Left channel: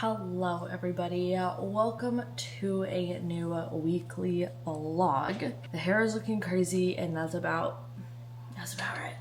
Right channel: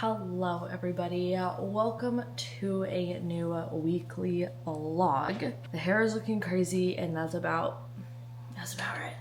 Hello everybody, welcome to a new weekly vlog. The hair is looking crazy and that's about right.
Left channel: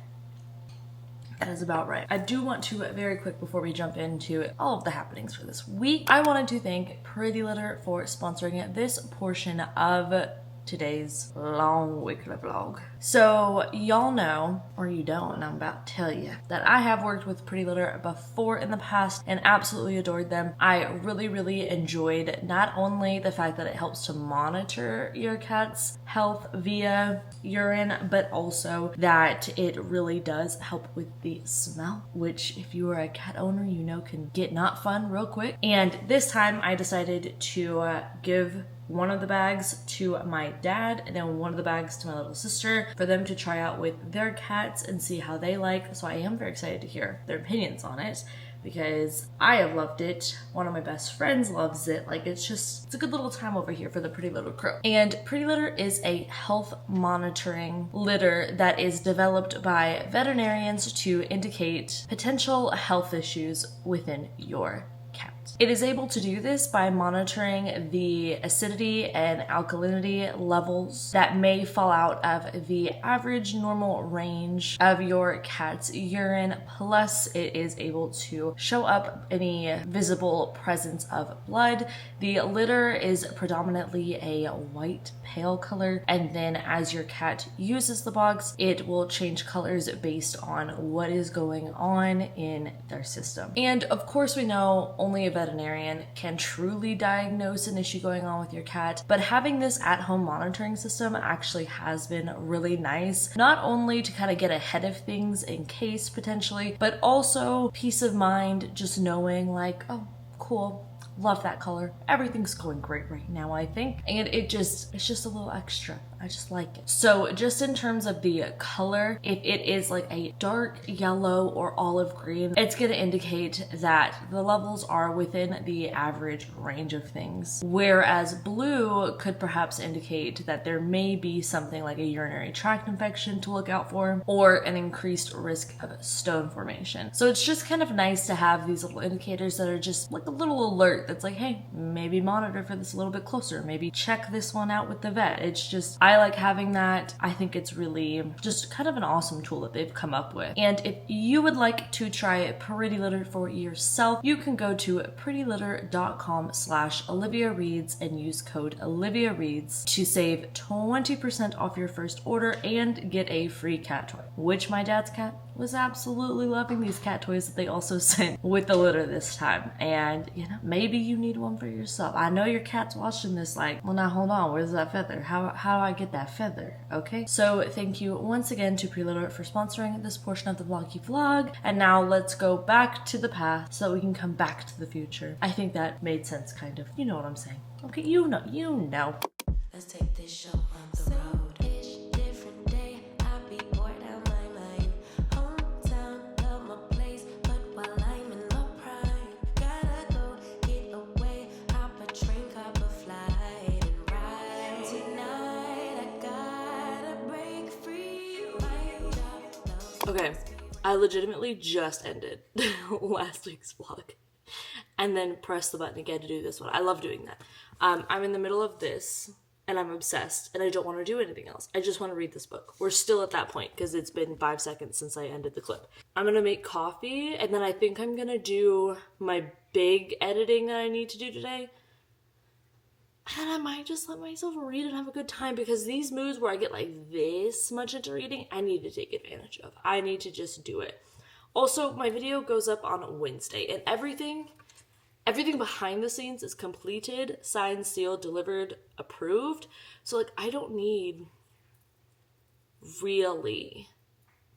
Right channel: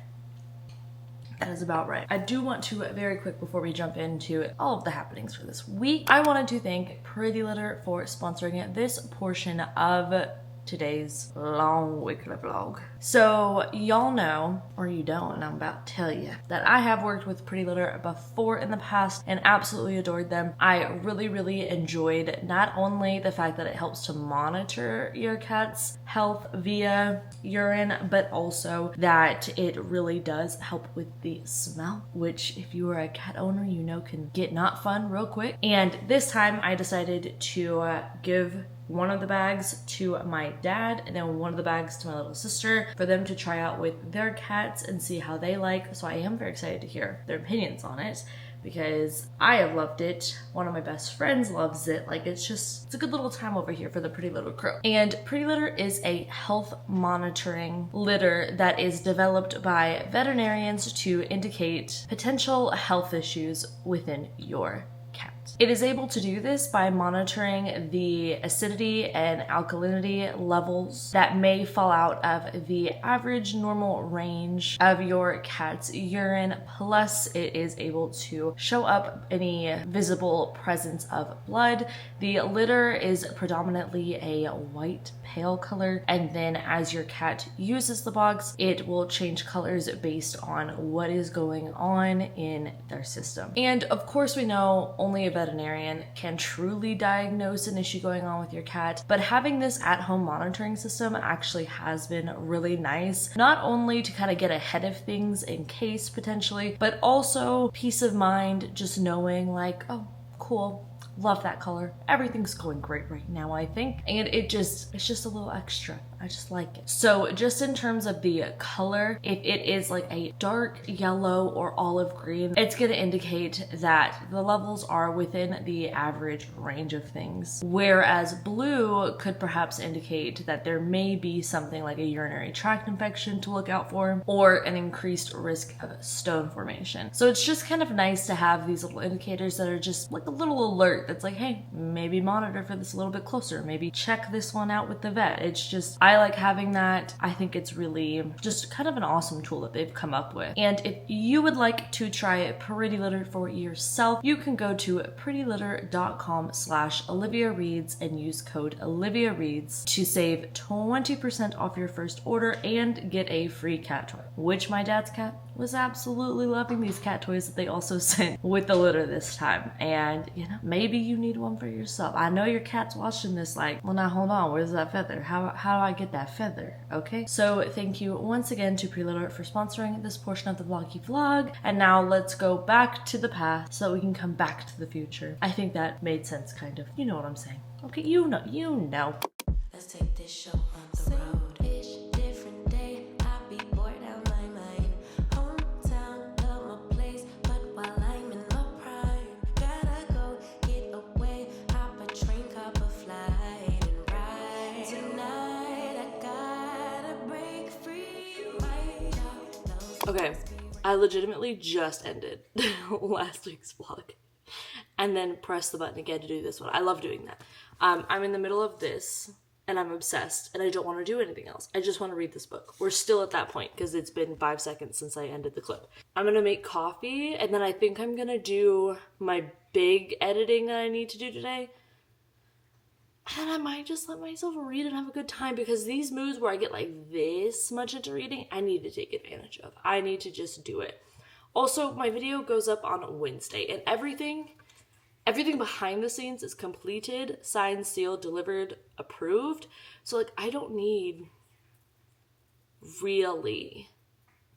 That is about right. I do want to, very quick before we jump into all of the happenings for this week, I wanted to thank Pretty Litter for sponsoring this portion of today's long weekly vlog. So y'all know, or you don't, and I'm about to tell you, that I have worked with Pretty Litter before in the past and absolutely adored them. I really enjoyed not only the fact that it helps to monitor your cat's health via urine, but also that it really does help with the smell, which if you are a cat owner, you know can get not fun real quick. And this time I decided to give one of the bags to my dad and then one of the bags to my little sister for them to try out with their cats and see how they like. So I am very excited to hear their opinions on it because I have loved it. One of my best friends loves it. Like it's a good little time over here for the Pretty Litter crew. And Pretty Litter is a health monitoring litter that is developed by veterinarians to indicate potential health issues within your cat. It is able to do this by monitoring the acidity and alkalinity levels that may fall out of the average normal range of your cat's urine. Plus, it is able to show up any visible presence of blood. The litter is predominantly a white pale color, and then as your cat uses the box, it will change colors based on what is going on in their system. And of course, we know only a veterinarian can truly diagnose an issue going on with your cat, but having this at-home monitoring system actually has been really nice, not only to kind of get ahead of things in case potentially, but also peace of mind just knowing like, oh, cool. Love that color. Everything's going great right now, I think. And it's just a little extra. I just like it. So just in terms of the color, if it is like a dark yellow or olive green, it's going to indicate that the levels are within the average range of things. Whereas blue could perhaps indicate that there may be something like a urinary tract infection to look out for, or an increased risk of stone formation. So it's just kind of nice to have these little indicators that are just like a little alert that's like, hey, maybe monitor for this a little bit closer. Maybe check this one out with the vet. It's just, I like having that. I think it's really just kind of an awesome tool that they've come up with. And if you would like to try Pretty Litter for yourself, you can go to prettylitter.com/oliviareads and use code oliviareads to save 20% off your first order and get a free cat toy, which my dad's cat was absolutely loving these cat toys that they also sent with the litter this time. And you know, maybe you need one for yourself. I know your cat's watching this like, well now hold on, where's that feather? How do I get that feather? Okay, so thank you once again to Pretty Litter for sponsoring this portion of the vloggy vlog. And now let's go back to the past so that we can come back to the future. I think that made sense, kind of. You know what I'm saying. Okay, you know. Let's take this show on the road. Different day, I be bored out my mind. Hometown, love my place, but while I'm in my prime, gotta go get away. Hop a train, cop a flight, and ride. Tonight I gotta break free. My job knows. Okay, I legitimately just ended last week's vlog and then pressed the button again to do this one. I love doing that. I'm in the middle of this and I'm obsessed and I don't want to do anything else. I just want to read this book. We're still at that point because it's been 5 seconds since I ended the clip. I'm going to make coffee and then I think I'm going to do my big editing that I need to do today. And I might just let myself read and have a good time because these moods where I get like this much into reading, I need to take advantage of. I need to just do it. Also, my video goes up on Wednesday and everything behind the scenes is completed, signed, sealed, delivered, approved. So like I don't need really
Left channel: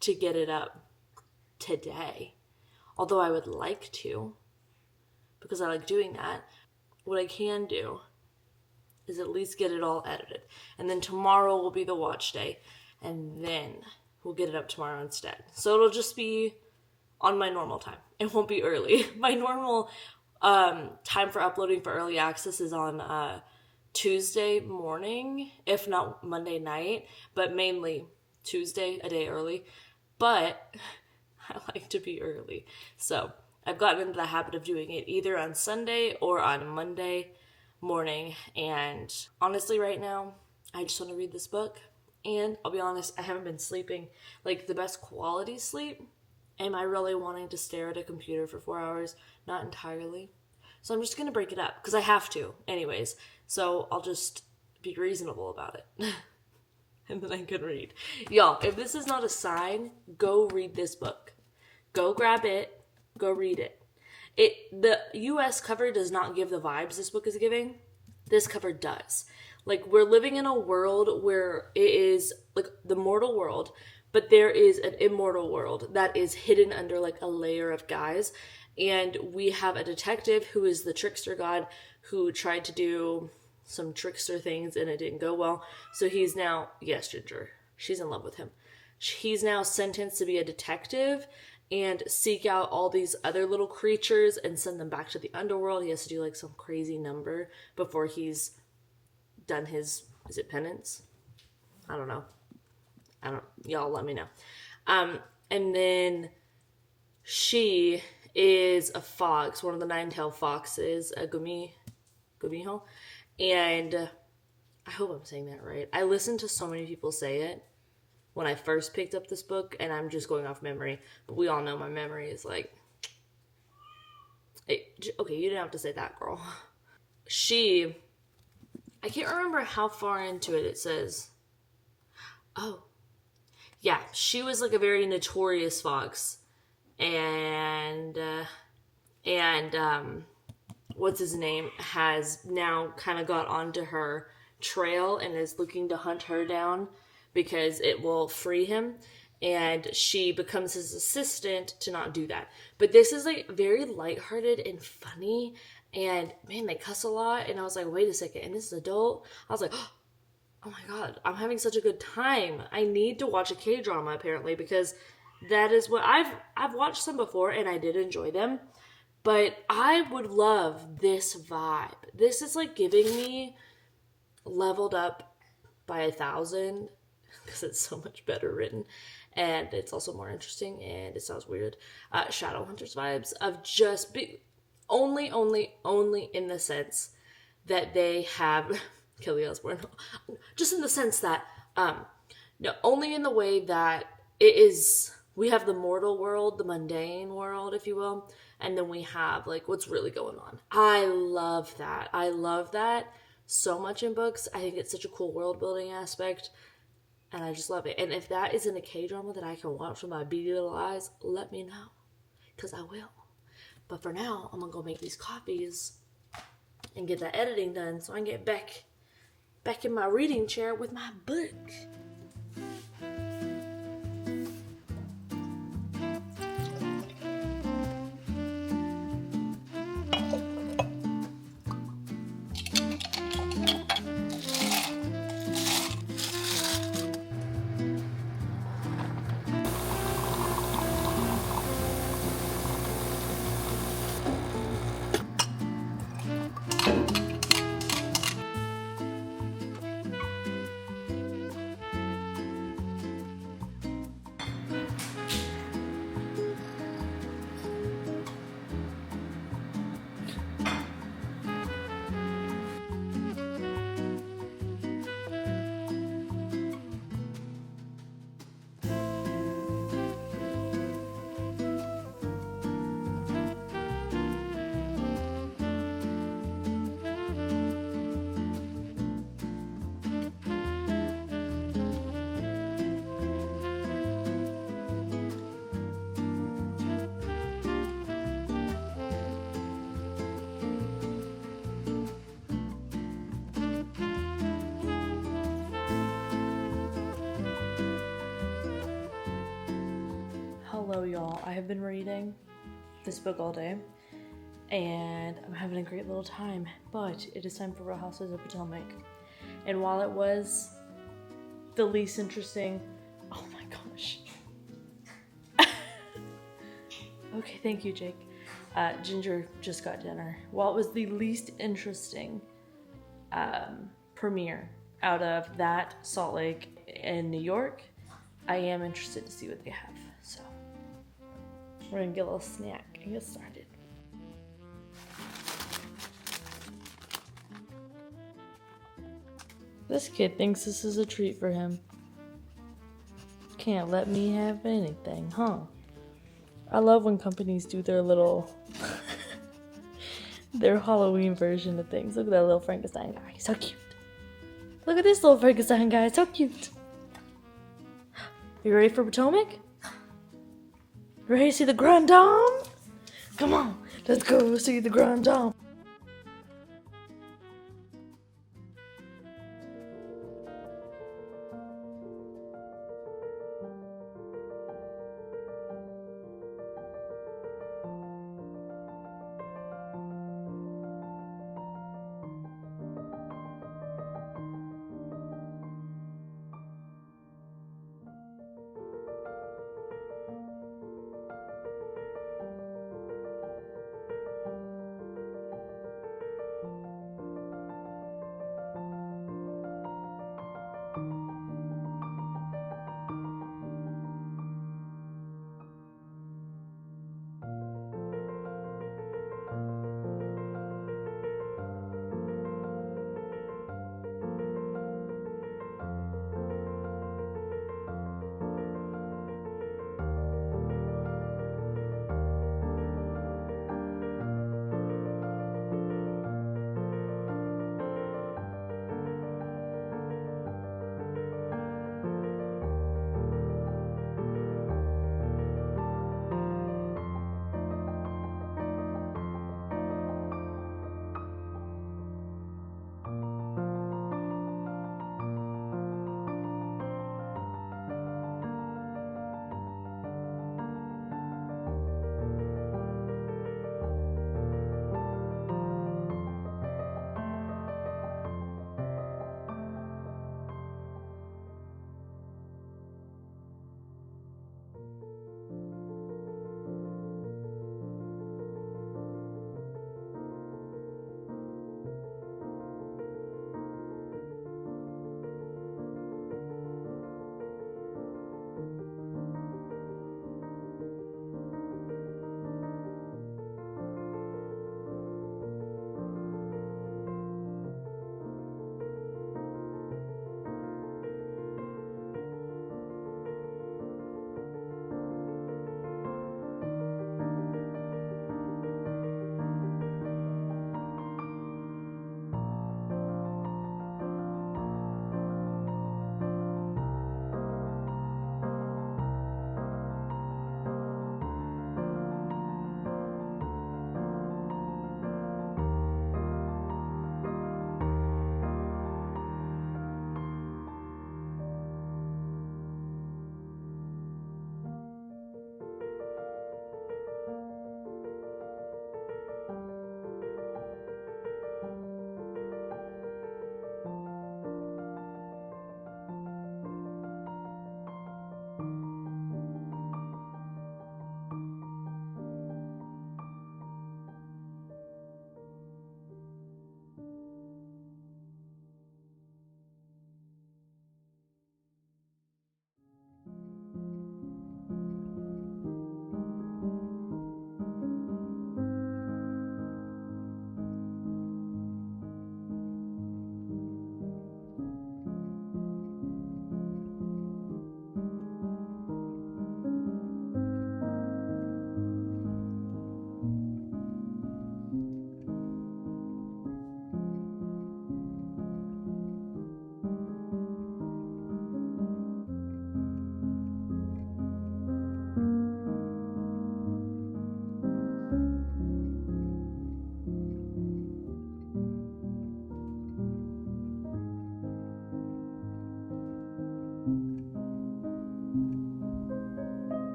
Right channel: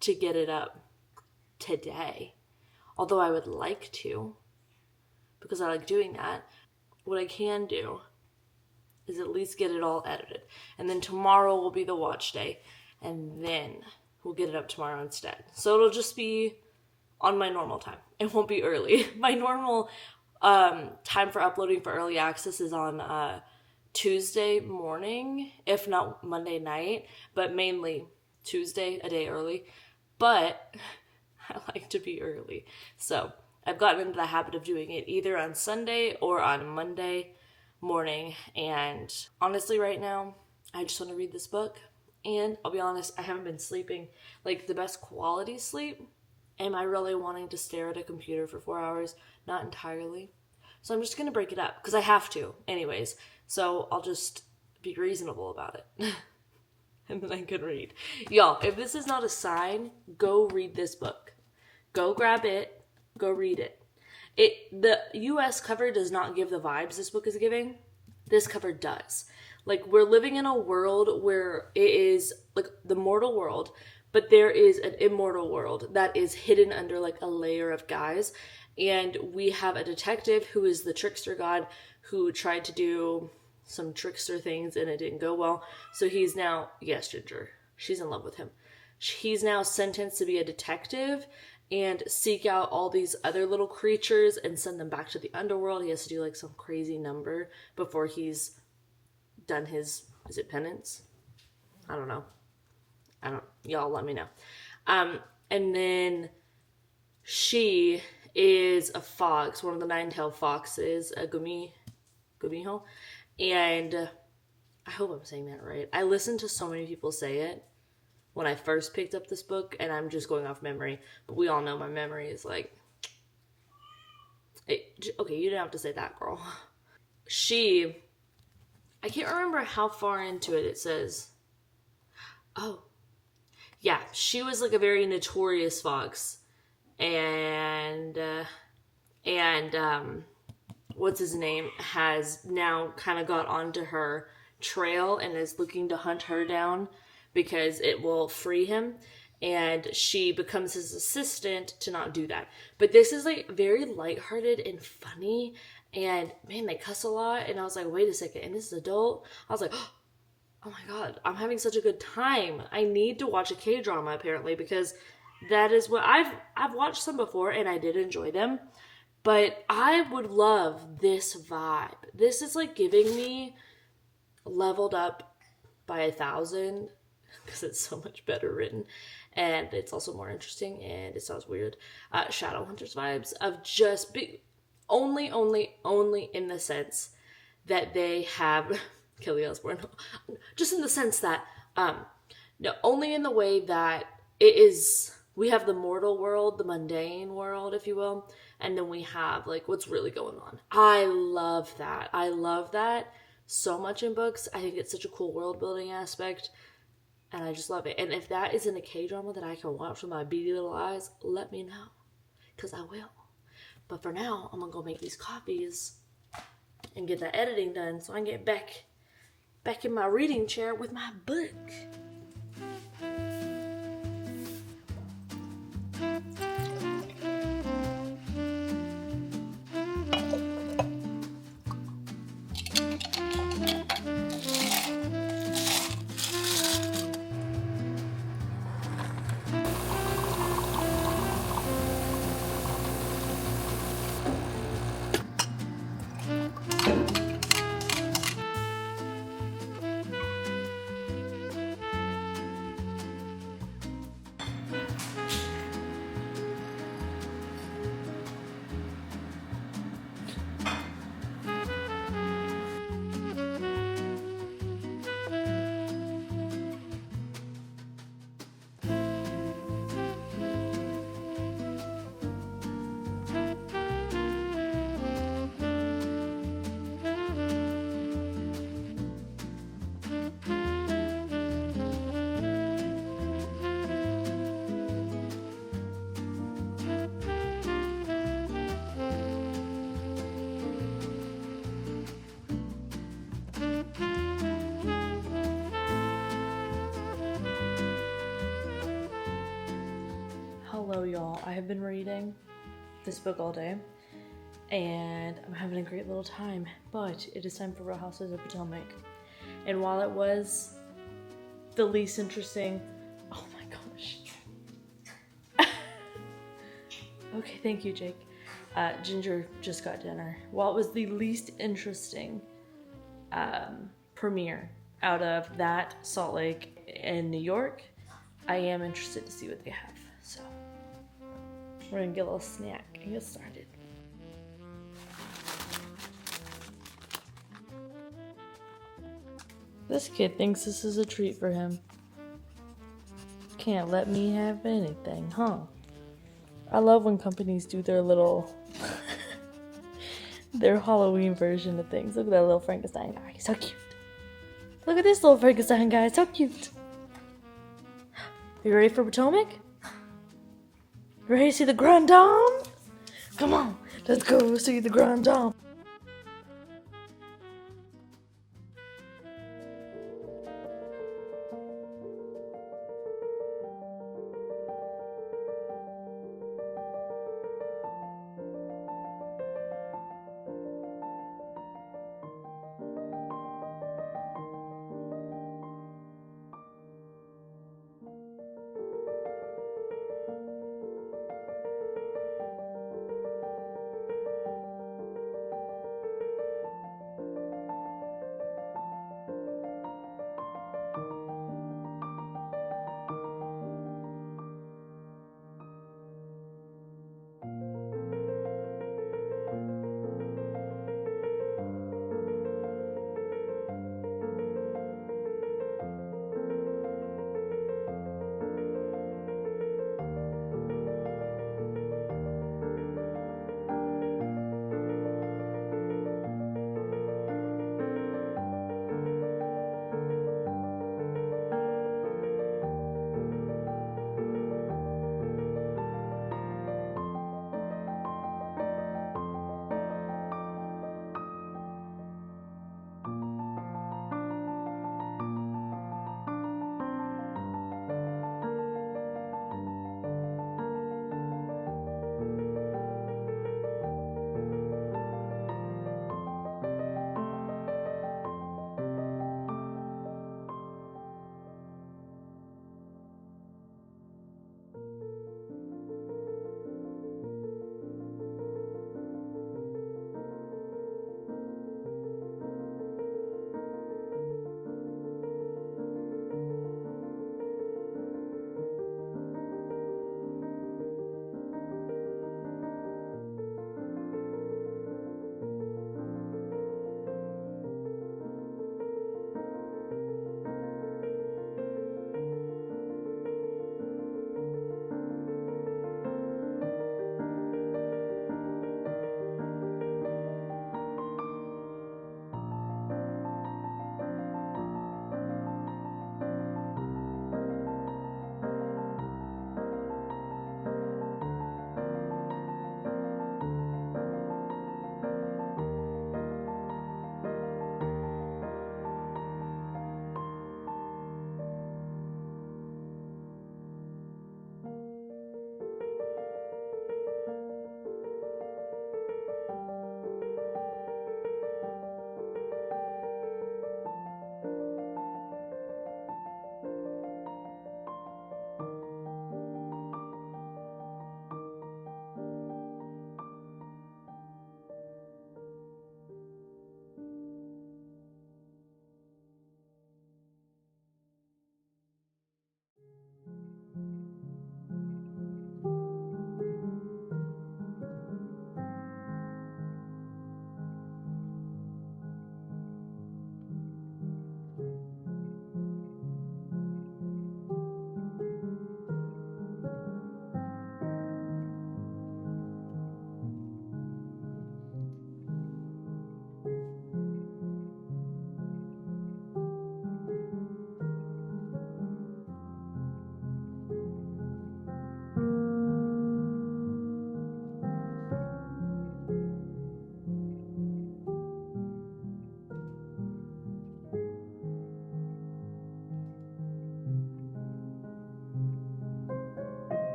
to get it up today. Although I would like to because I like doing that. What I can do is at least get it all edited. And then tomorrow will be the watch day. And then we'll get it up tomorrow instead. So it'll just be on my normal time. It won't be early. My normal time for uploading for early access is on Tuesday morning, if not Monday night, but mainly Tuesday, a day early. But I like to be early. So I've gotten into the habit of doing it either on Sunday or on Monday morning. And honestly, right now, I just want to read this book. And I'll be honest, I haven't been sleeping like the best quality sleep. Am I really wanting to stare at a computer for 4 hours? Not entirely. So I'm just going to break it up because I have to anyways. So I'll just be reasonable about it. And then I can read. Y'all, if this is not a sign, go read this book. Go grab it. Go read it. The US cover does not give the vibes this book is giving. This cover does. Like, we're living in a world where it is like the mortal world, but there is an immortal world that is hidden under like a layer of guys. And we have a detective who is the trickster god who tried to do some trickster things and it didn't go well. So he's now, yes, Ginger, she's in love with him. He's now sentenced to be a detective and seek out all these other little creatures and send them back to the underworld. He has to do like some crazy number before he's done his, is it penance? I don't know. Y'all let me know. And then she is a fox, one of the 9-tailed foxes, a Gumiho. And I hope I'm saying that right. I listened to so many people say it when I first picked up this book, and I'm just going off memory. But we all know my memory is like, okay, you didn't have to say that, girl. I can't remember how far into it says. Oh, yeah, she was like a very notorious fox. And what's his name has now kind of got onto her trail and is looking to hunt her down because it will free him, and she becomes his assistant to not do that. But this is like very lighthearted and funny, and man, they cuss a lot, and I was like, wait a second, and this is adult? I was like, oh my god, I'm having such a good time. I need to watch a K-drama apparently, because that is what I've watched some before and I did enjoy them, but I would love this vibe. This is like giving me Leveled Up by 1,000 because it's so much better written and it's also more interesting and it sounds weird. Shadowhunters vibes of just only in the sense that they have Kelly Osbourne, just in the sense that no, only in the way that it is. We have the mortal world, the mundane world, if you will, and then we have like what's really going on. I love that. I love that so much in books. I think it's such a cool world building aspect, and I just love it. And if that isn't a K-drama that I can watch with my beady little eyes, let me know, because I will. But for now, I'm gonna go make these copies and get that editing done so I can get back in my reading chair with my book. Hello y'all, I have been reading this book all day and I'm having a great little time, but it is time for Real Housewives of Potomac. And while it was the least interesting, oh my gosh. Okay, thank you, Jake. Ginger just got dinner. While it was the least interesting premiere out of that Salt Lake in New York, I am interested to see what they have. So we're gonna get a little snack. Okay, get started. This kid thinks this is a treat for him. Can't let me have anything, huh? I love when companies do their little their Halloween version of things. Look at that little Frankenstein guy, so cute. Look at this little Frankenstein guy, so cute. You ready for Potomac? Ready to see the Grand Dame? Come on, let's go see the Grand Dame.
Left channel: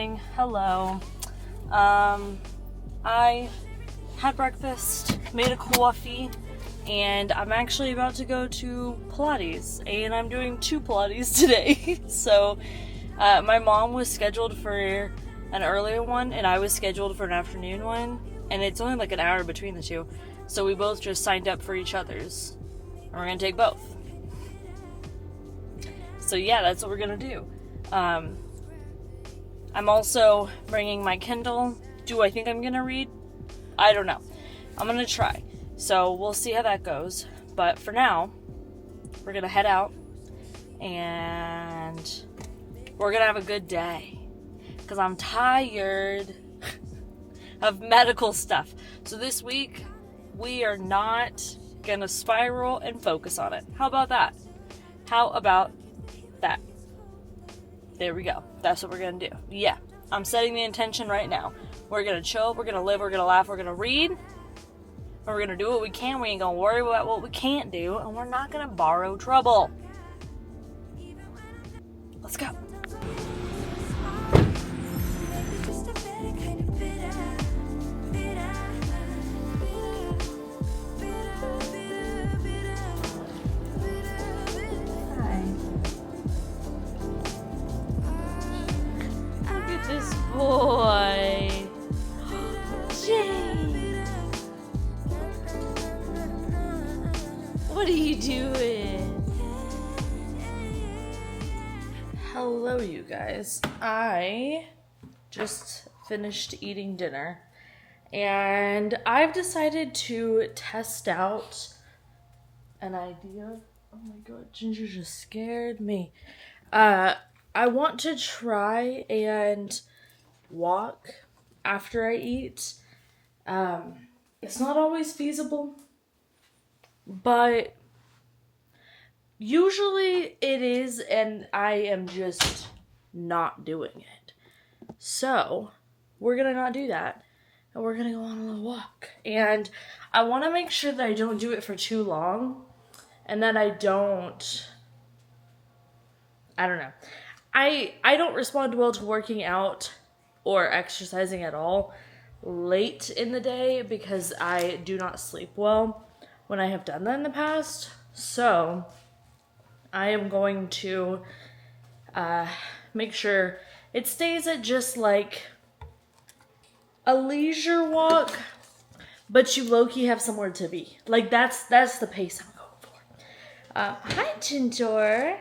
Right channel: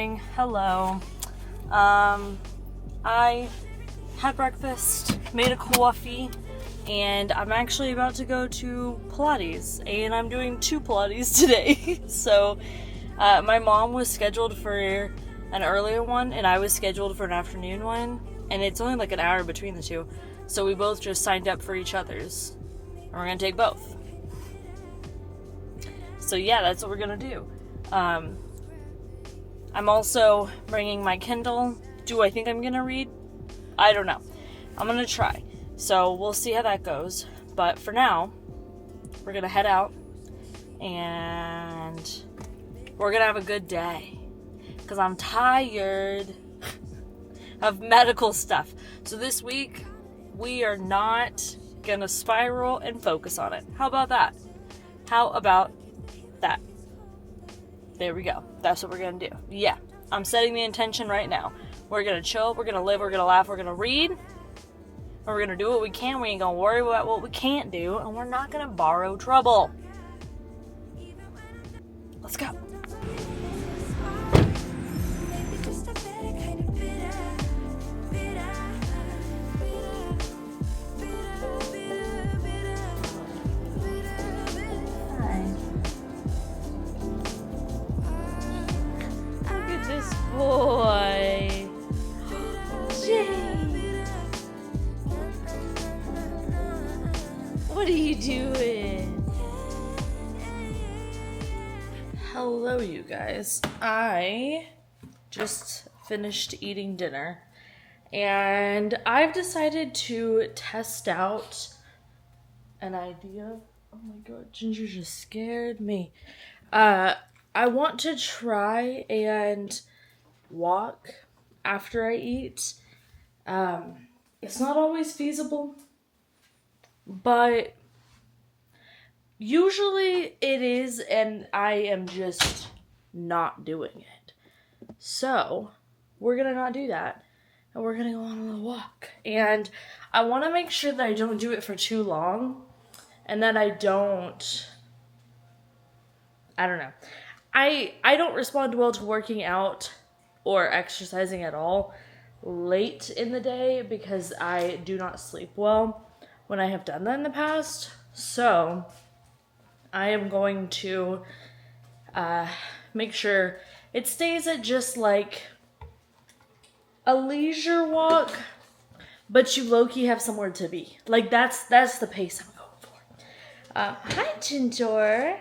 morning. Hello. I had breakfast, made a coffee, and I'm actually about to go to Pilates, and I'm doing 2 Pilates today. So my mom was scheduled for an earlier one, and I was scheduled for an afternoon one, and it's only like an hour between the two. So we both just signed up for each other's, and we're gonna take both. So yeah, that's what we're gonna do. I'm also bringing my Kindle. Do I think I'm gonna read? I don't know. I'm gonna try. So we'll see how that goes. But for now, we're gonna head out and we're gonna have a good day. Because I'm tired of medical stuff. So this week, we are not gonna spiral and focus on it. How about that? How about that? There we go. That's what we're gonna do. Yeah, I'm setting the intention right now. We're gonna chill, we're gonna live, we're gonna laugh, we're gonna read, and we're gonna do what we can. We ain't gonna worry about what we can't do, and we're not gonna borrow trouble. Let's go. This boy, Jay, what are you doing? Hello, you guys. I just finished eating dinner, and I've decided to test out an idea. Oh my god, Ginger just scared me. I want to try and walk after I eat. It's not always feasible, but usually it is, and I am just not doing it. So we're gonna not do that, and we're gonna go on a little walk. And I want to make sure that I don't do it for too long, and that I don't know. I don't respond well to working out or exercising at all late in the day because I do not sleep well when I have done that in the past. So I am going to make sure it stays at just like a leisure walk, but you low-key have somewhere to be. Like that's the pace I'm going for. Hi, Ginger.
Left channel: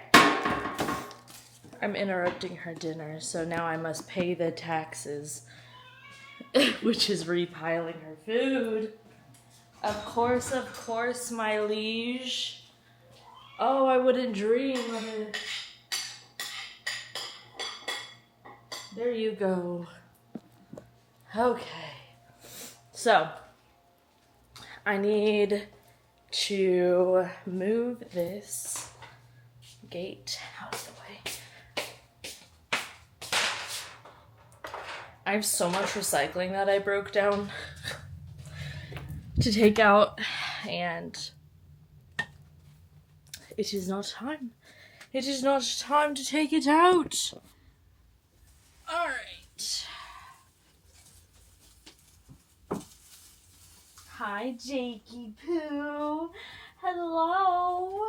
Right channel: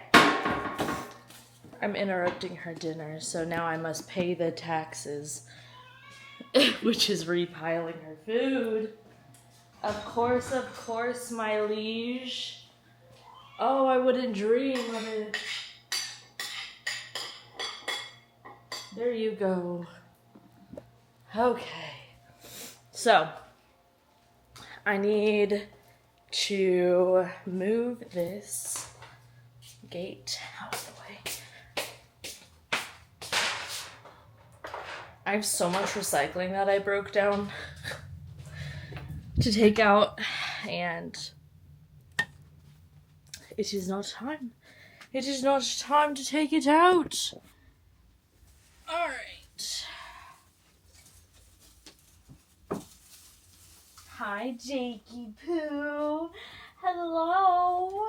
I'm interrupting her dinner, so now I must pay the taxes, which is repiling her food. Of course, my liege. Oh, I wouldn't dream of it. There you go. Okay. So, I need to move this gate out of the way. I have so much recycling that I broke down to take out, and it is not time. It is not time to take it out. Alright. Hi, Jakey Poo. Hello.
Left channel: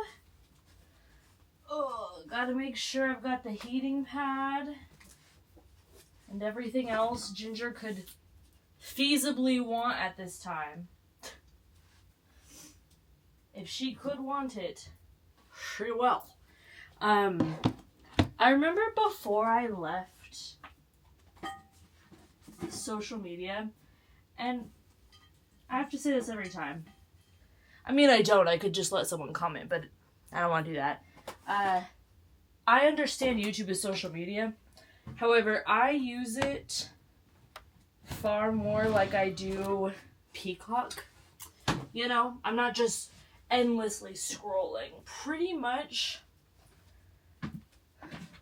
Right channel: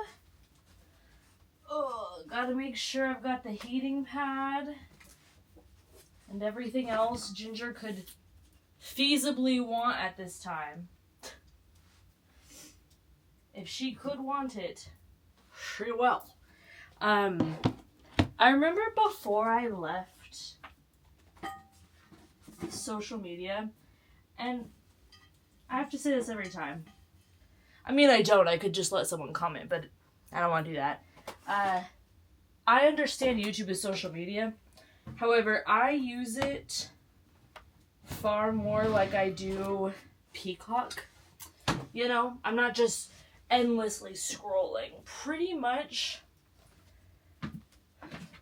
Oh, gotta make sure I've got the heating pad and everything else Ginger could feasibly want at this time. If she could want it, she will. I remember before I left social media, and I have to say this every time. I mean, I could just let someone comment, but I don't want to do that. I understand YouTube is social media. However, I use it far more like I do Peacock. You know, I'm not just endlessly scrolling. Pretty much,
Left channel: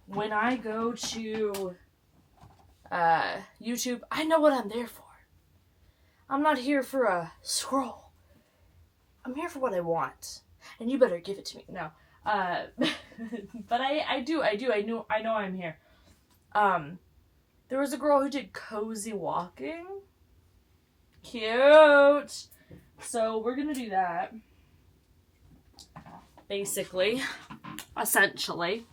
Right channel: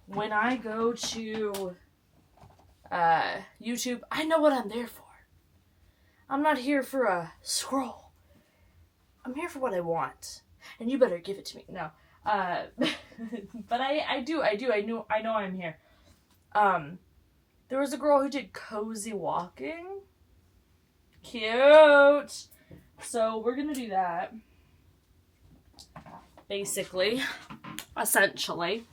when I go to YouTube, I know what I'm there for. I'm not here for a scroll. I'm here for what I want. And you better give it to me. No. But I know I'm here. There was a girl who did cozy walking. Cute. So we're gonna do that. Basically. Essentially.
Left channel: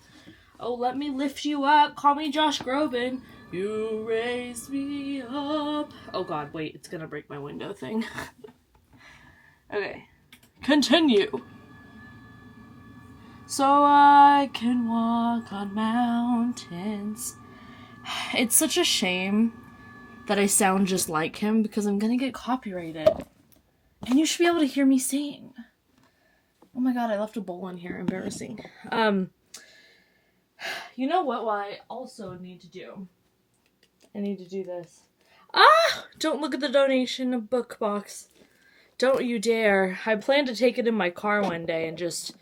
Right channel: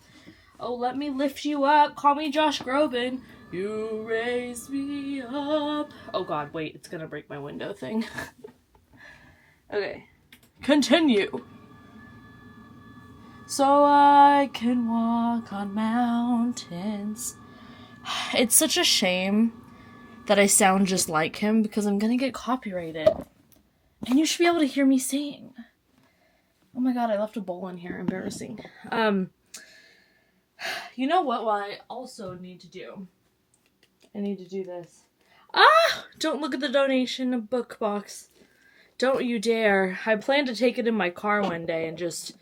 Oh, let me lift you up. Call me Josh Groban. You raise me up. Oh god, wait. It's gonna break my window thing. Okay. Continue. So I can walk on mountains. It's such a shame that I sound just like him because I'm gonna get copyrighted. And you should be able to hear me sing. Oh my god, I left a bowl in here. Embarrassing. You know what I also need to do? I need to do this. Ah! Don't look at the donation book box. Don't you dare. I plan to take it in my car one day and just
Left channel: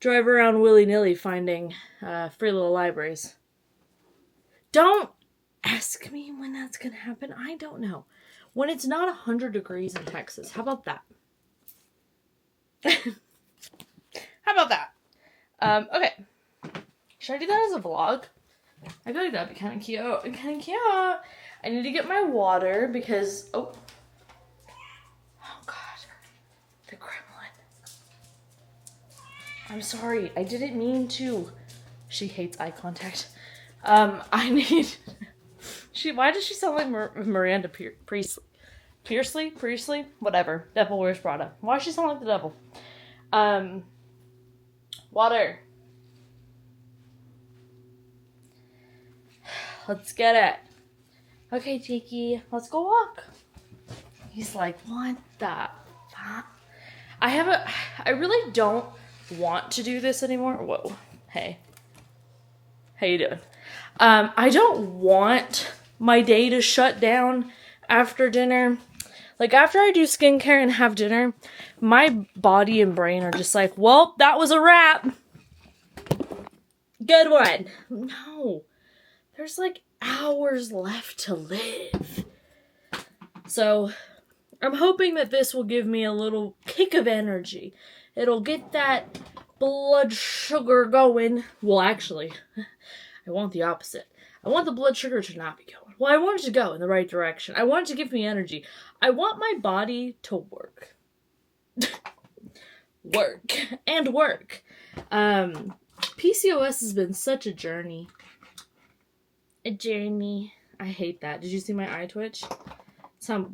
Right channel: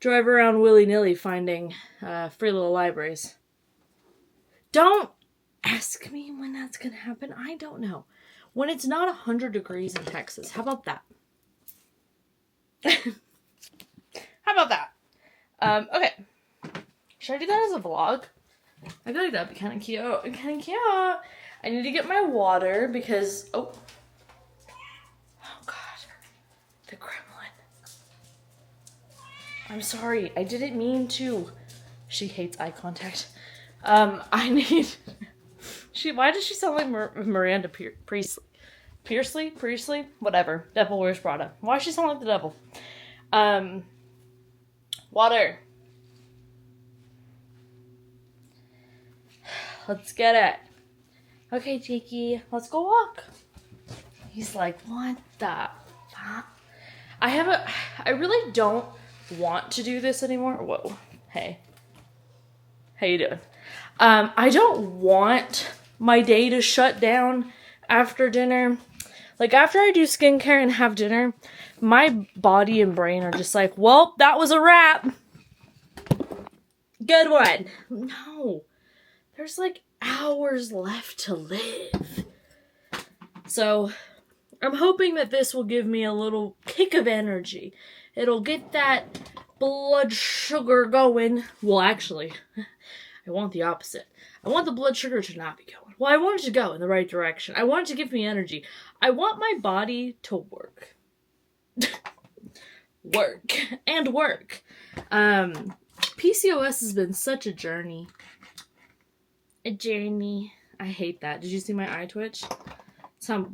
drive around willy-nilly finding free little libraries. Don't ask me when that's gonna happen. I don't know. When it's not 100 degrees in Texas. How about that? How about that? Okay. Should I do that as a vlog? I feel like that'd be kind of cute. Kind of cute. I need to get my water because... Oh god. The gremlin. I'm sorry. I didn't mean to. She hates eye contact. I need... Why does she sound like Miranda Priestley? Priestley? Whatever. Devil Wears Prada. Why does she sound like the devil? Water. Let's get it. Okay, Jakey. Let's go walk. He's like, what the fuck? I really don't want to do this anymore. Whoa. Hey. How you doing? I don't want my day to shut down after dinner. Like, after I do skincare and have dinner, my body and brain are just like, well, that was a wrap. Good one. No. There's like hours left to live. So, I'm hoping that this will give me a little kick of energy. It'll get that blood sugar going. Well, actually, I want the opposite. I want the blood sugar to not be going. Well, I want it to go in the right direction. I want it to give me energy. I want my body to work. Work. PCOS has been such a journey. A journey. I hate that. Did you see my eye twitch? That's how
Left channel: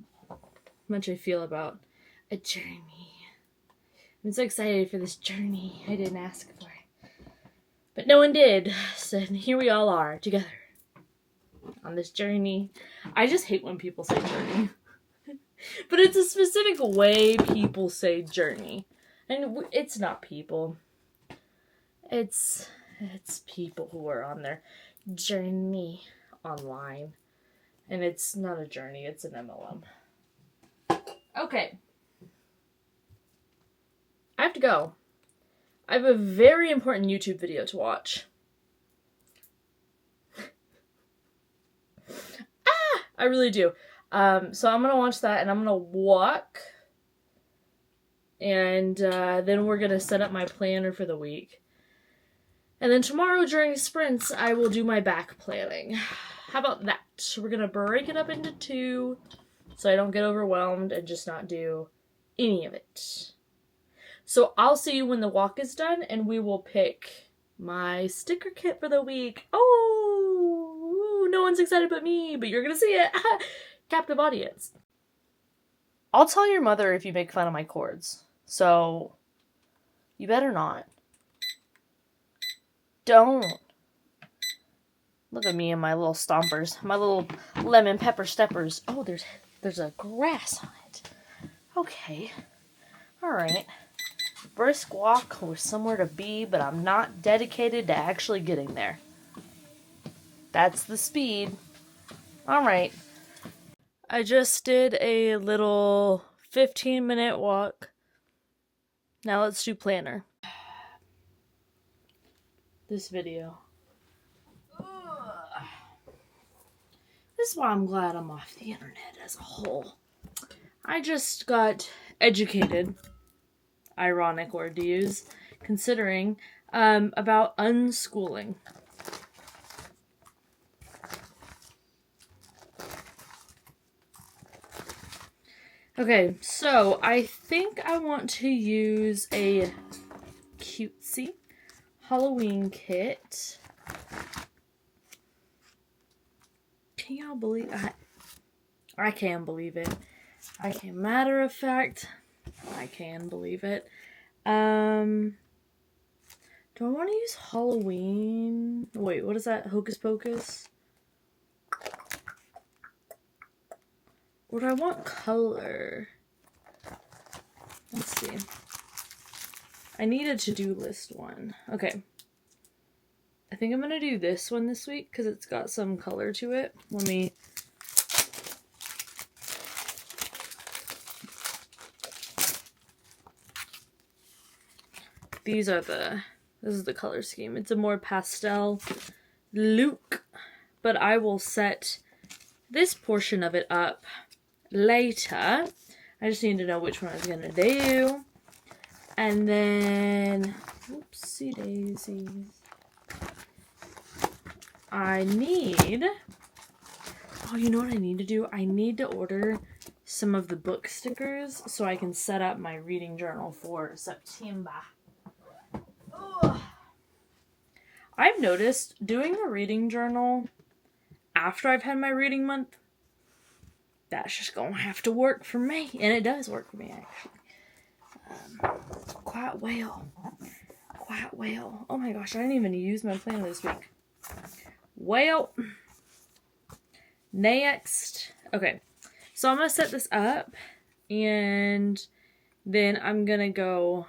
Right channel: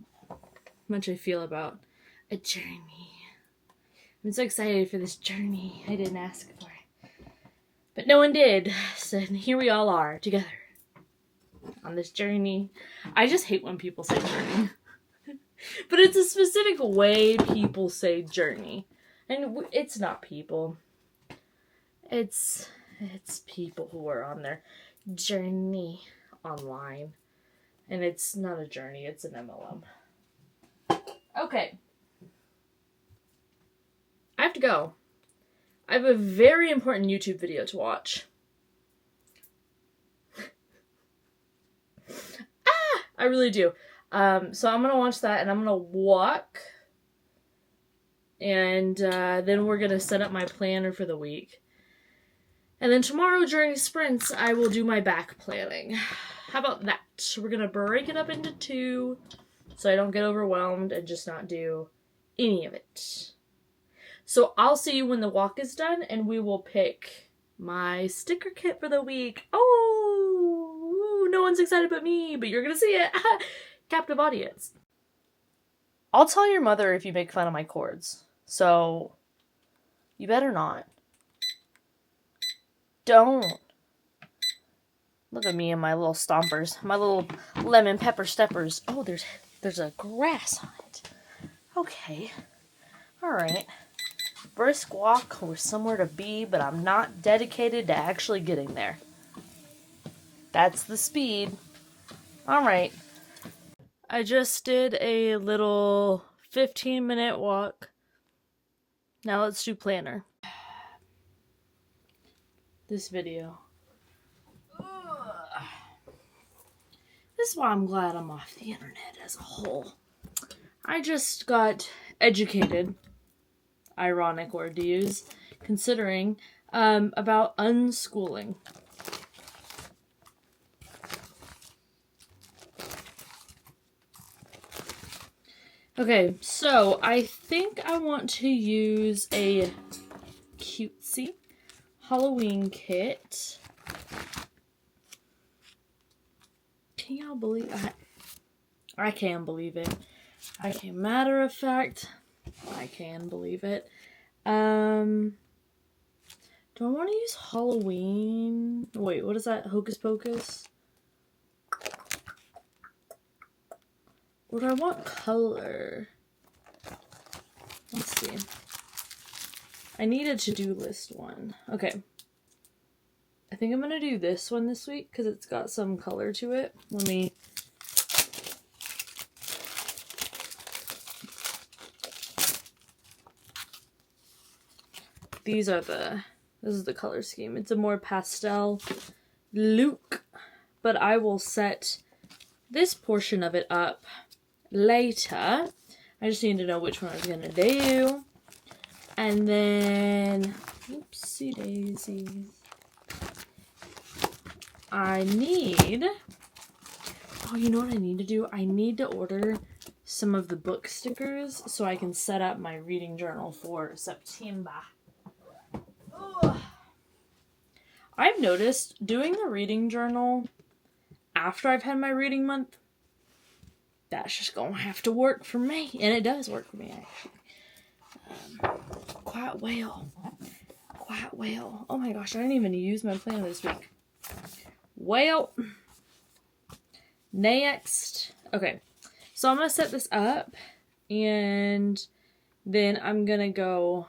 much I feel about a journey. I'm so excited for this journey. I didn't ask for it. But no one did. So here we all are together on this journey. I just hate when people say journey. But it's a specific way people say journey. And it's not people. It's people who are on their journey online. And it's not a journey, it's an MLM. Okay. I have to go. I have a very important YouTube video to watch. I really do. So I'm going to watch that and I'm going to walk. And then we're going to set up my planner for the week. And then tomorrow during sprints, I will do my back planning. How about that? We're going to break it up into 2 so I don't get overwhelmed and just not do any of it. So I'll see you when the walk is done and we will pick my sticker kit for the week. Oh, no one's excited but me, but you're going to see it. Captive audience. I'll tell your mother if you make fun of my cords. So you better not. Don't. Look at me and my little stompers. My little lemon pepper steppers. Oh, there's a grass on it. Okay. Alright. Brisk walk or somewhere to be, but I'm not dedicated to actually getting there. That's the speed. Alright. I just did a little 15-minute walk. Now let's do planner. This video. This is why I'm glad I'm off the internet as a whole. I just got educated, ironic word to use, considering, about unschooling. Okay, so I think I want to use a cutesy Halloween kit. Can y'all believe I can believe it. I can. Matter of fact, I can believe it. Do I want to use Halloween? Wait, what is that? Hocus Pocus? Or do I want color? Let's see. I need a to-do list one. Okay. I think I'm going to do this one this week because it's got some color to it. Let me... This is the color scheme. It's a more pastel look, but I will set this portion of it up later. I just need to know which one I was gonna do. And then, oopsie daisies. You know what I need to do? I need to order some of the book stickers so I can set up my reading journal for September. Ugh. I've noticed doing the reading journal after I've had my reading month, that's just gonna have to work for me. And it does work for me, actually. Quite well. Oh my gosh, I didn't even use my planner this week. Well, next. Okay, so I'm gonna set this up and then I'm gonna go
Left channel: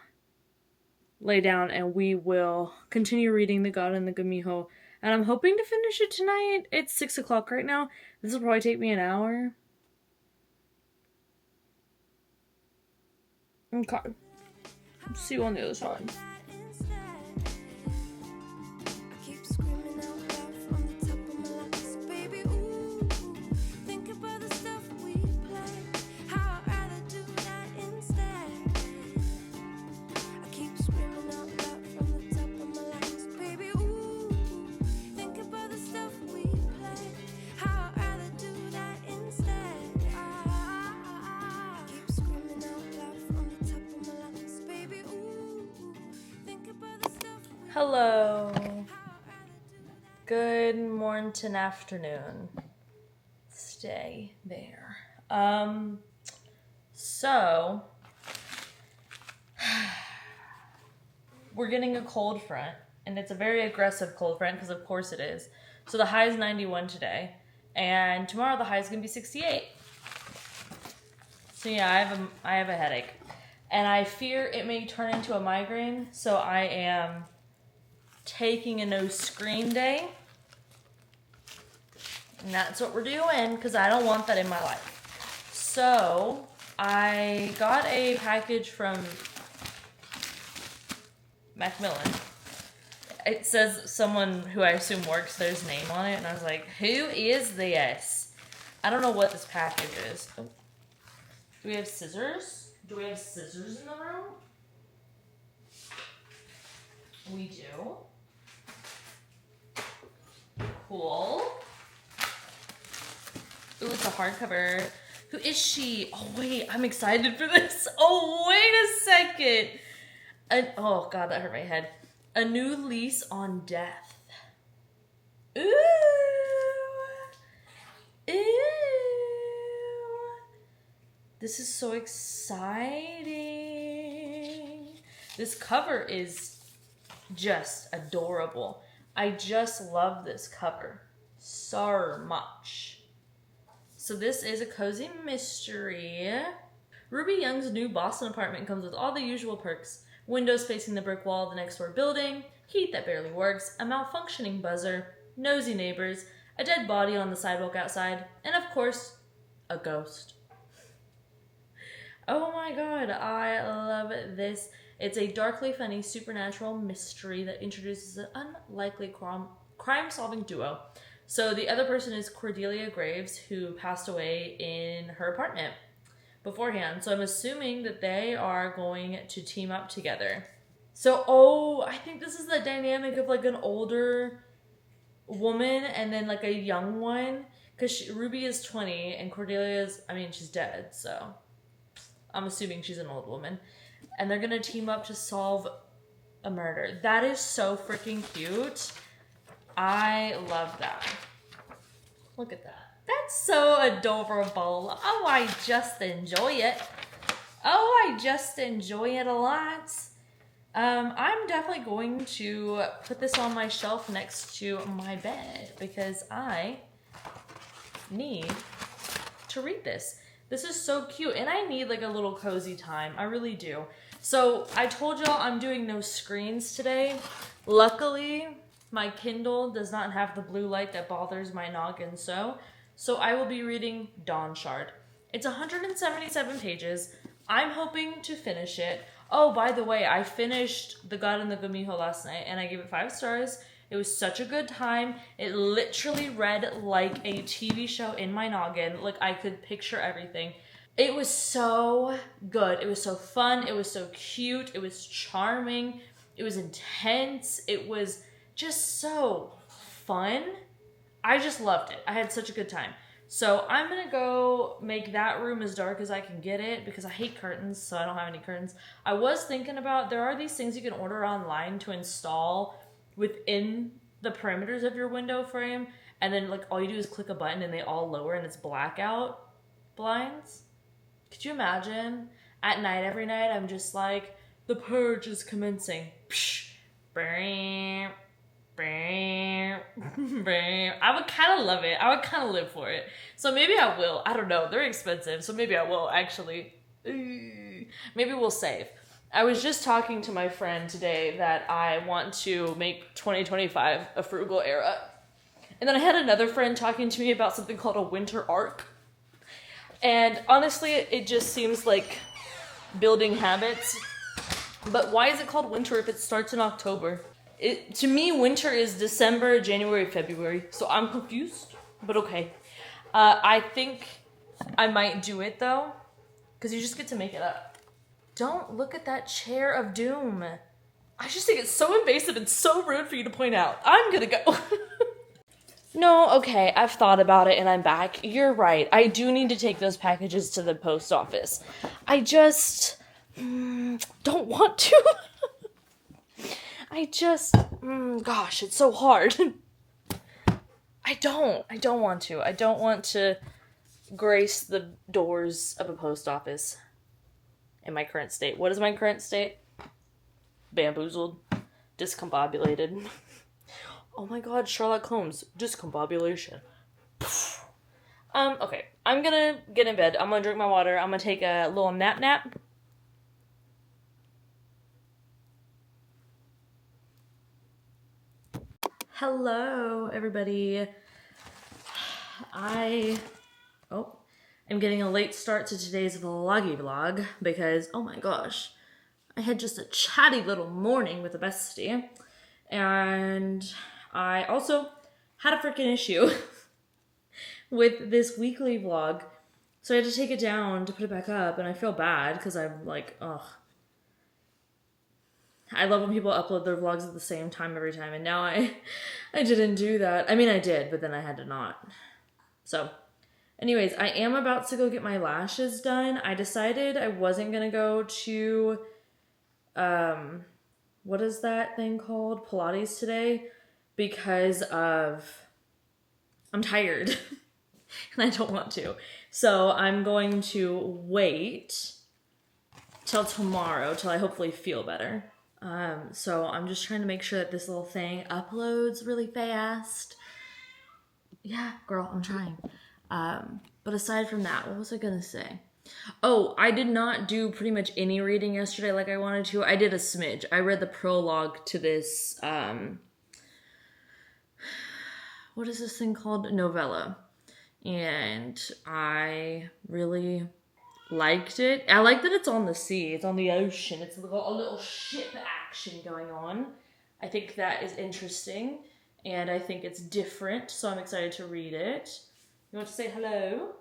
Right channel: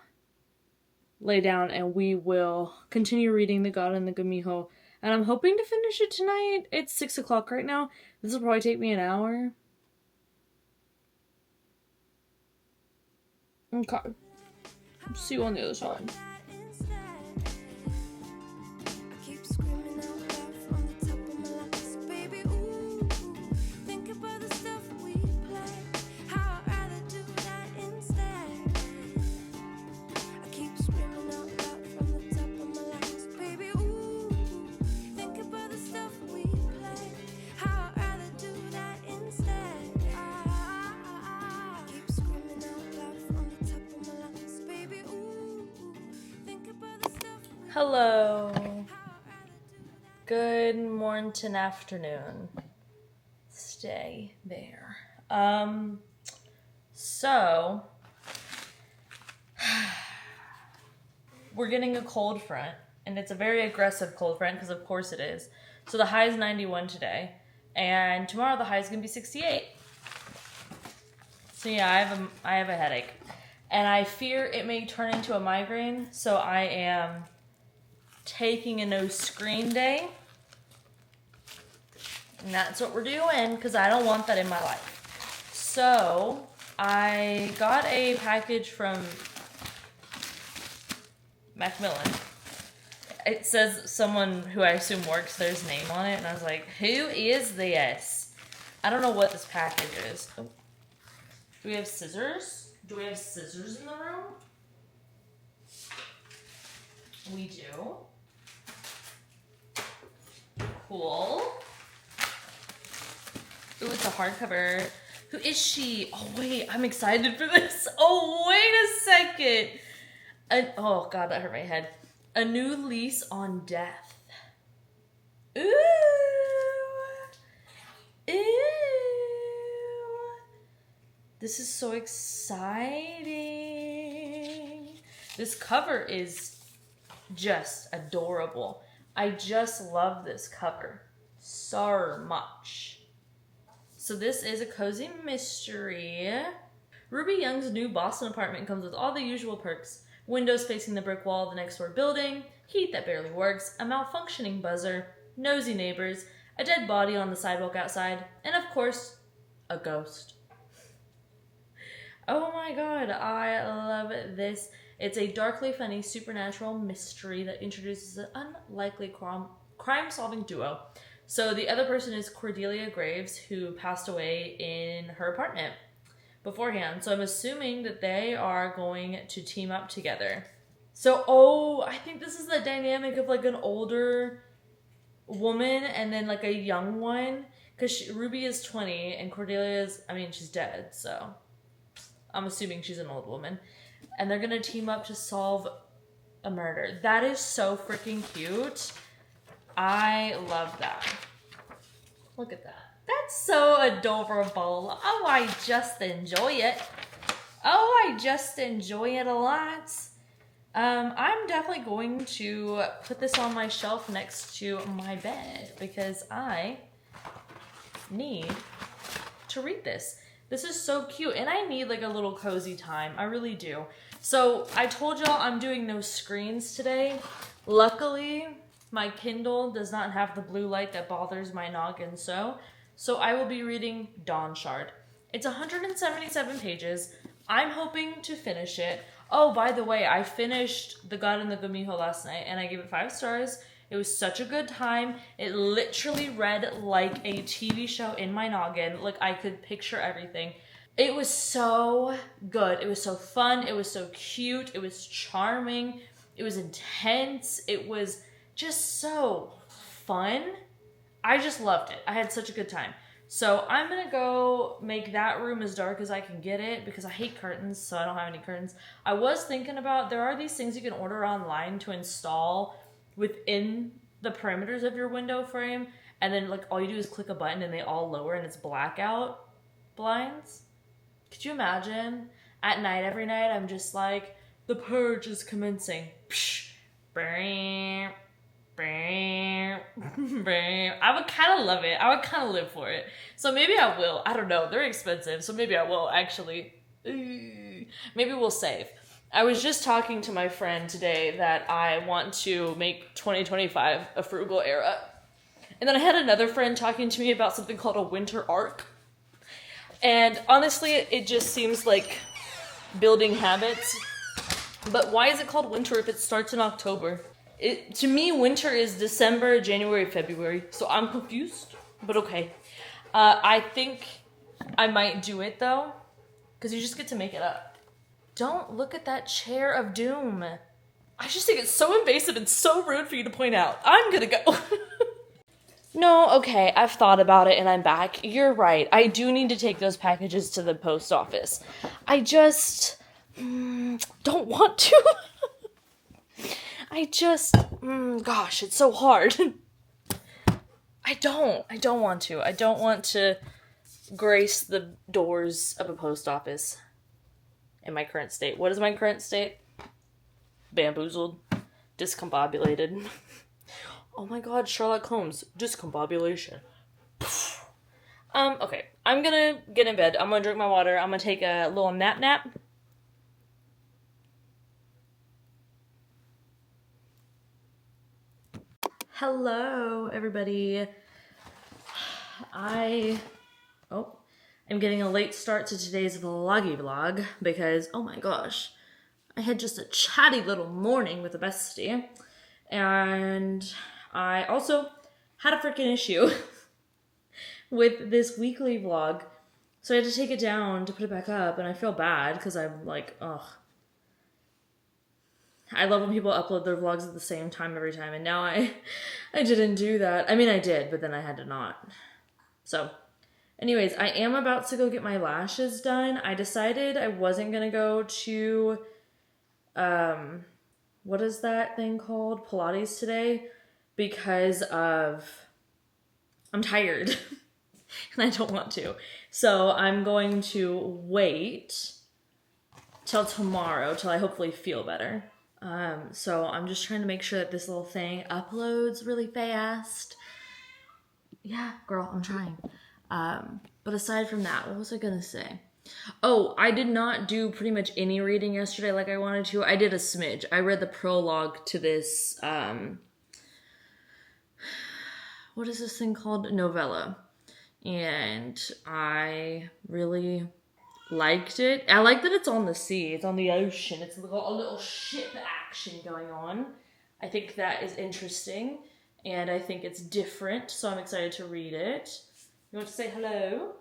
lay down and we will continue reading The God and the Gumiho. And I'm hoping to finish it tonight. It's 6 o'clock right now. This will probably take me an hour. Okay. See you on the other side. Hello. Good morning, afternoon. Stay there. So we're getting a cold front, and it's a very aggressive cold front because of course it is. So the high is 91 today, and tomorrow the high is gonna be 68. So yeah, I have a headache, and I fear it may turn into a migraine. So I am taking a no screen day, and that's what we're doing because I don't want that in my life. So I got a package from Macmillan. It says someone who I assume works there's name on it, and I was like, who is this? I don't know what this package is. Oh. Do we have scissors? Do we have scissors in the room? We do. Cool. Ooh, it's a hardcover. Who is she? Oh, wait. I'm excited for this. Oh, wait a second. Oh, God, that hurt my head. A New Lease on Death. Ooh. Ooh. This is so exciting. This cover is just adorable. I just love this cover so much. So this is a cozy mystery. Ruby Young's new Boston apartment comes with all the usual perks. Windows facing the brick wall of the next door building, heat that barely works, a malfunctioning buzzer, nosy neighbors, a dead body on the sidewalk outside, and of course, a ghost. Oh my god, I love this. It's a darkly funny supernatural mystery that introduces an unlikely crime-solving duo. So the other person is Cordelia Graves, who passed away in her apartment beforehand. So I'm assuming that they are going to team up together. So, I think this is the dynamic of like an older woman and then like a young one. Because Ruby is 20 and Cordelia is, she's dead, so. I'm assuming she's an old woman. And they're gonna team up to solve a murder. That is so freaking cute. I love that. Look at that. That's so adorable. Oh, I just enjoy it. Oh, I just enjoy it a lot. I'm definitely going to put this on my shelf next to my bed because I need to read this. This is so cute, and I need like a little cozy time. I really do. So I told y'all I'm doing no screens today. Luckily, my Kindle does not have the blue light that bothers my noggin so I will be reading Dawnshard. It's 177 pages. I'm hoping to finish it. Oh, by the way, I finished The God in the Gumiho last night, and I gave it 5 stars. It was such a good time. It literally read like a TV show in my noggin. Like, I could picture everything. It was so good. It was so fun. It was so cute. It was charming. It was intense. It was just so fun. I just loved it. I had such a good time. So I'm going to go make that room as dark as I can get it because I hate curtains, so I don't have any curtains. I was thinking about, there are these things you can order online to install within the perimeters of your window frame, and then like all you do is click a button and they all lower and it's blackout blinds. Could you imagine? At night, every night, I'm just like, the purge is commencing. Psh, bam. I would kind of love it. I would kind of live for it. So maybe I will. I don't know. They're expensive. So maybe I will actually. Maybe we'll save. I was just talking to my friend today that I want to make 2025 a frugal era. And then I had another friend talking to me about something called a winter arc. And honestly, it just seems like building habits. But why is it called winter if it starts in October? To me, winter is December, January, February. So I'm confused, but okay. I think I might do it though, because you just get to make it up. Don't look at that chair of doom. I just think it's so invasive and so rude for you to point out. I'm gonna go. No, okay, I've thought about it and I'm back. You're right. I do need to take those packages to the post office. I just don't want to. Gosh, it's so hard. I don't want to. I don't want to grace the doors of a post office in my current state. What is my current state? Bamboozled. Discombobulated. Oh my god, Sherlock Holmes. Discombobulation. Okay. I'm gonna get in bed. I'm gonna drink my water. I'm gonna take a little nap. Hello, everybody. I'm getting a late start to today's vlog because, oh my gosh, I had just a chatty little morning with a bestie, and I also had a freaking issue with this weekly vlog, so I had to take it down to put it back up, and I feel bad because I'm like, ugh. I love when people upload their vlogs at the same time every time, and now I didn't do that. I mean, I did, but then I had to not. So, anyways, I am about to go get my lashes done. I decided I wasn't gonna go to, what is that thing called? Pilates today, because I'm tired, and I don't want to. So, I'm going to wait till tomorrow, till I hopefully feel better. So I'm just trying to make sure that this little thing uploads really fast. Yeah, girl, I'm trying. But aside from that, what was I gonna say? Oh, I did not do pretty much any reading yesterday like I wanted to. I did a smidge. I read the prologue to this, what is this thing called? Novella. And I really liked it. I like that it's on the sea. It's on the ocean. It's got a little ship action going on. I think that is interesting, and I think it's different, so I'm excited to read it. You want to say hello?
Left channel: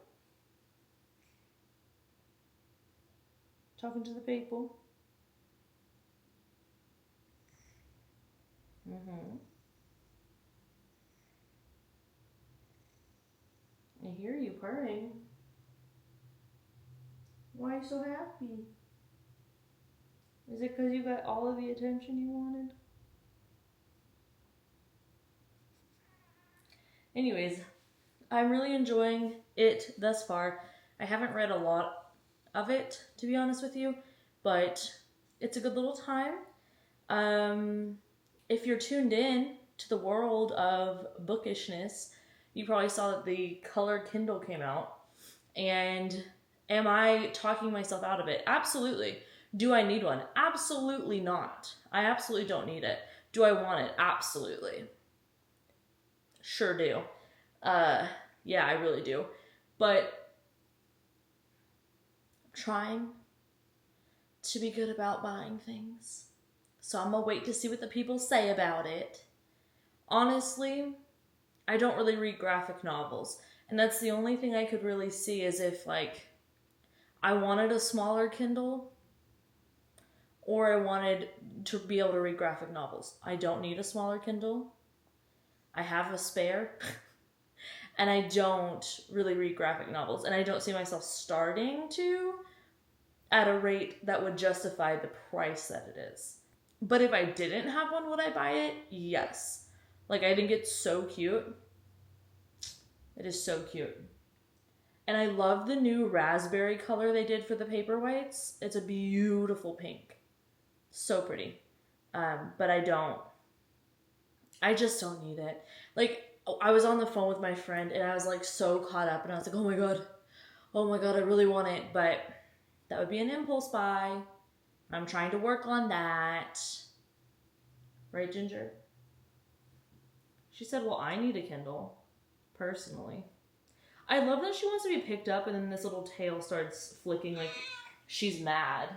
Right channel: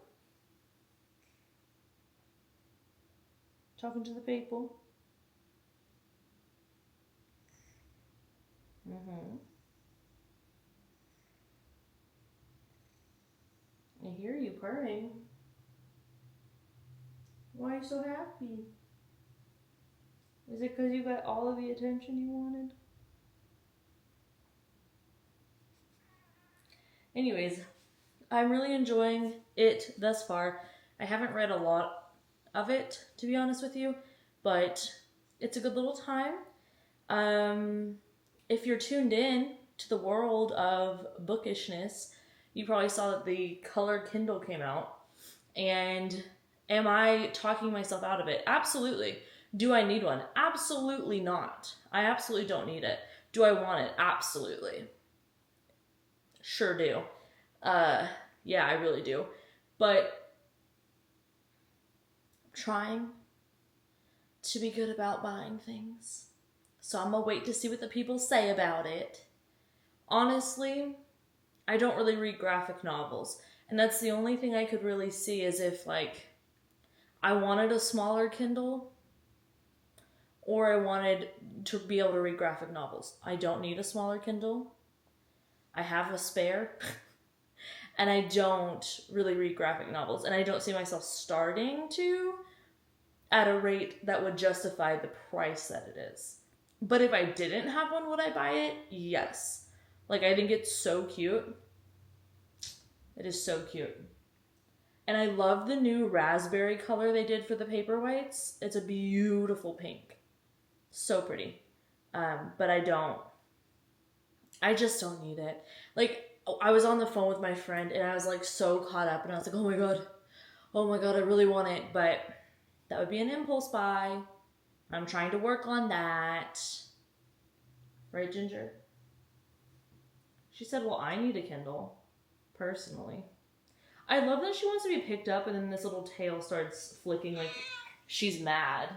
Talking to the people? I hear you purring. Why are you so happy? Is it because you got all of the attention you wanted? Anyways, I'm really enjoying it thus far. I haven't read a lot of it, to be honest with you, but it's a good little time. If you're tuned in to the world of bookishness, you probably saw that the color Kindle came out. And am I talking myself out of it? Absolutely. Do I need one? Absolutely not. I absolutely don't need it. Do I want it? Absolutely. Sure do. Yeah, I really do. But I'm trying to be good about buying things. So I'm gonna wait to see what the people say about it. Honestly, I don't really read graphic novels. And that's the only thing I could really see is if, like, I wanted a smaller Kindle or I wanted to be able to read graphic novels. I don't need a smaller Kindle. I have a spare. And I don't really read graphic novels. And I don't see myself starting to at a rate that would justify the price that it is. But if I didn't have one, would I buy it? Yes. Like, I think it's so cute. It is so cute. And I love the new raspberry color they did for the paperweights. It's a beautiful pink. So pretty. But I just don't need it. Like, I was on the phone with my friend and I was like so caught up and I was like, oh my God, I really want it. But that would be an impulse buy. I'm trying to work on that. Right, Ginger? She said, well, I need a Kindle, personally. I love that she wants to be picked up and then this little tail starts flicking like she's mad.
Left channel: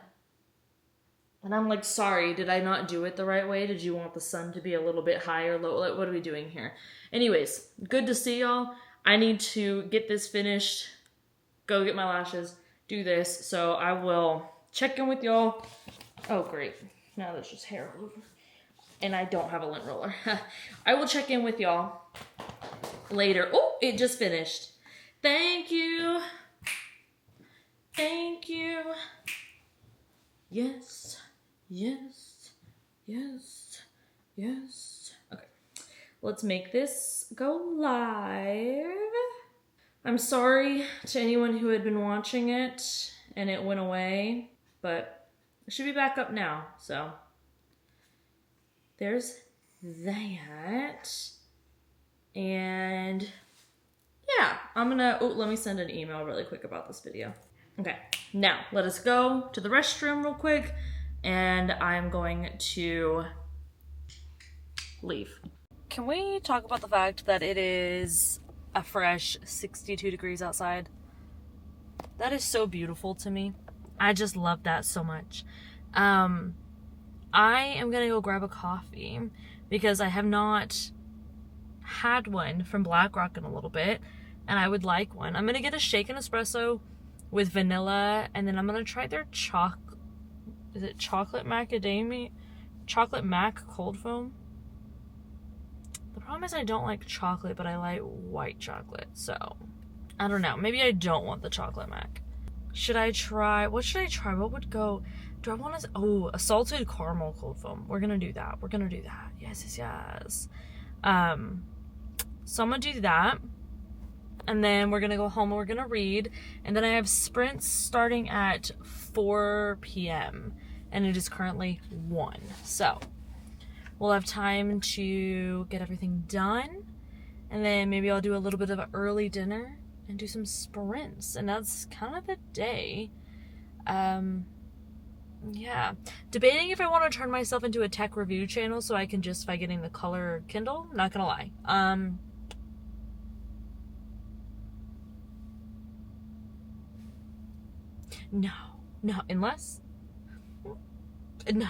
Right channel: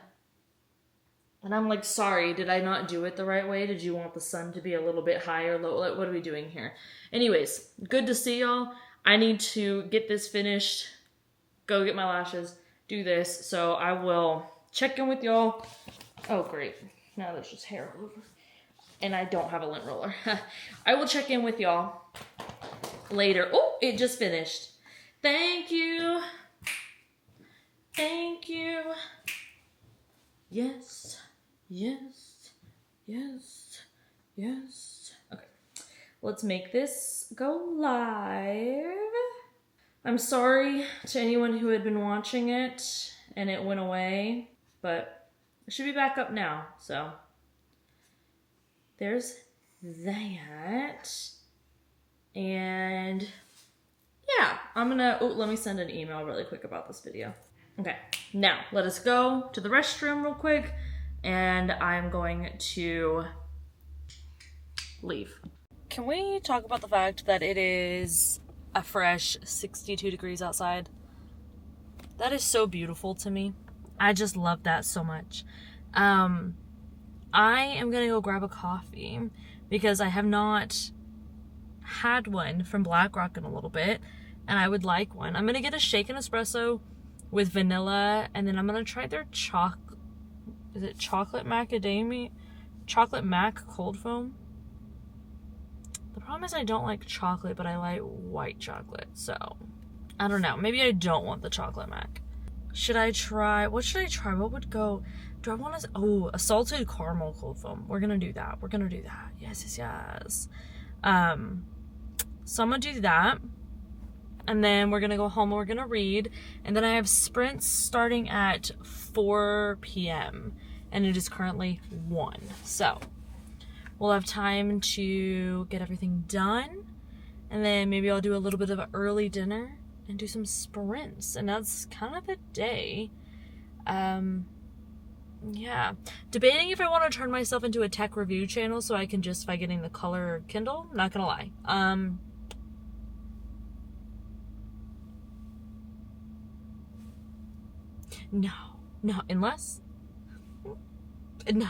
And I'm like, sorry, did I not do it the right way? Did you want the sun to be a little bit higher, low? What are we doing here? Anyways, good to see y'all. I need to get this finished, go get my lashes, do this. So I will check in with y'all. Oh, great. Now there's just hair all over. And I don't have a lint roller. I will check in with y'all later. Oh, it just finished. Thank you. Thank you. Yes. Yes. Yes. Yes. Okay. Let's make this go live. I'm sorry to anyone who had been watching it and it went away, but it should be back up now. So there's that. And yeah, I'm gonna, let me send an email really quick about this video. Okay, now let us go to the restroom real quick and I'm going to leave. Can we talk about the fact that it is a fresh 62 degrees outside? That is so beautiful to me. I just love that so much. I am gonna go grab a coffee because I have not had one from BlackRock in a little bit and I would like one. I'm gonna get a shaken espresso with vanilla and then I'm gonna try their chocolate macadamia? Chocolate mac cold foam. The problem is I don't like chocolate, but I like white chocolate, so I don't know. Maybe I don't want the chocolate mac. Should I try? What should I try? What would go? Do I want to? Oh, a salted caramel cold foam. We're gonna do that. We're gonna do that. Yes, yes, yes. So I'm gonna do that, and then we're gonna go home and we're gonna read, and then I have sprints starting at 4 p.m. and it is currently 1. So we'll have time to get everything done, and then maybe I'll do a little bit of an early dinner and do some sprints, and that's kind of the day. Yeah, debating if I want to turn myself into a tech review channel so I can justify getting the color Kindle. Not gonna lie. No, unless no.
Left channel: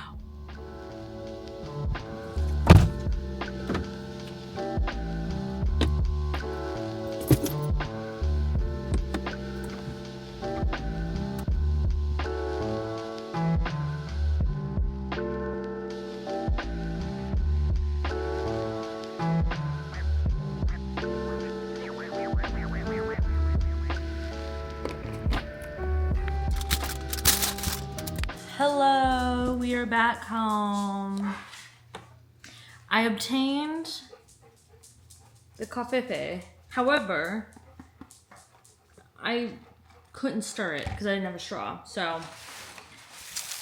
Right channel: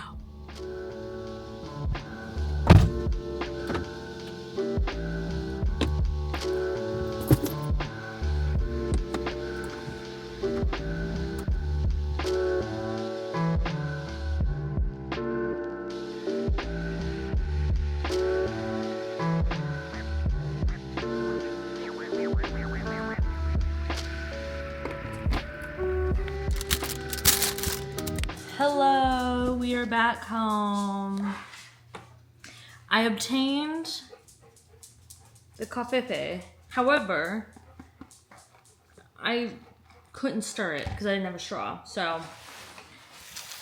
Hello, we are back home. I obtained the coffee. However, I couldn't stir it because I didn't have a straw. So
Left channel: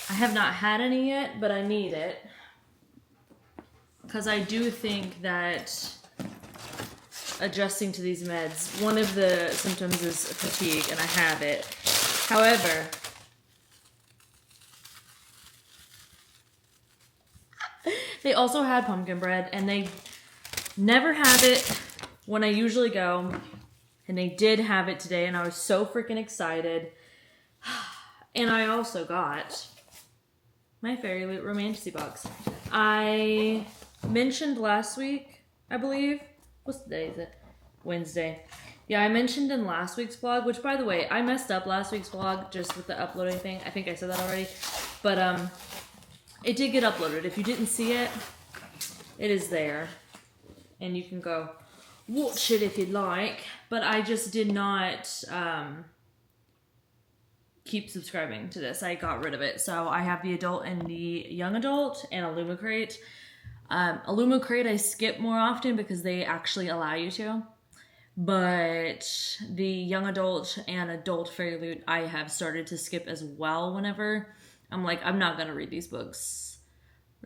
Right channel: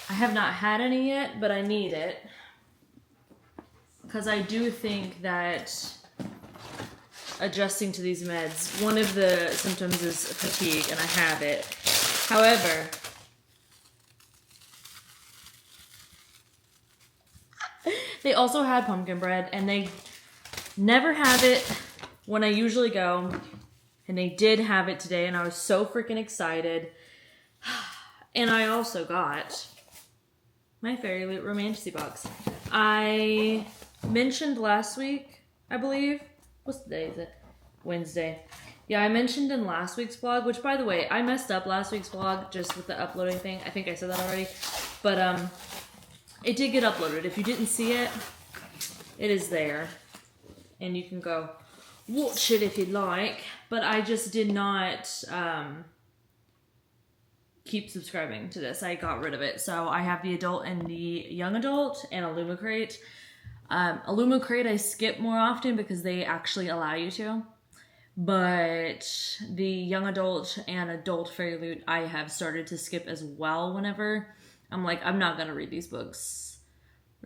I have not had any yet, but I need it because I do think that adjusting to these meds, one of the symptoms is fatigue, and I have it. However, they also had pumpkin bread, and they never have it when I usually go, and they did have it today, and I was so freaking excited. And I also got my Fairy Loot Romantasy box. I mentioned last week, I believe, what's the day is it? Wednesday. Yeah, I mentioned in last week's vlog, which by the way, I messed up last week's vlog just with the uploading thing. I think I said that already, but it did get uploaded. If you didn't see it, it is there. And you can go watch it if you'd like. But I just did not keep subscribing to this. I got rid of it. So I have the adult and the young adult and a Lumicrate. A Lumicrate I skip more often because they actually allow you to. But the young adult and adult Fairy Loot I have started to skip as well whenever I'm like, I'm not going to read these books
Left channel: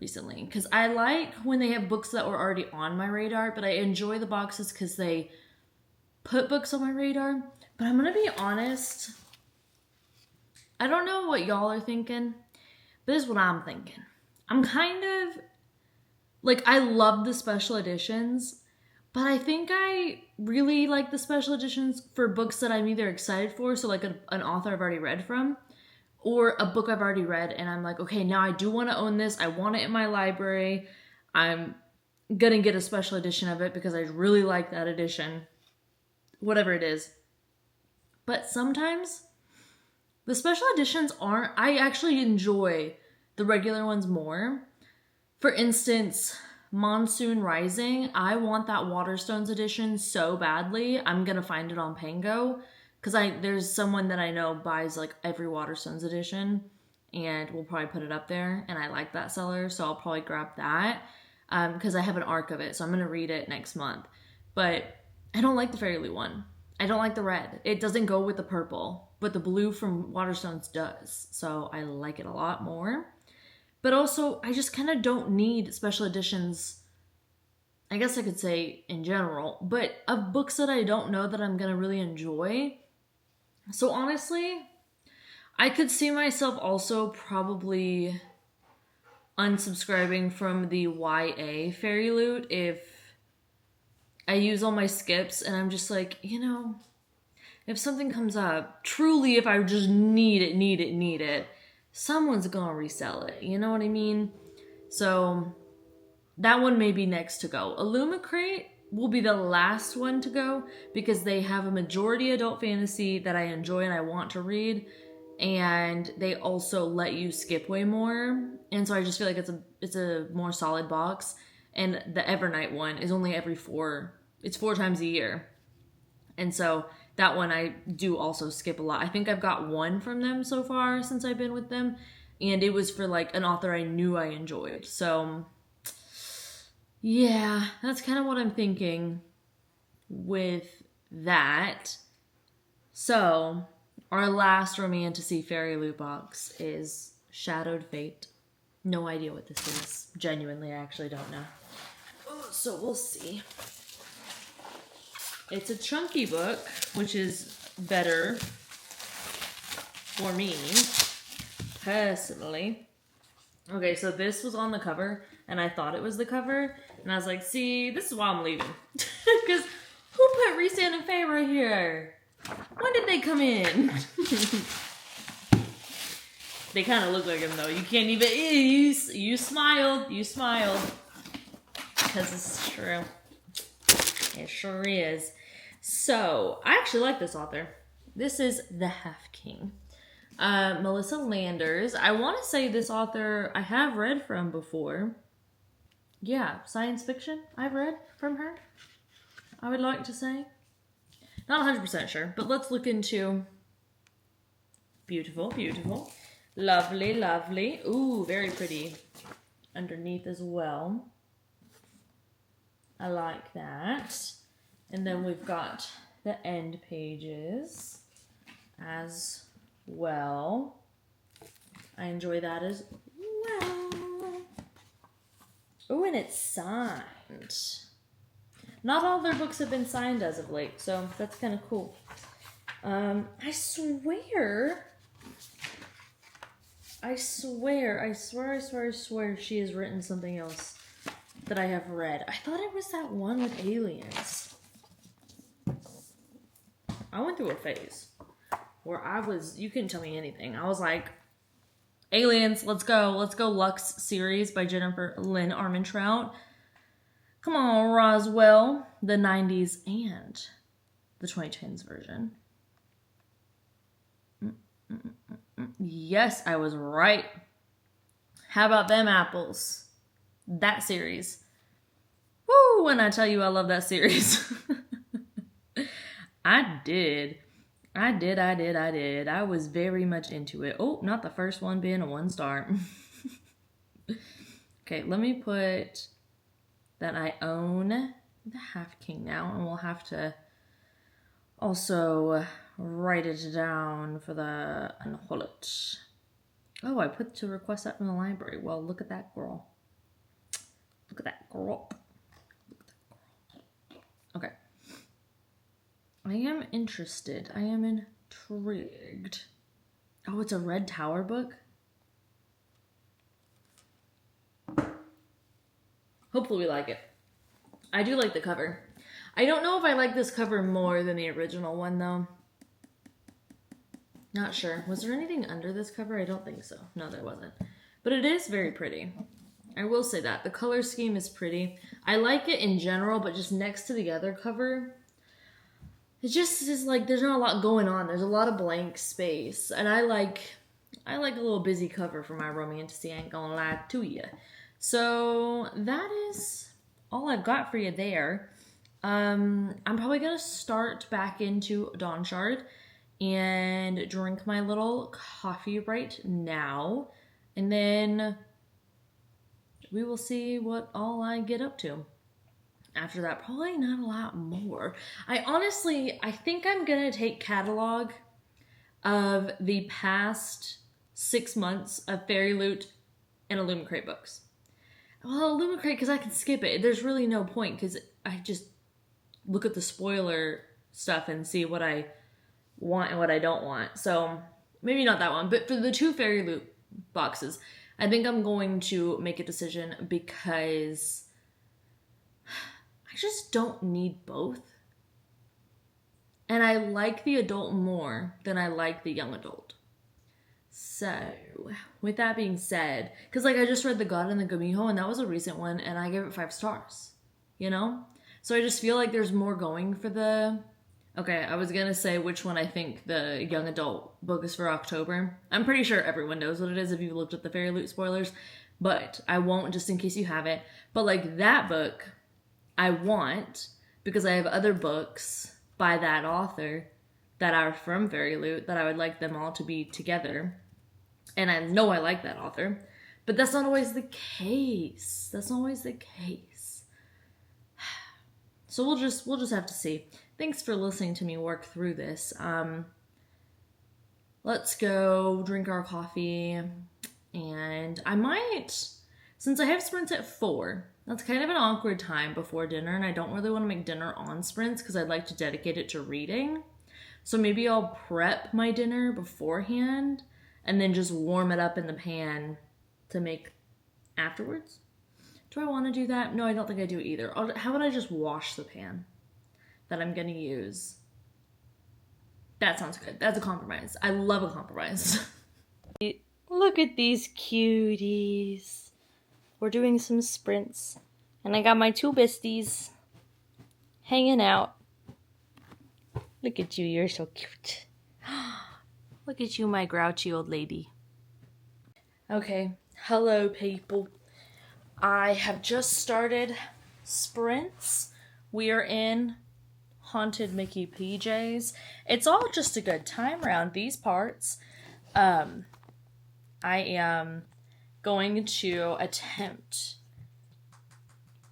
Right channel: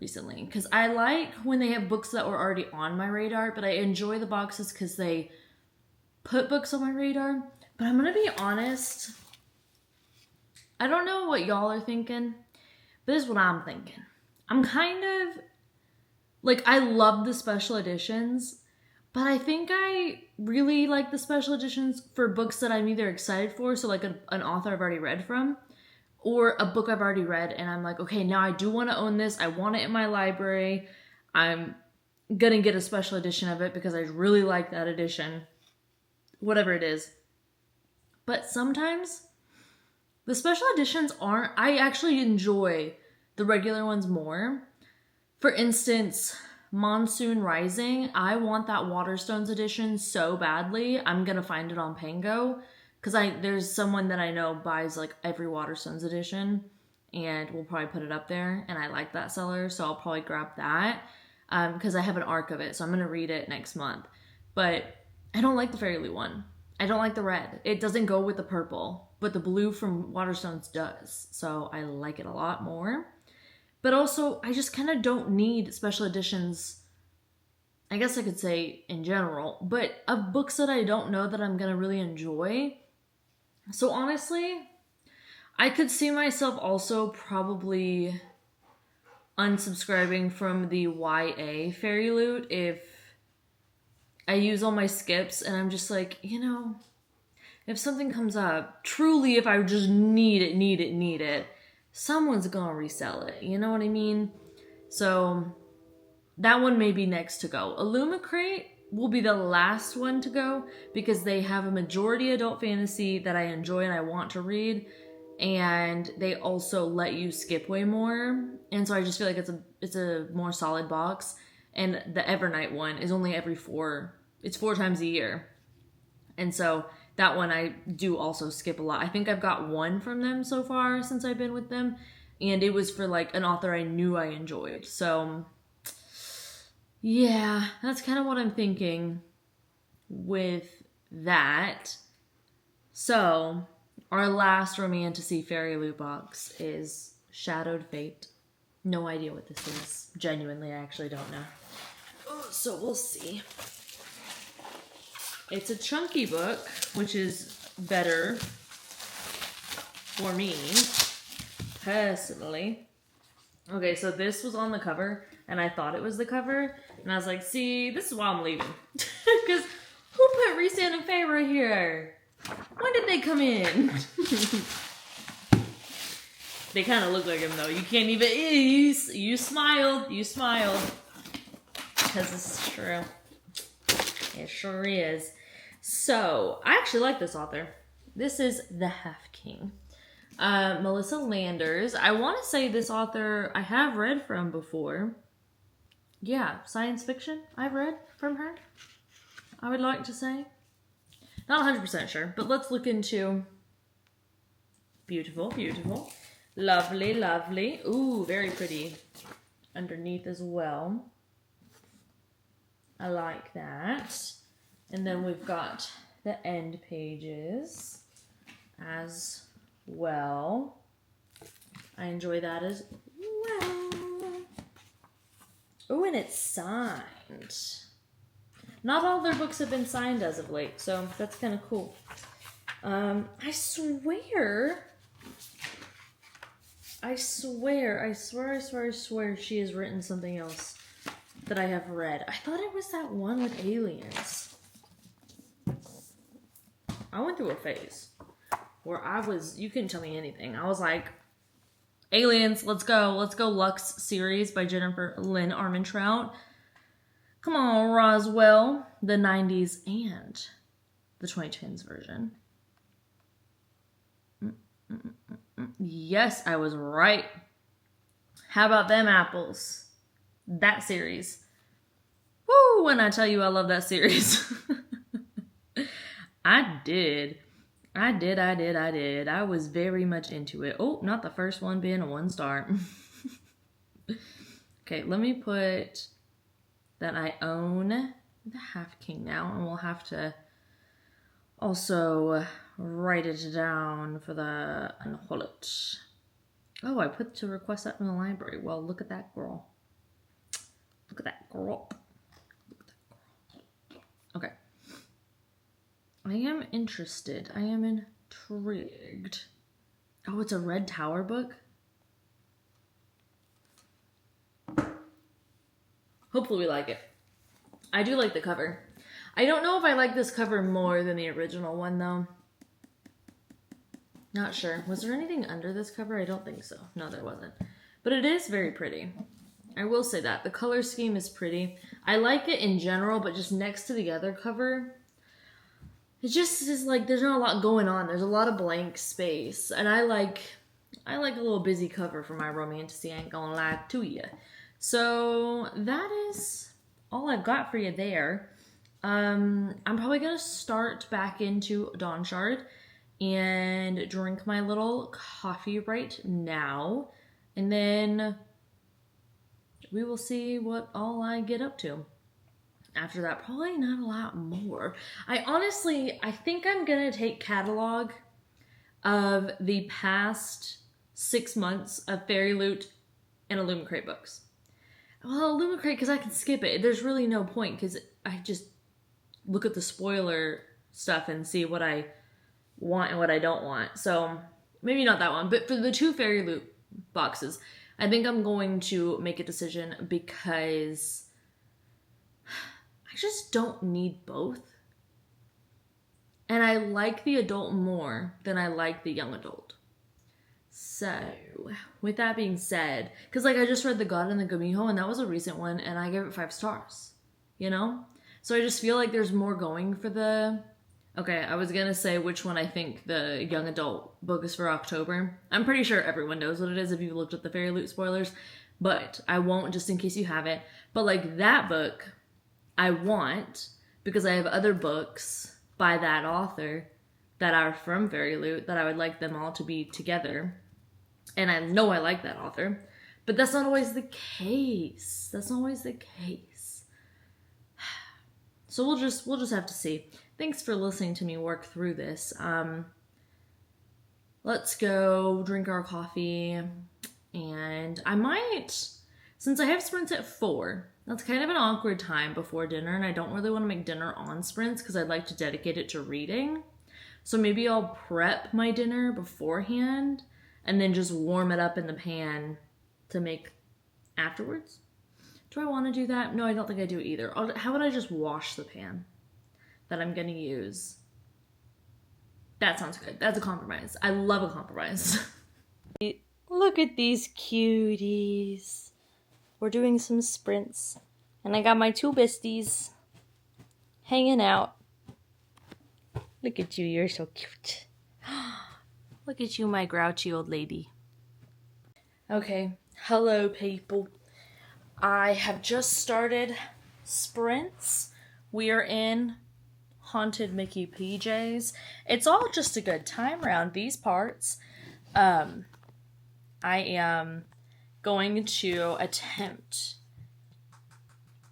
recently. Because I like when they have books that were already on my radar, but I enjoy the boxes because they put books on my radar. But I'm going to be honest, I don't know what y'all are thinking, but this is what I'm thinking. I'm kind of, like, I love the special editions, but I think I really like the special editions for books that I'm either excited for, so like an author I've already read from, or a book I've already read, and I'm like, okay, now I do want to own this. I want it in my library. I'm going to get a special edition of it because I really like that edition, whatever it is. But sometimes the special editions aren't, I actually enjoy the regular ones more. For instance, Monsoon Rising, I want that Waterstones edition so badly. I'm going to find it on Pango. Because there's someone that I know buys like every Waterstones edition, and we'll probably put it up there, and I like that seller, so I'll probably grab that because I have an arc of it, so I'm going to read it next month. But I don't like the Fairy Loot one. I don't like the red. It doesn't go with the purple, but the blue from Waterstones does, so I like it a lot more. But also, I just kind of don't need special editions, I guess I could say in general, but of books that I don't know that I'm going to really enjoy. So honestly, I could see myself also probably unsubscribing from the YA Fairy Loot if I use all my skips and I'm just like, you know, if something comes up, truly if I just need it, someone's gonna resell it, you know what I mean? So that one may be next to go. Illumicrate will be the last one to go because they have a majority adult fantasy that I enjoy and I want to read, and they also let you skip way more, and so I just feel like it's a more solid box. And the Evernight one is only it's 4 times a year, and so that one I do also skip a lot. I think I've got one from them so far since I've been with them, and it was for like an author I knew I enjoyed. So yeah, that's kind of what I'm thinking with that. So our last Romantasy Fairy Loot box is Shadowed Fate. No idea what this is. Genuinely, I actually don't know. So we'll see. It's a chunky book, which is better for me, personally. Okay, so this was on the cover, and I thought it was the cover, and I was like, see, this is why I'm leaving. Because who put Resand and Feyre here? When did they come in? They kind of look like him, though. You can't even, you smiled. Because this is true. It sure is. So, I actually like this author. This is The Half King. Melissa Landers. I want to say this author I have read from before. Yeah, science fiction I've read from her, I would like to say. Not 100% sure, but let's look into... Beautiful, beautiful. Lovely, lovely. Ooh, very pretty. Underneath as well. I like that. And then we've got the end pages as well. I enjoy that as well. Oh, and it's signed. Not all their books have been signed as of late, so that's kind of cool. I swear she has written something else that I have read. I thought it was that one with aliens. I went through a phase where you couldn't tell me anything. I was like, aliens, let's go Lux series by Jennifer Lynn Armentrout. Come on, Roswell. The 90s and the 2010s version. Yes, I was right. How about them apples? That series. Woo, when I tell you I love that series. I did. I was very much into it. Oh, not the first one being a 1-star. Okay, let me put that I own the Half King now, and we'll have to also write it down for the unwallet. Oh, I put to request that from the library. Well, look at that girl. Look at that girl. Okay. I am interested. I am intrigued. Oh, it's a Red Tower book? Hopefully we like it. I do like the cover. I don't know if I like this cover more than the original one, though. Not sure. Was there anything under this cover? I don't think so. No, there wasn't. But it is very pretty. I will say that. The color scheme is pretty. I like it in general, but just next to the other cover, it just is like there's not a lot going on. There's a lot of blank space. And I like a little busy cover for my romantasy, I ain't gonna lie to you. So that is all I've got for you there. I'm probably gonna start back into Dawnshard and drink my little coffee right now, and then we will see what all I get up to. After that, probably not a lot more. I think I'm gonna take catalog of the past 6 months of Fairy Loot and Illumicrate books. Well, Illumicrate, because I can skip it. There's really no point, because I just look at the spoiler stuff and see what I want and what I don't want. So maybe not that one, but for the 2 Fairy Loot boxes, I think I'm going to make a decision because I just don't need both. And I like the adult more than I like the young adult. So, with that being said, because like I just read The God and the Gumiho, and that was a recent one, and I gave it 5 stars, you know? So I just feel like there's more going for the... Okay, I was gonna say which one I think the young adult book is for October. I'm pretty sure everyone knows what it is if you've looked at the Fairy Loot spoilers, but I won't just in case you haven't. But like that book, I want, because I have other books by that author that are from Fairy Loot that I would like them all to be together. And I know I like that author, but that's not always the case. That's not always the case. So we'll just have to see. Thanks for listening to me work through this. Let's go drink our coffee, and I might, since I have sprints at 4, that's kind of an awkward time before dinner, and I don't really want to make dinner on sprints because I'd like to dedicate it to reading. So maybe I'll prep my dinner beforehand and then just warm it up in the pan to make afterwards. Do I want to do that? No, I don't think I do either. How would I just wash the pan that I'm going to use? That sounds good. That's a compromise. I love a compromise. Look at these cuties. We're doing some sprints. And I got my 2 besties hanging out. Look at you. You're so cute. Look at you, my grouchy old lady. Okay. Hello, people. I have just started sprints. We are in Haunted Mickey PJs. It's all just a good time around these parts. I am going to attempt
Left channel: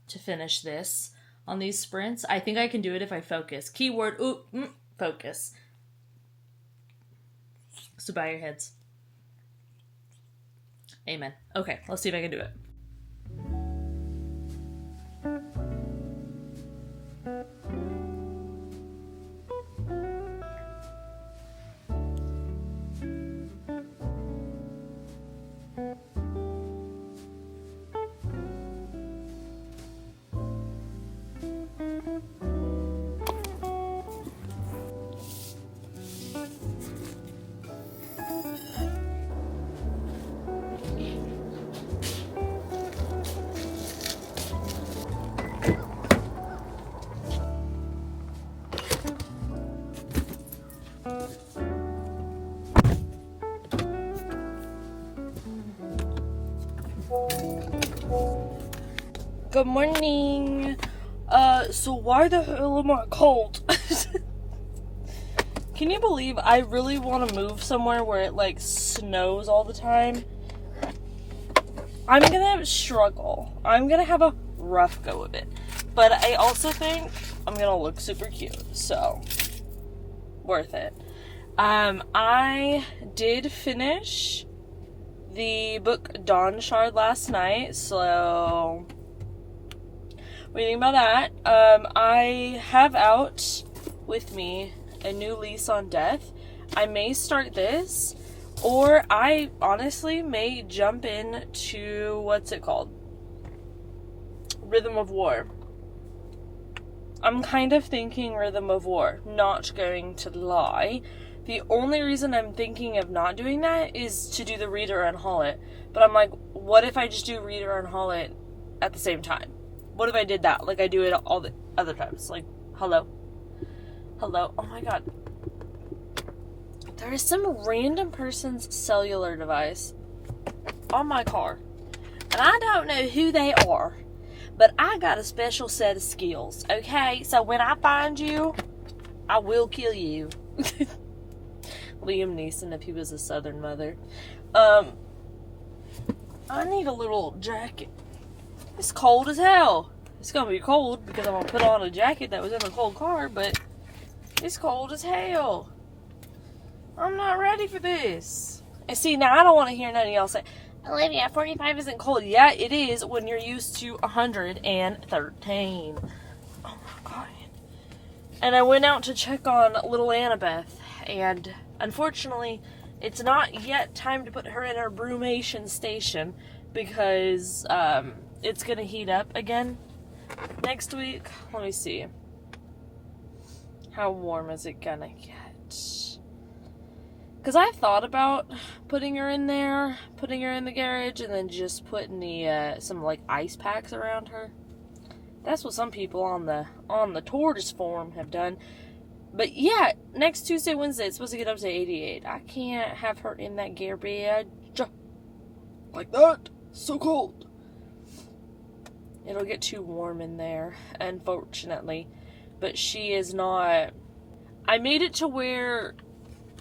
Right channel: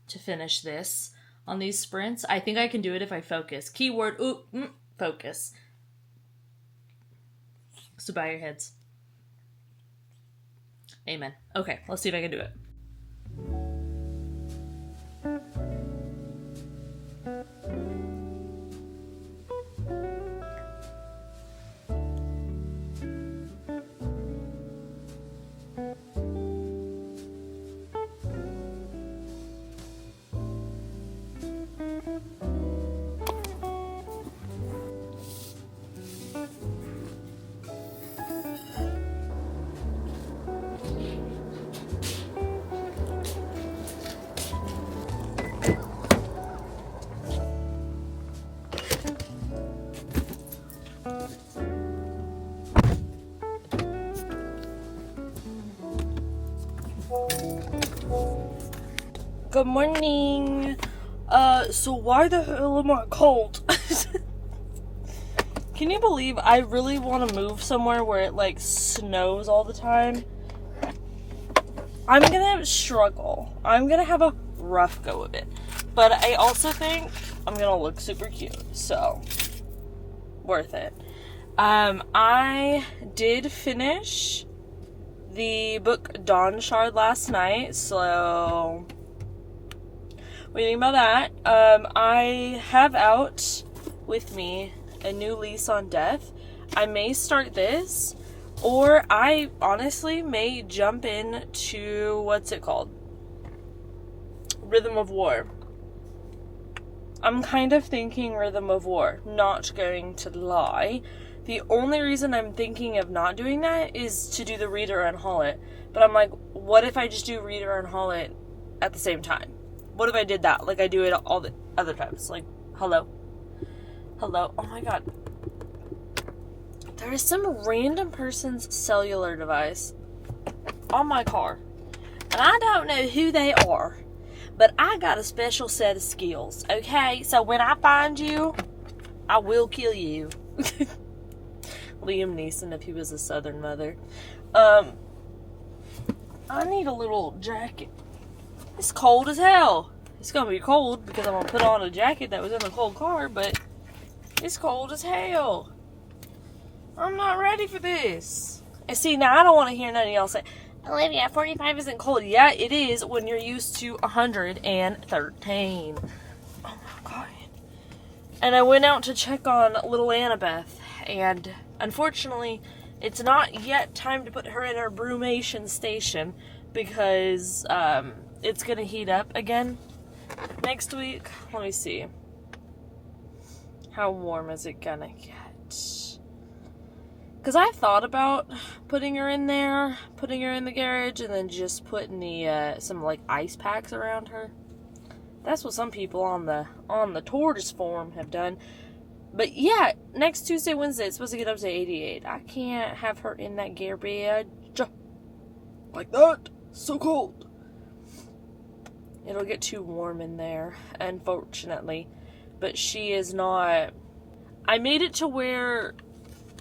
to finish this on these sprints. I think I can do it if I focus. Keyword, focus. So bow your heads. Amen. Okay, let's see if I can do it. Good morning. So why the hell am I cold? Can you believe I really want to move somewhere where it like snows all the time? I'm gonna struggle. I'm gonna have a rough go of it. But I also think I'm gonna look super cute, so worth it. I did finish the book Dawnshard last night, so waiting about that. I have out with me A New Lease on Death. I may start this, or I honestly may jump into, what's it called? Rhythm of War. I'm kind of thinking Rhythm of War, not going to lie. The only reason I'm thinking of not doing that is to do the read or unhaul it. But I'm like, what if I just do read or unhaul it at the same time? What if I did that? Like I do it all the other times. Like, hello? Hello? Oh my god. There is some random person's cellular device on my car. And I don't know who they are. But I got a special set of skills, okay? So when I find you, I will kill you. Liam Neeson if he was a Southern mother. I need a little jacket. It's cold as hell. It's gonna be cold because I'm gonna put on a jacket that was in a cold car, but it's cold as hell. I'm not ready for this. And see, now I don't want to hear none of y'all say, Olivia, 45 isn't cold. Yeah, it is when you're used to 113. Oh my god. And I went out to check on little Annabeth, and unfortunately, it's not yet time to put her in her brumation station because it's gonna heat up again next week. Let me see. How warm is it gonna get? Because I thought about putting her in there, putting her in the garage, and then just putting the some like ice packs around her. That's what some people on the tortoise forum have done. But yeah, next Tuesday, Wednesday, it's supposed to get up to 88. I can't have her in that garbage like that. So cold. It'll get too warm in there, unfortunately. But she is not. I made it to where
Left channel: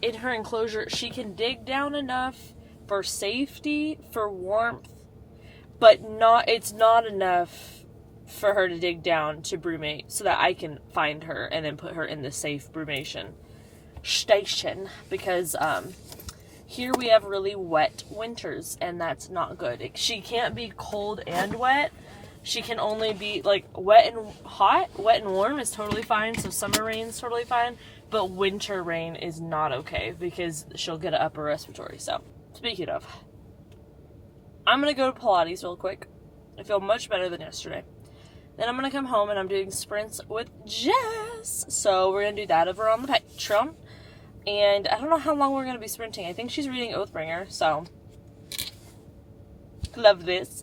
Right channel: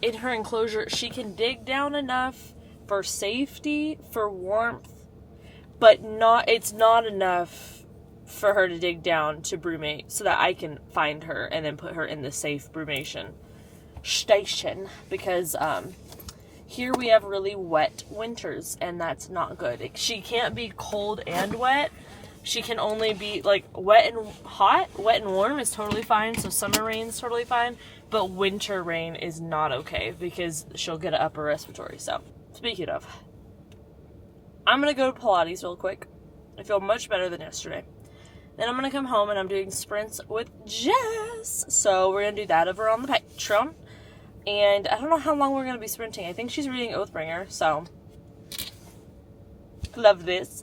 in her enclosure she can dig down enough for safety, for warmth, but it's not enough for her to dig down to brumate so that I can find her and then put her in the safe brumation station, because here we have really wet winters and that's not good. She can't be cold and wet. She can only be like wet and hot. Wet and warm is totally fine, so summer rain is totally fine, but winter rain is not okay because she'll get an upper respiratory. So speaking of, I'm gonna go to Pilates real quick. I feel much better than yesterday. Then I'm gonna come home and I'm doing sprints with Jess. So we're gonna do that over on the Patreon. And I don't know how long we're gonna be sprinting. I think she's reading Oathbringer, so love this.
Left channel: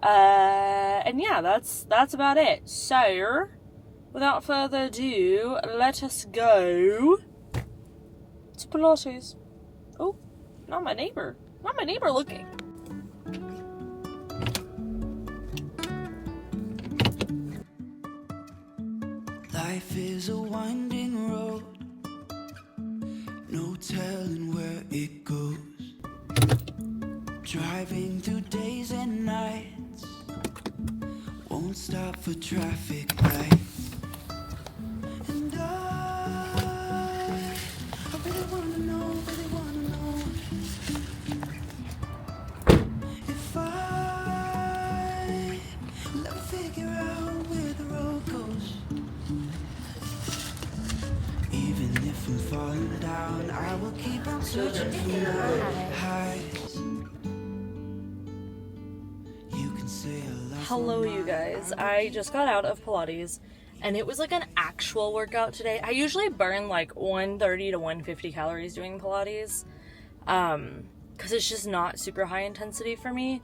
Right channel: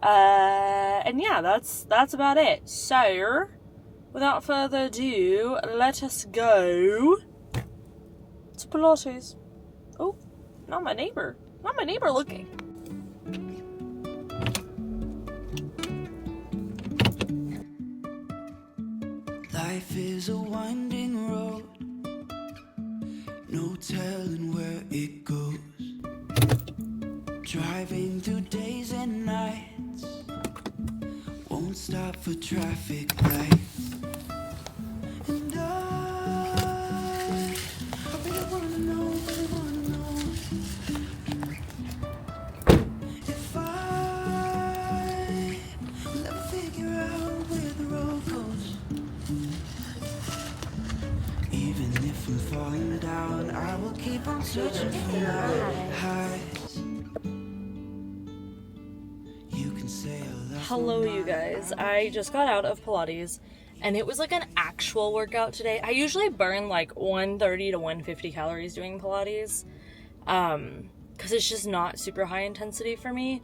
And yeah, that's about it. So without further ado, let us go to Pilates. Oh, not my neighbor. Not my neighbor looking. Life is a winding road, no telling where it goes. driving through days and nights. Won't stop for traffic lights. And I really wanna know if I will ever figure out where the road goes. Even if I'm falling down, I will keep on searching for my highs. You can say I lost Hello, my you mind. guys. I just got out of Pilates and it was like an actual workout today. I usually burn like 130 to 150 calories doing Pilates because it's just not super high intensity for me.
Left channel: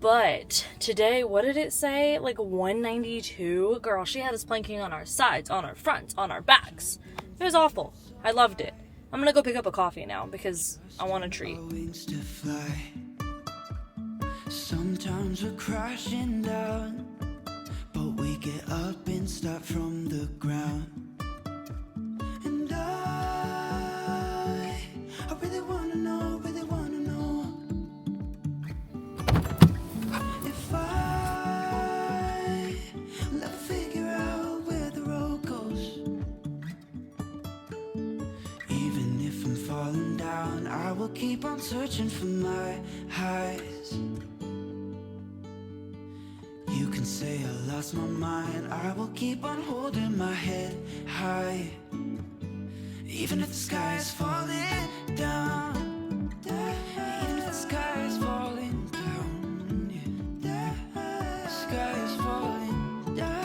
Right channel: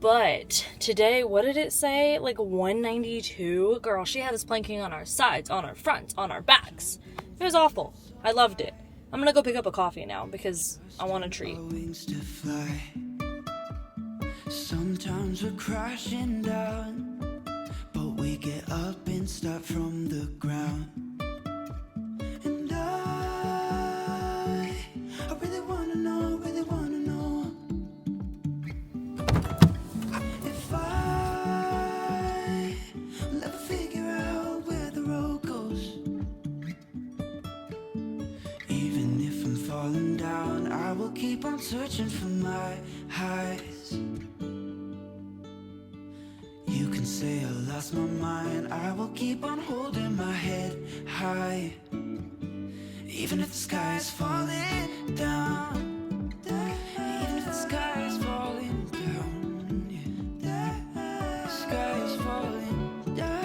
But today, what did it say? Like 192? Girl, she had us planking on our sides, on our fronts, on our backs. It was awful. I loved it. I'm gonna go pick up a coffee now because I want a treat. Our wings to fly. Sometimes we're crashing down, but we get up and start from the ground. And I really wanna know if I will ever figure out where the road goes. Even if I'm falling down, I will keep on searching for my highs. You can say I lost my mind, I will keep on holding my head high. Even if the sky is falling down, even if the sky is falling down, yeah. The sky is falling down.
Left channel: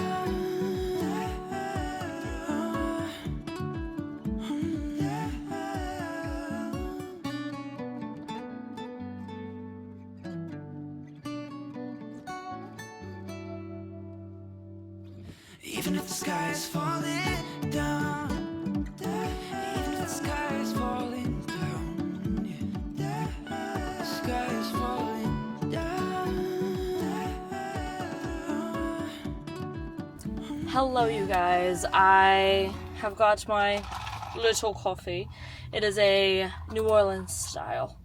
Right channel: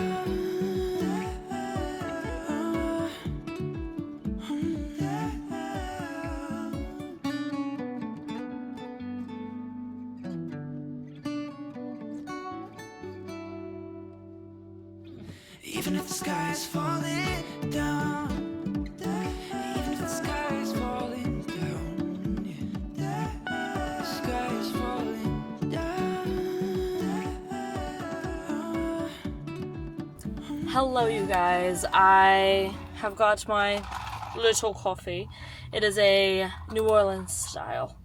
Even if the sky is falling down, even if the sky is falling down, yeah. The sky is falling down. Hello, you guys. I have got my little coffee. It is a New Orleans style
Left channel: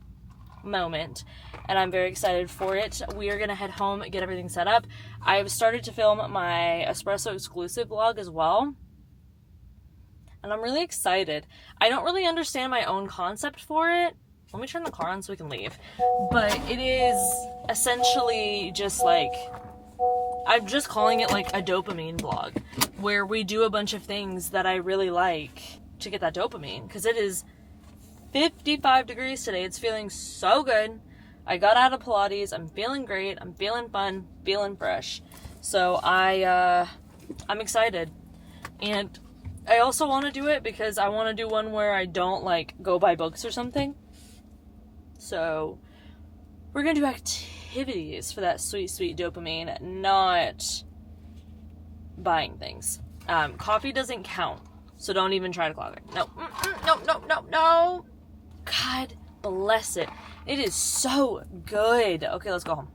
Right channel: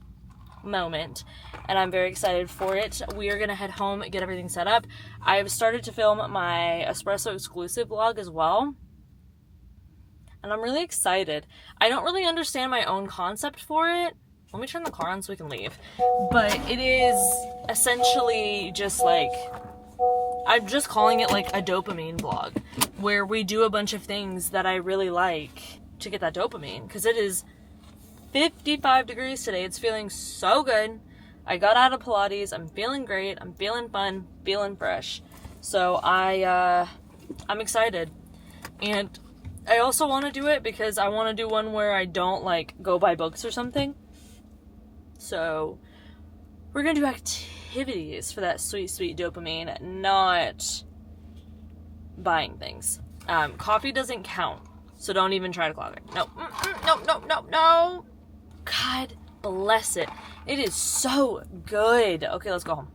moment, and I'm very excited for it. We are gonna head home, get everything set up. I've started to film my espresso exclusive vlog as well, and I'm really excited. I don't really understand my own concept for it. Let me turn the car on so we can leave. But it is essentially just like, I'm just calling it like a dopamine vlog, where we do a bunch of things that I really like to get that dopamine, because it is 55 degrees today. It's feeling so good. I got out of Pilates. I'm feeling great. I'm feeling fun, feeling fresh. So I'm excited. And I also want to do it because I want to do one where I don't like go buy books or something. So we're going to do activities for that sweet, sweet dopamine, not buying things. Coffee doesn't count. So don't even try to clog it. No. No. God bless it. It is so good. Okay, let's go home.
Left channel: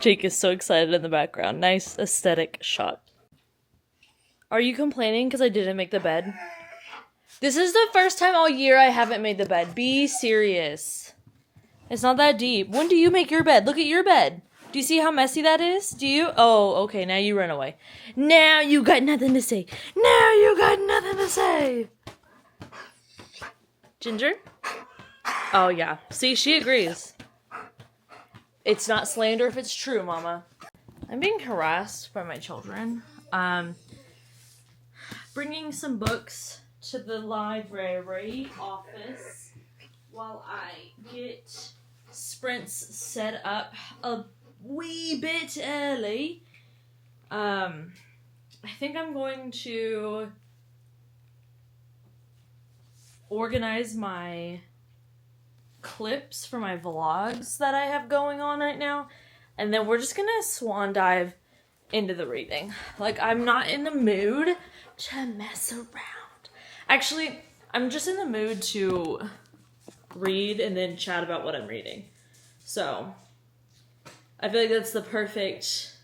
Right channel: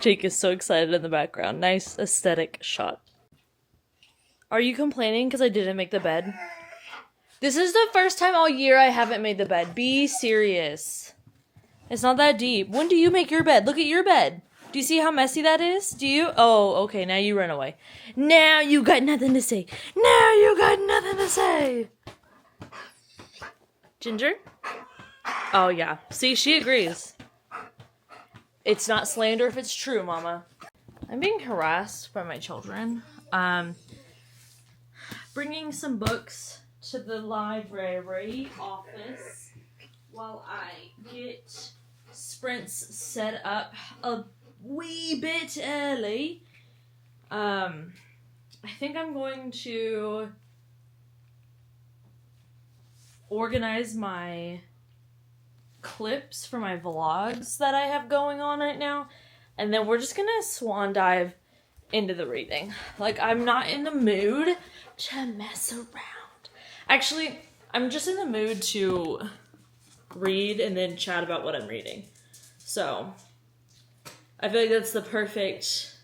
Jake is so excited in the background. Nice aesthetic shot. Are you complaining because I didn't make the bed? This is the first time all year I haven't made the bed. Be serious. It's not that deep. When do you make your bed? Look at your bed. Do you see how messy that is? Do you? Oh, okay, now you run away. Now you got nothing to say. Now you got nothing to say. Ginger? Oh, yeah. See, she agrees. It's not slander if it's true, Mama. I'm being harassed by my children. Bringing some books to the library office while I get sprints set up a wee bit early. I think I'm going to organize my clips for my vlogs that I have going on right now, and then we're just gonna swan dive into the reading. Like, I'm not in the mood to mess around. Actually, I'm just in the mood to read and then chat about what I'm reading. So I feel like that's the perfect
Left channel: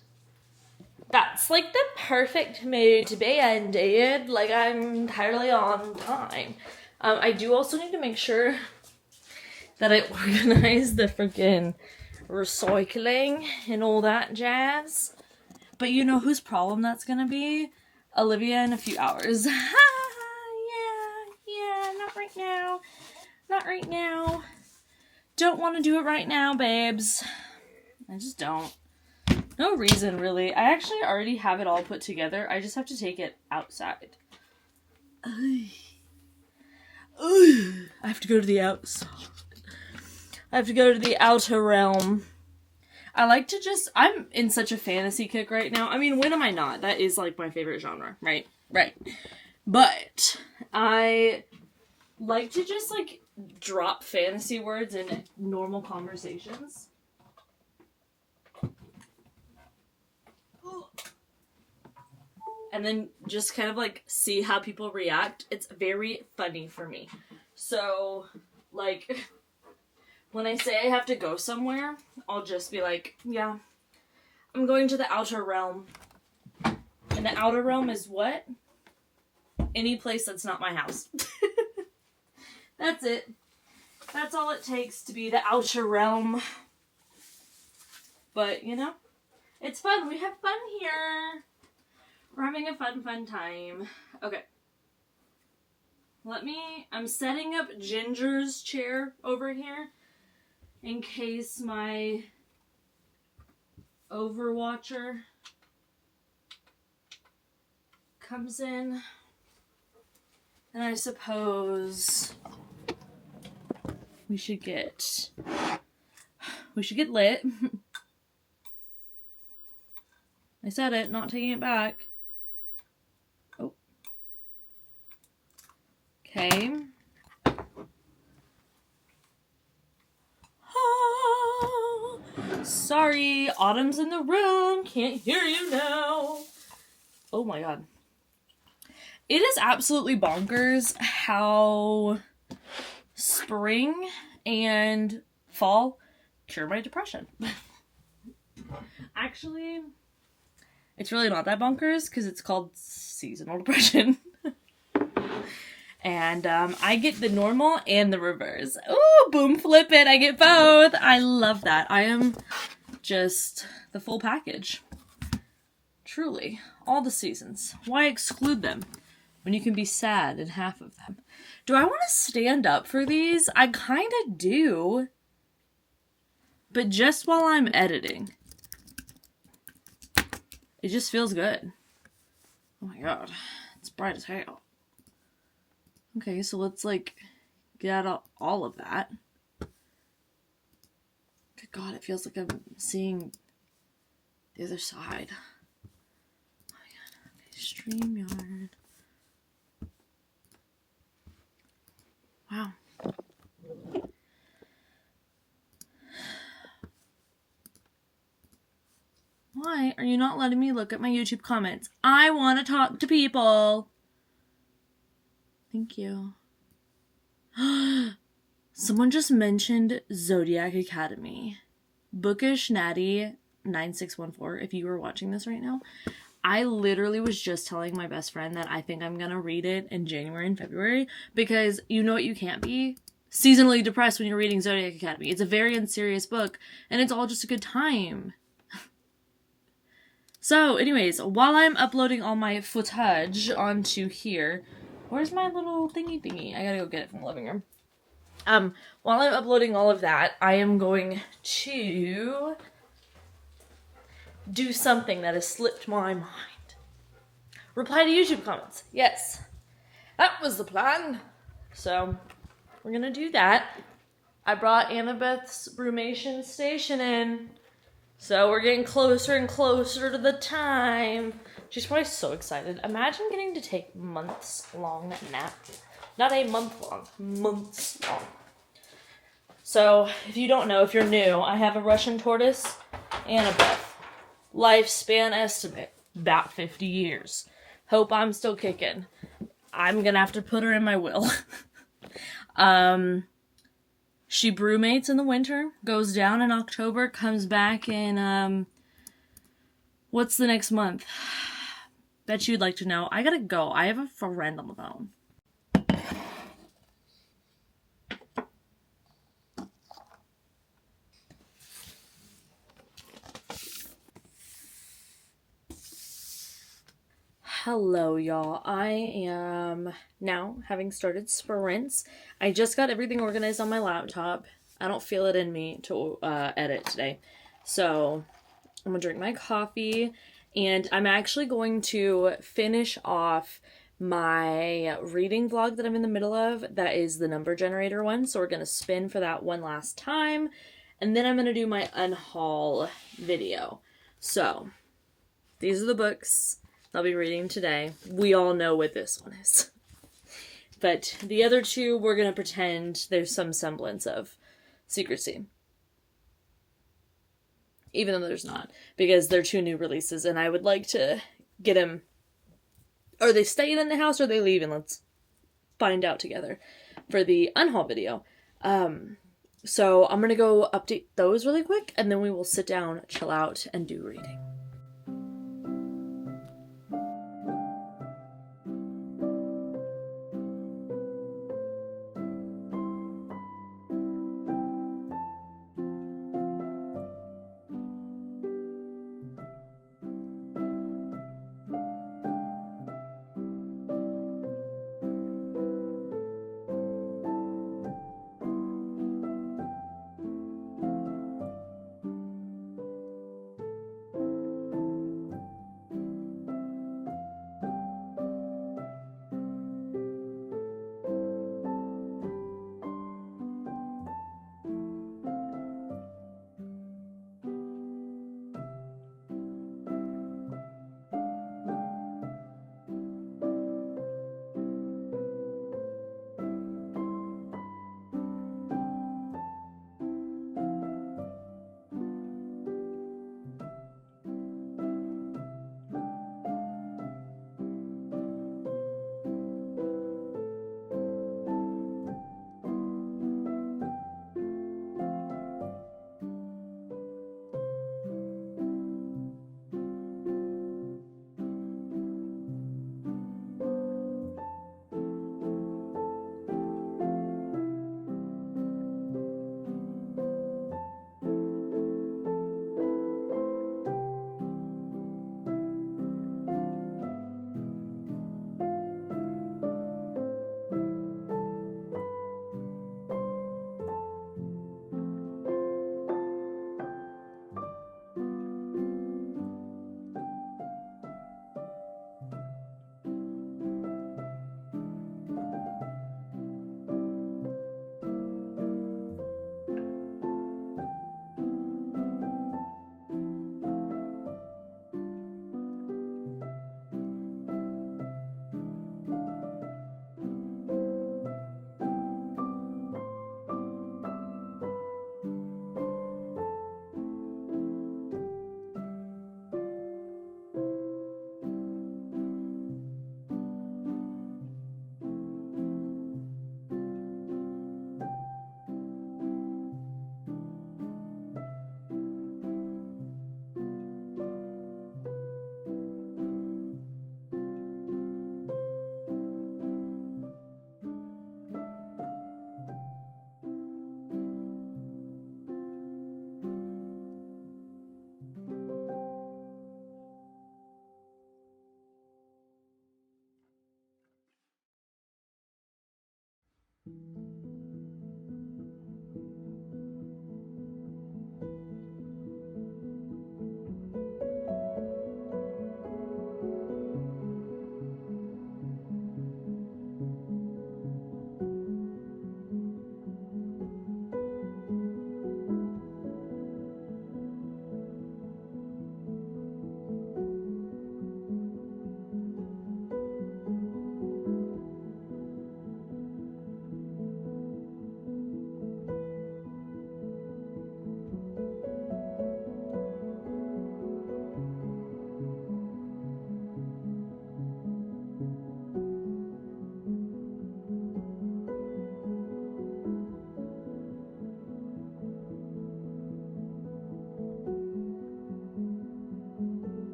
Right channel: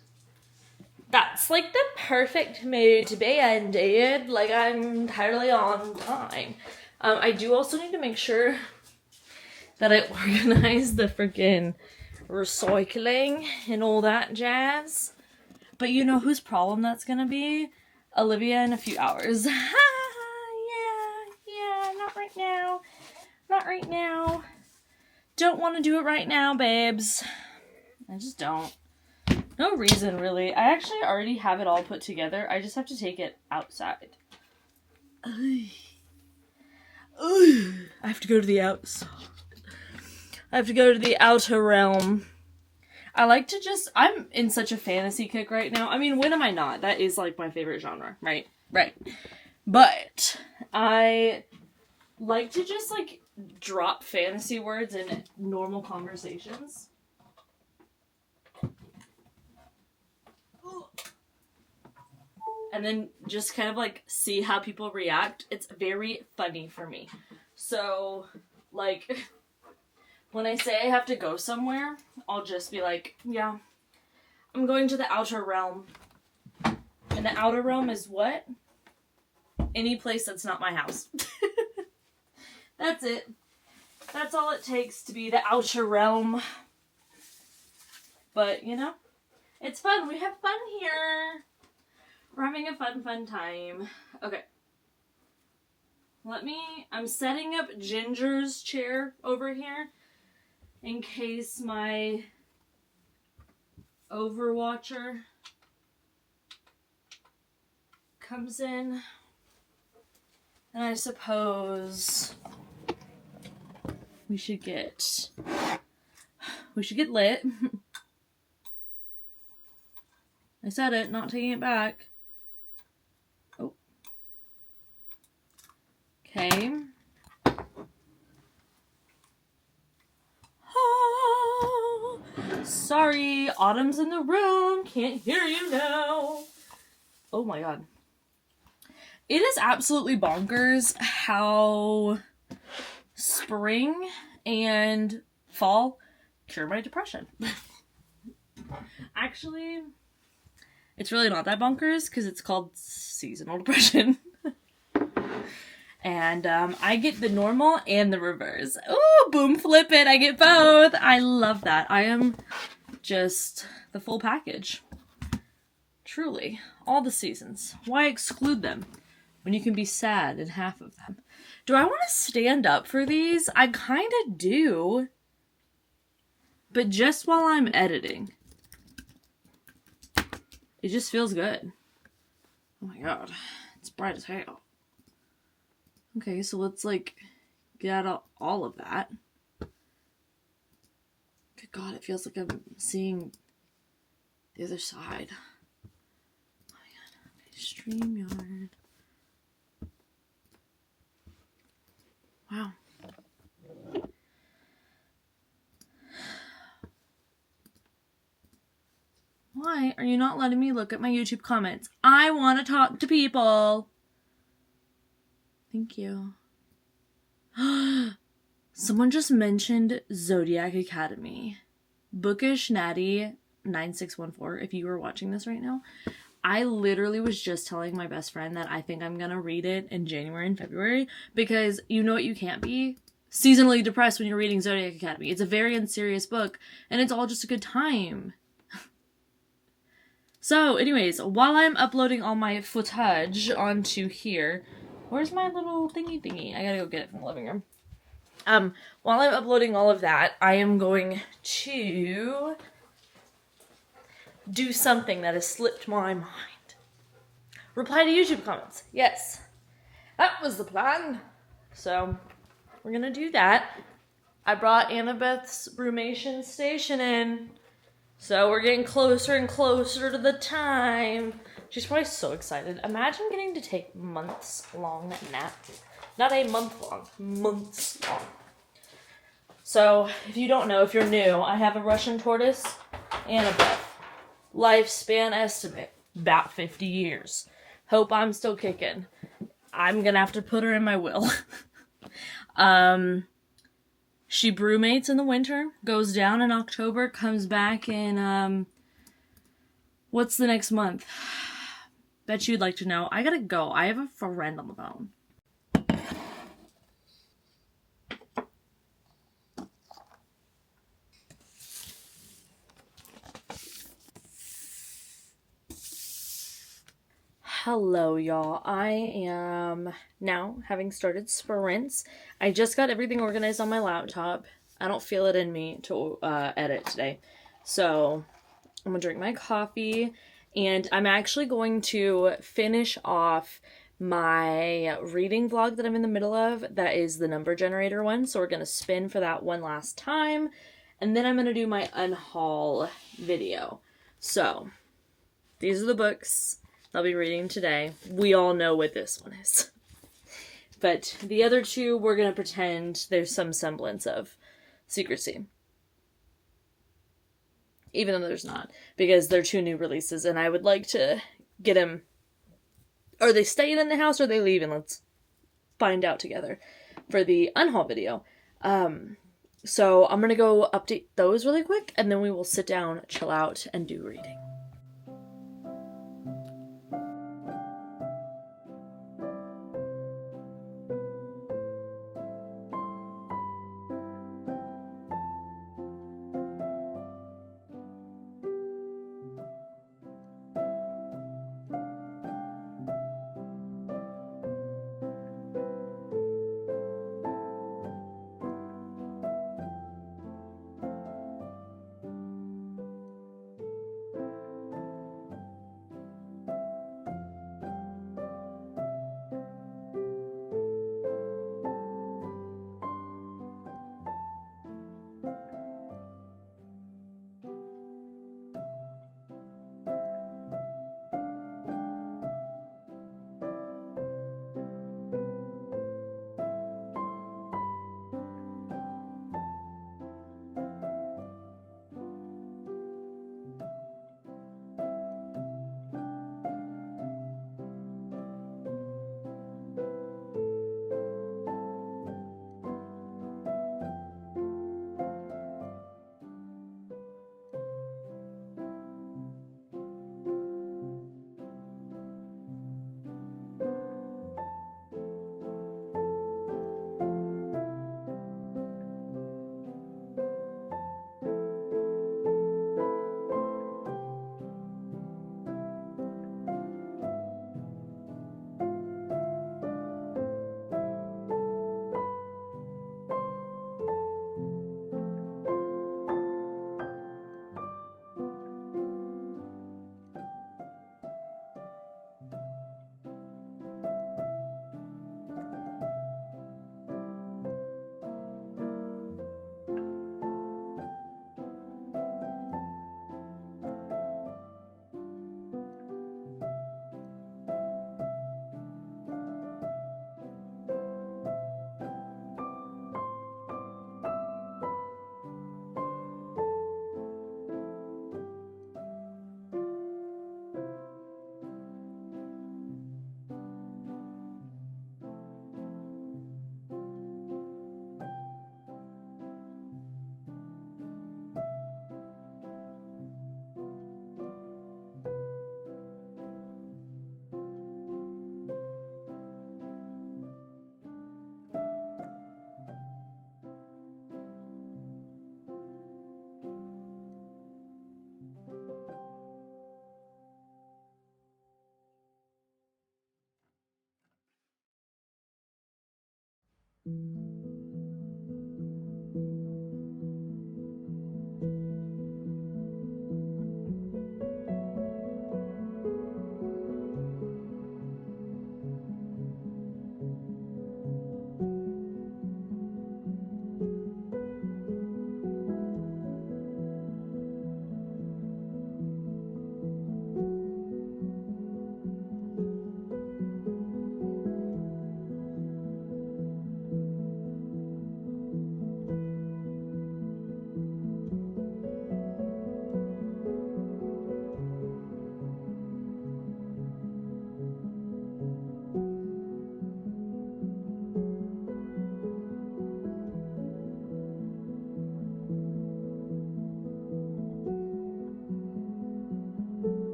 That's like the perfect mood to be in, dude. Like, I'm entirely on time. I do also need to make sure that I organize the freaking recycling and all that jazz. But you know whose problem that's gonna be? Olivia in a few hours. Yeah, not right now. Not right now. Don't want to do it right now, babes. I just don't. No reason, really. I actually already have it all put together. I just have to take it outside. I have to go to the outside. I have to go to the outer realm. I like to just... I'm in such a fantasy kick right now. I mean, when am I not? That is, like, my favorite genre, right? Right. But I like to just, like, drop fantasy words in normal conversations. And then just kind of, like, see how people react. It's very funny for me. So, like, when I say I have to go somewhere, I'll just be like, yeah, I'm going to the outer realm. And the outer realm is what? Any place that's not my house. That's it. That's all it takes to be the outer realm. But, you know, it's fun. We have fun here. We're having a fun time. Okay. I'm setting up Ginger's chair over here in case my Overwatcher comes in. And I suppose we should get lit. I said it, not taking it back. Oh. Okay. Oh, sorry, Autumn's in the room. Can't hear you now. Oh my god. It is absolutely bonkers how spring and fall cure my depression. Actually, it's really not that bonkers because it's called seasonal depression. And I get the normal and the reverse. Ooh, boom, flip it. I get both. I love that. I am just the full package. Truly. All the seasons. Why exclude them when you can be sad in half of them? Do I want to stand up for these? I kind of do. But just while I'm editing. It just feels good. Oh my god. It's bright as hell. Okay, so let's, like, get out all of that. Good god, it feels like I'm seeing the other side. Oh my god. Okay, StreamYard. Wow. Why are you not letting me look at my YouTube comments? I want to talk to people. Thank you. Someone just mentioned Zodiac Academy. Bookish Natty 9614, if you were watching this right now. I literally was just telling my best friend that I think I'm gonna read it in January and February because you know what you can't be? Seasonally depressed when you're reading Zodiac Academy. It's a very unserious book and it's all just a good time. So, anyways, while I'm uploading all my footage onto here, where's my little thingy? I gotta go get it from the living room. While I'm uploading all of that, I am going to do something that has slipped my mind. Reply to YouTube comments. Yes, that was the plan. So, we're gonna do that. I brought Annabeth's brumation station in. So we're getting closer and closer to the time. She's probably so excited. Imagine getting to take months-long naps. Not a month long, months long. So, if you don't know, if you're new, I have a Russian tortoise and a Beth. Lifespan estimate, about 50 years. Hope I'm still kicking. I'm gonna have to put her in my will. She brumates in the winter, goes down in October, comes back in, What's the next month? Bet you'd like to know. I gotta go. I have a friend on the phone. Hello, y'all. I am now having started sprints. I just got everything organized on my laptop. I don't feel it in me to edit today. So I'm gonna drink my coffee, and I'm actually going to finish off my reading vlog that I'm in the middle of. That is the number generator one. So we're gonna spin for that one last time, and then I'm gonna do my unhaul video. So these are the books I'll be reading today. We all know what this one is. But the other two, we're going to pretend there's some semblance of secrecy. Even though there's not. Because they're two new releases, and I would like to get them... Are they staying in the house, or are they leaving? Let's find out together for the unhaul video. So I'm going to go update those really quick, and then we will sit down, chill out, and do reading.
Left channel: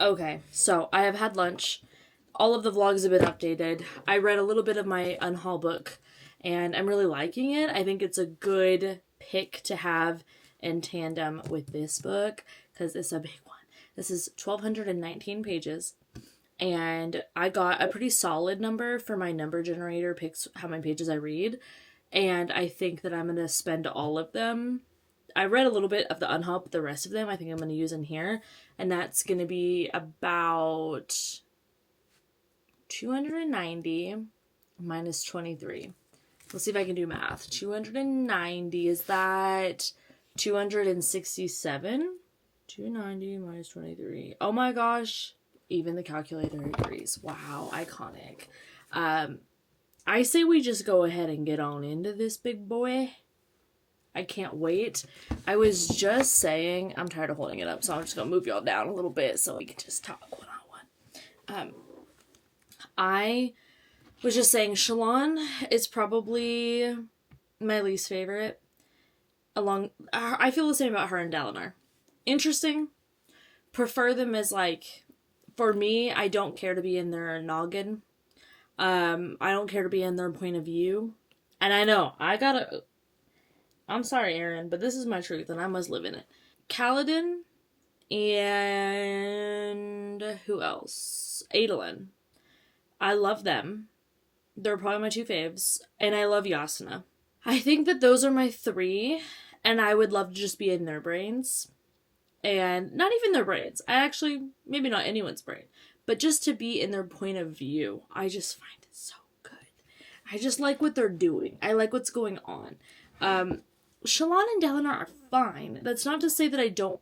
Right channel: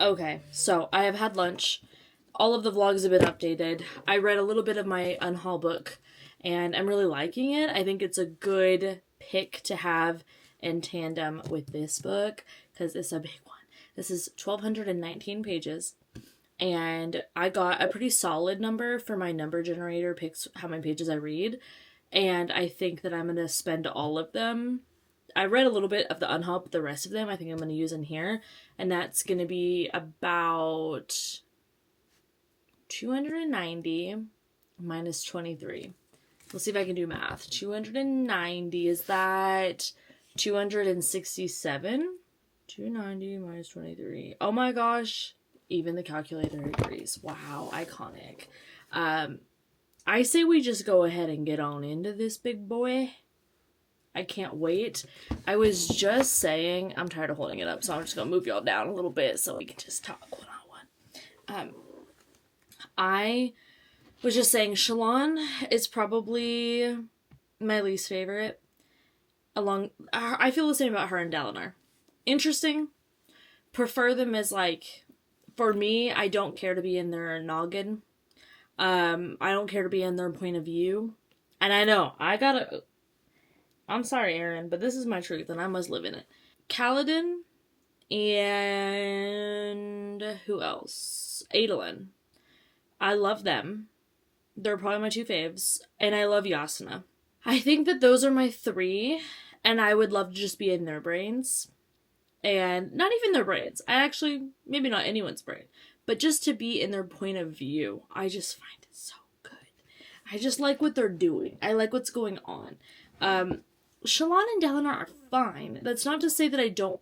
Okay, so I have had lunch. All of the vlogs have been updated. I read a little bit of my unhaul book, and I'm really liking it. I think it's a good pick to have in tandem with this book, because it's a big one. This is 1,219 pages, and I got a pretty solid number for my number generator, picks how many pages I read, and I think that I'm going to spend all of them. I read a little bit of the unhaul, but the rest of them I think I'm going to use in here, and that's going to be about 290 minus 23. Let's see if I can do math. 290, is that 267? 290 minus 23. Oh my gosh. Even the calculator agrees. Wow, iconic. I say we just go ahead and get on into this big boy. I can't wait. I was just saying, I'm tired of holding it up, so I'm just going to move y'all down a little bit so we can just talk one-on-one. I was just saying, Shalon is probably my least favorite. I feel the same about her and Dalinar. Interesting. Prefer them as, like, for me, I don't care to be in their noggin. I don't care to be in their point of view. And I know, I'm sorry, Aaron, but this is my truth, and I must live in it. Kaladin and who else? Adolin. I love them. They're probably my two faves. And I love Yasuna. I think that those are my three, and I would love to just be in their brains. And not even their brains. Maybe not anyone's brain, but just to be in their point of view. I just find it so good. I just like what they're doing. I like what's going on. Shalon and Dalinar are fine. That's not to say that I don't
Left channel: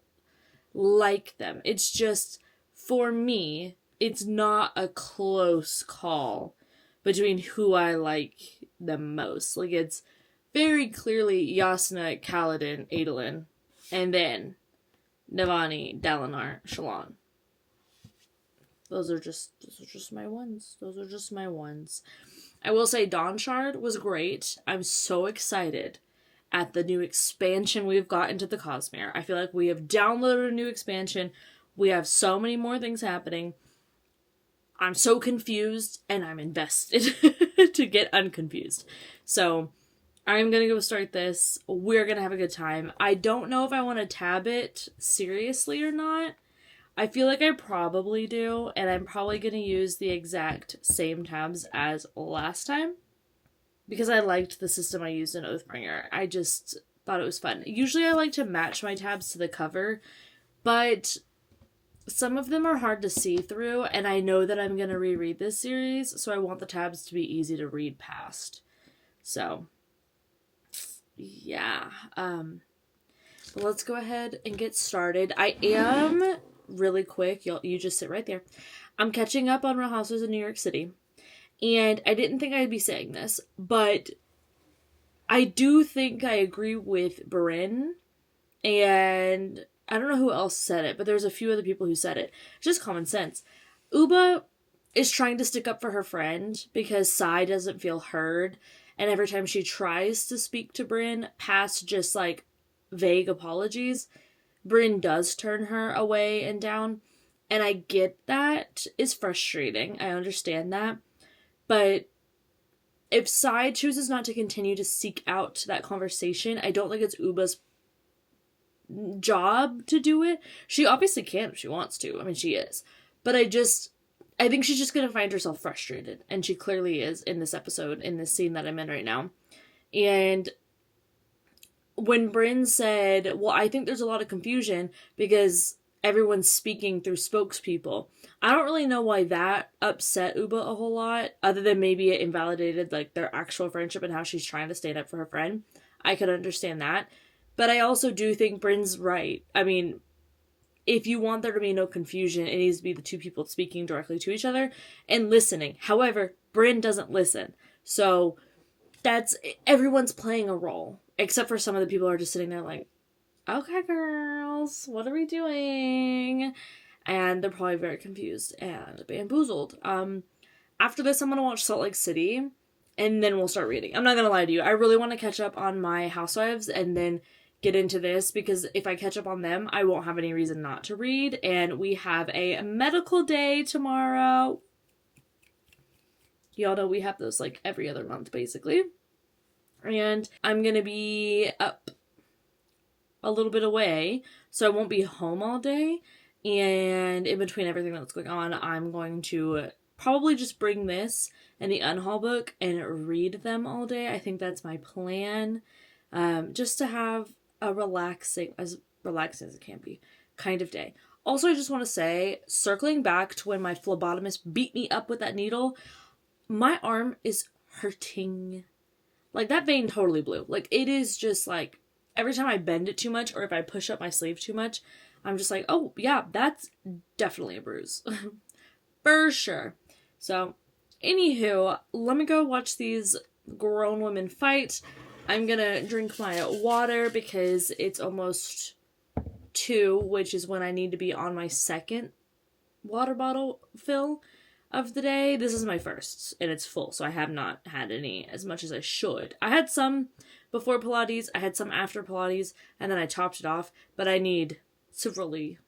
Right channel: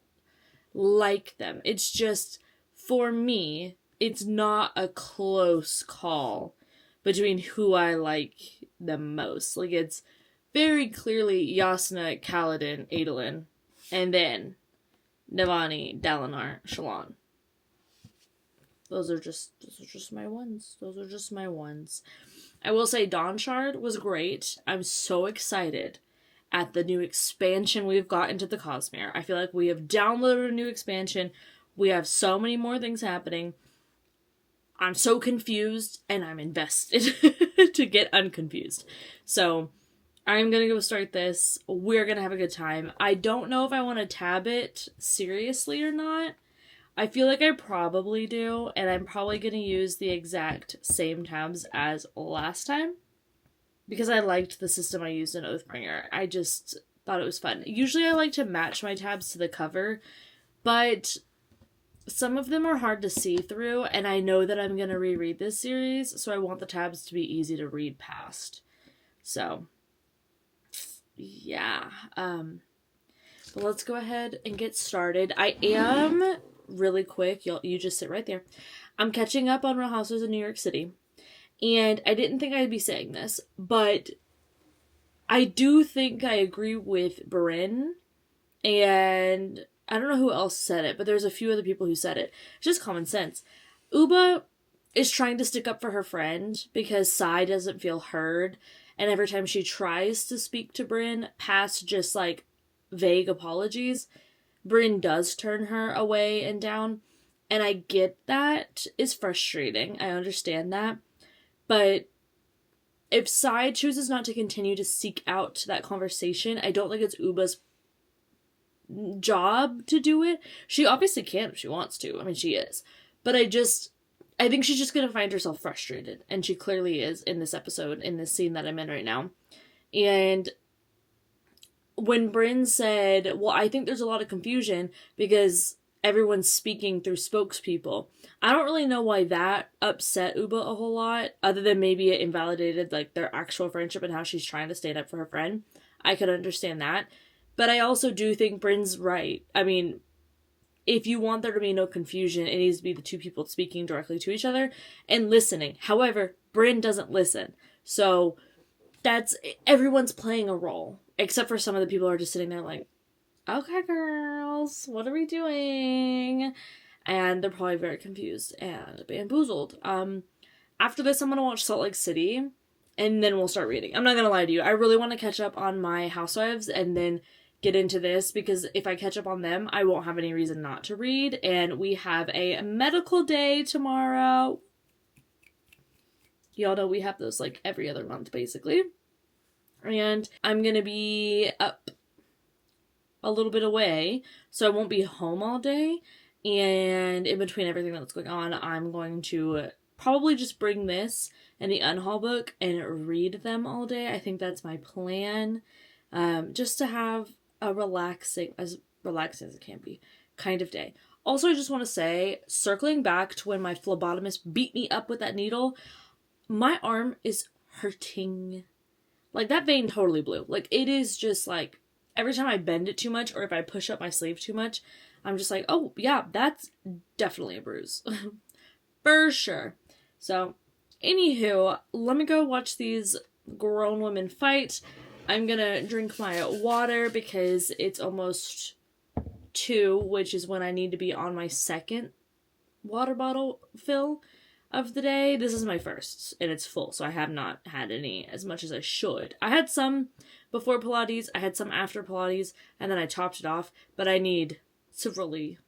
like them. It's just, for me, it's not a close call between who I like the most. Like, it's very clearly Yasuna, Kaladin, Adolin, and then Navani, Dalinar, Shalon. Those are just my ones. Those are just my ones. I will say Dawnshard was great. I'm so excited at the new expansion we've got into the Cosmere. I feel like we have downloaded a new expansion. We have so many more things happening. I'm so confused, and I'm invested to get unconfused. So, I'm going to go start this. We're going to have a good time. I don't know if I want to tab it seriously or not. I feel like I probably do, and I'm probably going to use the exact same tabs as last time, because I liked the system I used in Oathbringer. I just thought it was fun. Usually I like to match my tabs to the cover, but some of them are hard to see through, and I know that I'm going to reread this series, so I want the tabs to be easy to read past. So, yeah. But let's go ahead and get started. I am, really quick, you just sit right there. I'm catching up on Real Housewives of New York City, and I didn't think I'd be saying this, but I do think I agree with Brynn, and I don't know who else said it, but there's a few other people who said it. It's just common sense. Uba is trying to stick up for her friend because Sai doesn't feel heard, and every time she tries to speak to Brynn, past just, like, vague apologies, Brynn does turn her away and down, and I get that. It's frustrating. I understand that. But if Sai chooses not to continue to seek out that conversation, I don't think it's Uba's job to do it. She obviously can if she wants to. I mean, she is. But I think she's just going to find herself frustrated. And she clearly is in this episode, in this scene that I'm in right now. And when Brynn said, well, I think there's a lot of confusion because everyone's speaking through spokespeople. I don't really know why that upset Uba a whole lot, other than maybe it invalidated, like, their actual friendship and how she's trying to stand up for her friend. I could understand that. But I also do think Brynn's right. I mean, if you want there to be no confusion, it needs to be the two people speaking directly to each other and listening. However, Brynn doesn't listen. So everyone's playing a role, except for some of the people who are just sitting there like, okay, girls, what are we doing? And they're probably very confused and bamboozled. After this, I'm going to watch Salt Lake City, and then we'll start reading. I'm not going to lie to you. I really want to catch up on my Housewives and then get into this, because if I catch up on them, I won't have any reason not to read. And we have a medical day tomorrow. Y'all know we have those like every other month, basically. And I'm going to be up a little bit away, so I won't be home all day. And in between everything that's going on, I'm going to probably just bring this and the Unhaul book and read them all day. I think that's my plan. Just to have a as relaxing as it can be, kind of day. Also, I just want to say, circling back to when my phlebotomist beat me up with that needle, my arm is hurting. Like, that vein totally blew. Like, it is just like, every time I bend it too much, or if I push up my sleeve too much, I'm just like, oh, yeah, that's definitely a bruise. For sure. So, anywho, let me go watch these grown women fight. I'm gonna drink my water because it's almost 2, which is when I need to be on my second water bottle fill of the day. This is my first, and it's full, so I have not had any as much as I should. I had some before Pilates, I had some after Pilates, and then I topped it off, but I need to really